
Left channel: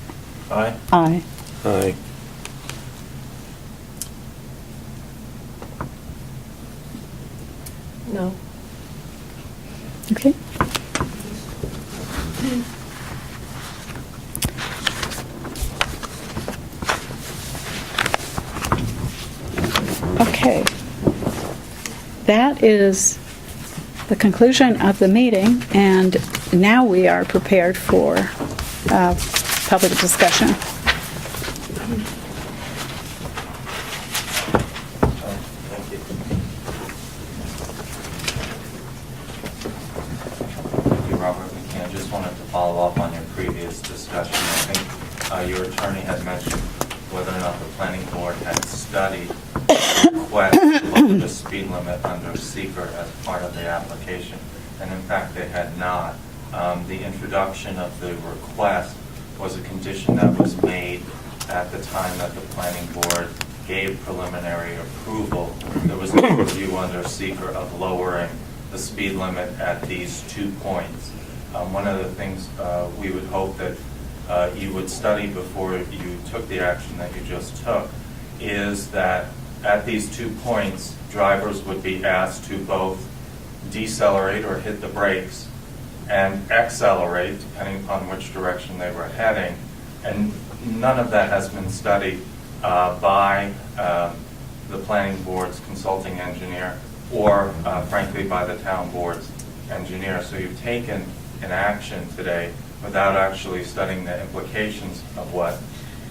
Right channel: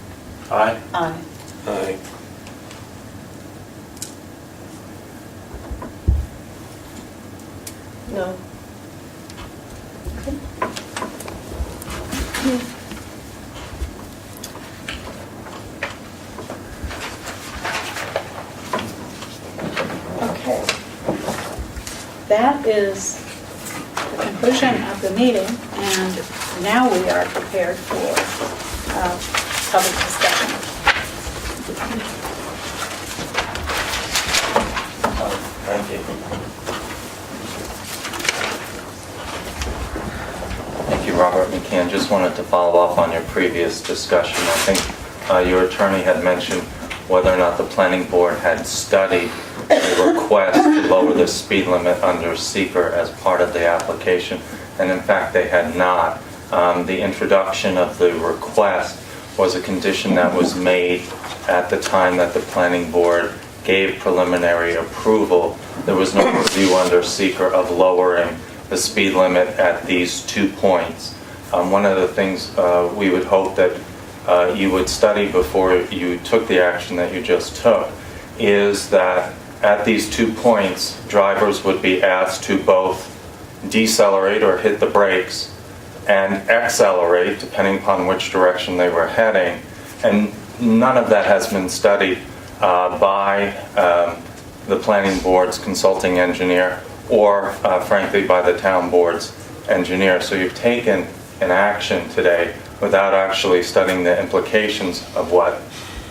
Aye. Aye. Aye. No. Okay. Okay. That is the conclusion of the meeting, and now we are prepared for public discussion. Thank you. Thank you, Robert McCann. Just wanted to follow up on your previous discussion. I think your attorney had mentioned whether or not the planning board had studied the request to lower the speed limit under seeker as part of the application, and in fact they had not. The introduction of the request was a condition that was made at the time that the planning board gave preliminary approval. There was no review under seeker of lowering the speed limit at these 2 points. One of the things we would hope that you would study before you took the action that you just took is that at these 2 points, drivers would be asked to both decelerate or hit the brakes and accelerate, depending upon which direction they were heading. And none of that has been studied by the planning board's consulting engineer or, frankly, by the town board's engineer. So you've taken an action today without actually studying the implications of what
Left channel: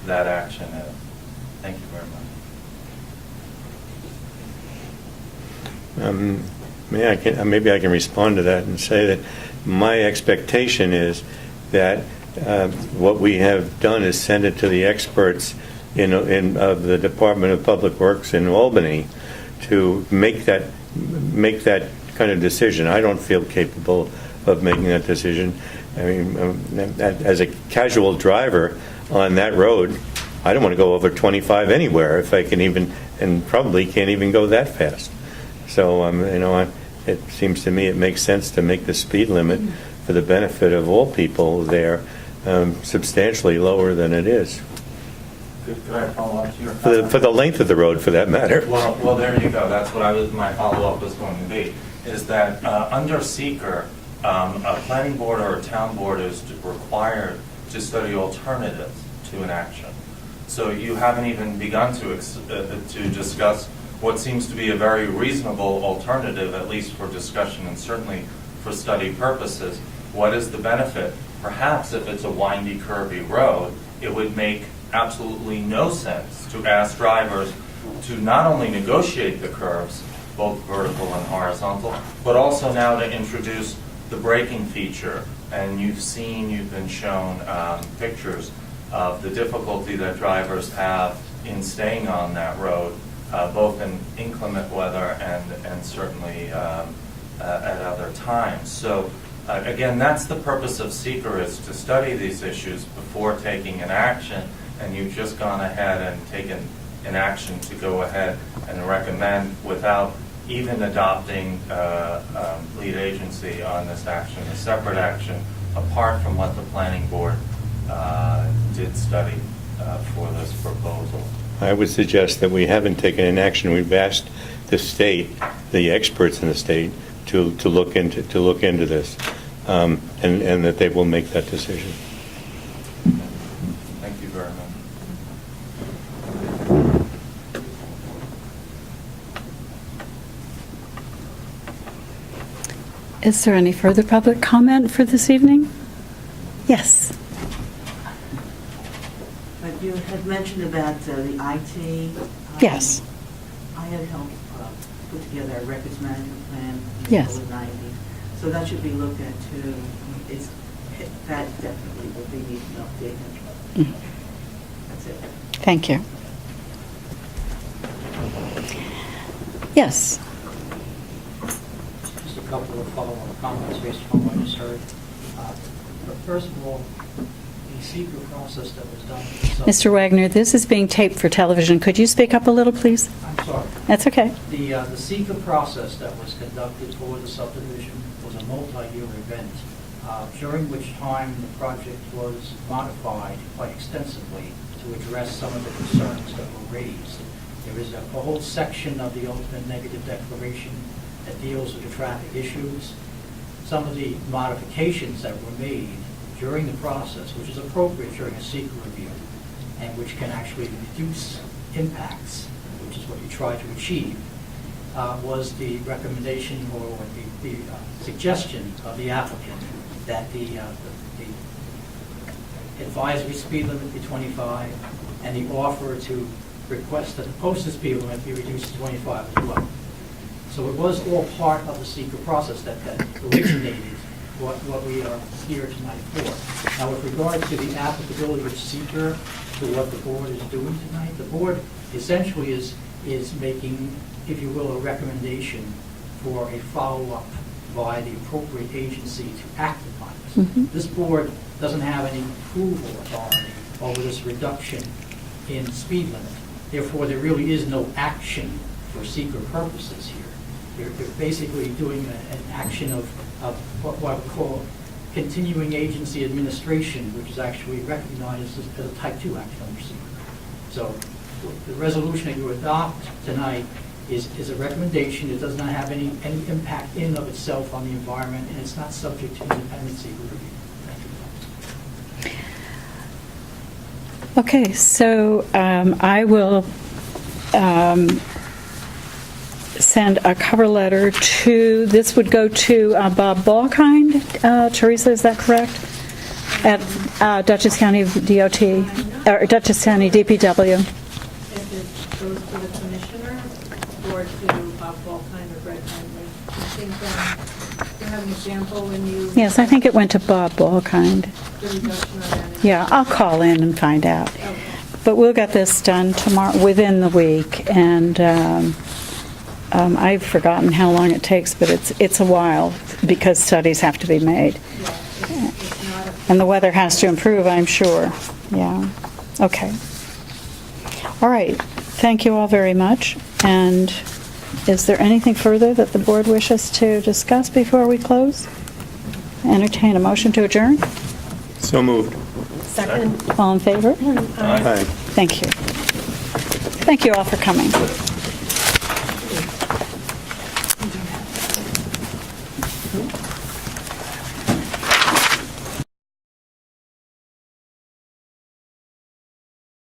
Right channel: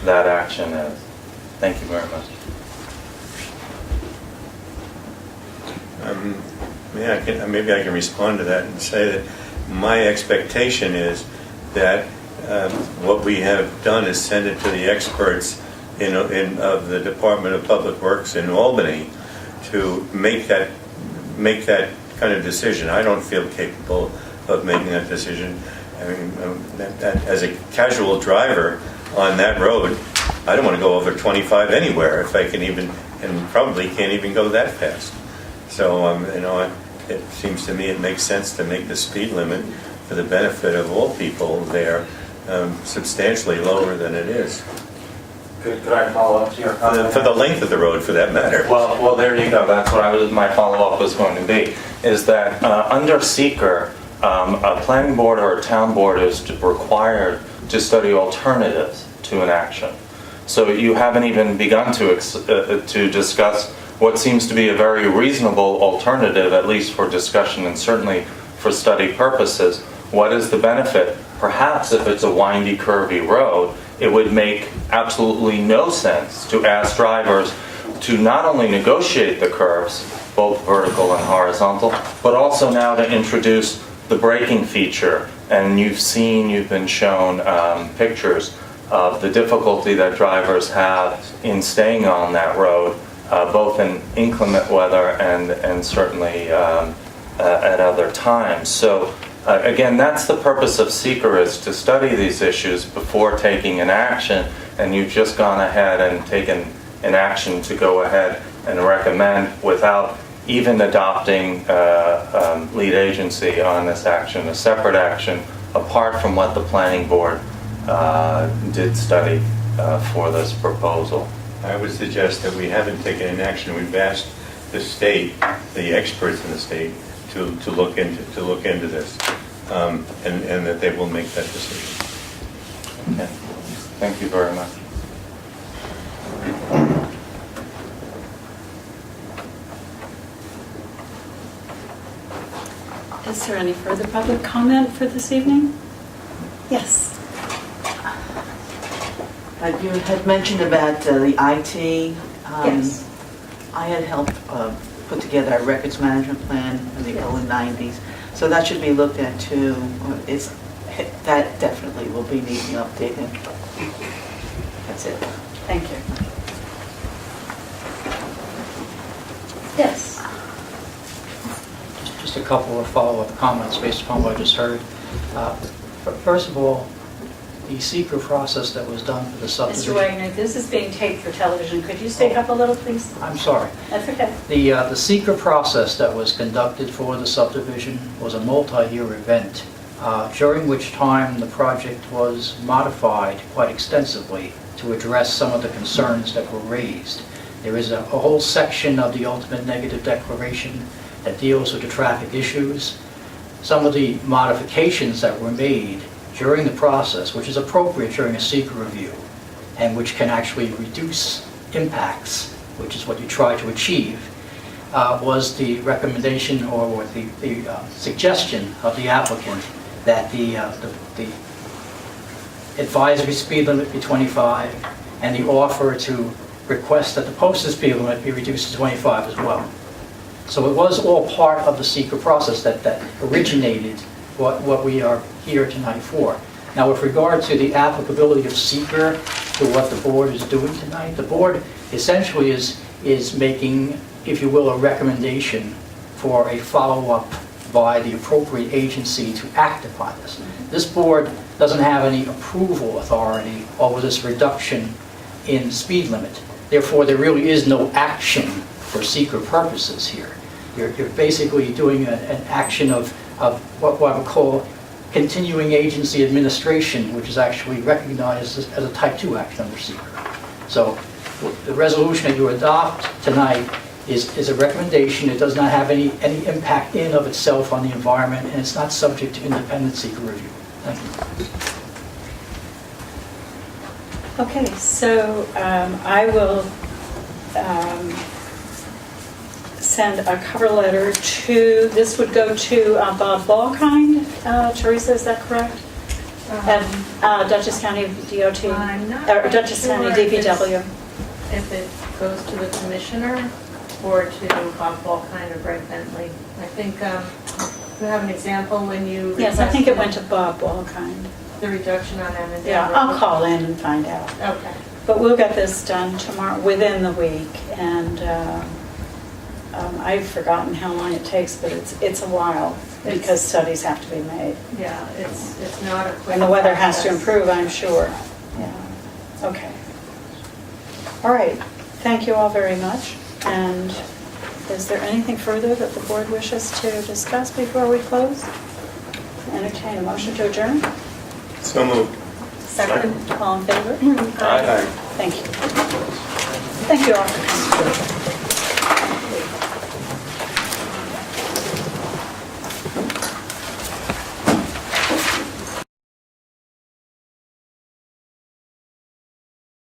that action is. Thank you very much. Maybe I can respond to that and say that my expectation is that what we have done is send it to the experts of the Department of Public Works in Albany to make that kind of decision. I don't feel capable of making that decision. I mean, as a casual driver on that road, I don't want to go over 25 anywhere if I can even, and probably can't even go that fast. So, it seems to me it makes sense to make the speed limit for the benefit of all people there substantially lower than it is. Could I follow up to your For comment? the length of the road, for that matter. Well, there you go. That's what my follow-up was going to be, is that under seeker, a planning board or a town board is required to study alternatives to an action. So you haven't even begun to discuss what seems to be a very reasonable alternative, at least for discussion and certainly for study purposes. What is the benefit? Perhaps if it's a windy, curvy road, it would make absolutely no sense to ask drivers to not only negotiate the curves, both vertical and horizontal, but also now to introduce the braking feature. And you've been shown pictures of the difficulty that drivers have in staying on that road, both in inclement weather and certainly at other times. So again, that's the purpose of seeker, is to study these issues before taking an action, and you've just gone ahead and taken an action to go ahead and recommend without even adopting lead agency on this action, a separate action, apart from what the planning board did study for this proposal. I would suggest that we haven't taken an action. We've asked the state, the experts in the state, to look into this, and that they will make that decision. Okay. Thank you very much. Is there any further public comment for this evening? Yes. You had mentioned about the IT. Yes. I had helped put together a records management plan in the Yes. early 90s. So that should be looked at too. That definitely will be needing updating. That's it. Thank you. Yes. Just a couple of follow-up comments based upon what I just heard. First of all, the seeker process that was done for subdivision. Mr. Wagner, this is being taped for television. Could you speak up a little, please? I'm sorry. That's okay. The seeker process that was conducted for the subdivision was a multi-year event, during which time the project was modified quite extensively to address some of the concerns that were raised. There is a whole section of the ultimate negative declaration that deals with the traffic issues. Some of the modifications that were made during the process, which is appropriate during a seeker review, and which can actually reduce impacts, which is what you try to achieve, was the recommendation or the suggestion of the applicant that the advisory speed limit be 25, and the offer to request that the posted speed limit be reduced to 25 as well. So it was all part of the seeker process that originated what we are here tonight for. Now, with regard to the applicability of seeker to what the board is doing tonight, the board essentially is making, if you will, a recommendation for a follow-up by the appropriate agency to act upon this. Mm-hmm. This board doesn't have any approval authority over this reduction in speed limit. Therefore, there really is no action for seeker purposes here. You're basically doing an action of what I would call continuing agency administration, which is actually recognized as a type 2 action under seeker. So the resolution that you adopt tonight is a recommendation. It does not have any impact in of itself on the environment, and it's not subject to independent seeker review. Thank you. Okay, so I will send a cover letter to, this would go to Bob Balkind. Teresa, is that correct? At Dutchess County DOT, or Dutchess County DPW. If it goes to the commissioner or to Bob Balkind or Greg Bentley. I think you have an example when you... Yes, I think it went to Bob Balkind. The reduction on energy. Yeah, I'll call in and find out. Okay. But we'll get this done tomorrow, within the week, and I've forgotten how long it takes, but it's a while because studies have to be made. Yeah, it's not a... And the weather has to improve, I'm sure. Yeah, okay. All right, thank you all very much. And is there anything further that the board wishes to discuss before we close? Entertain a motion to adjourn? So moved. Second. All in favor? Aye. Thank you. Thank you all for coming.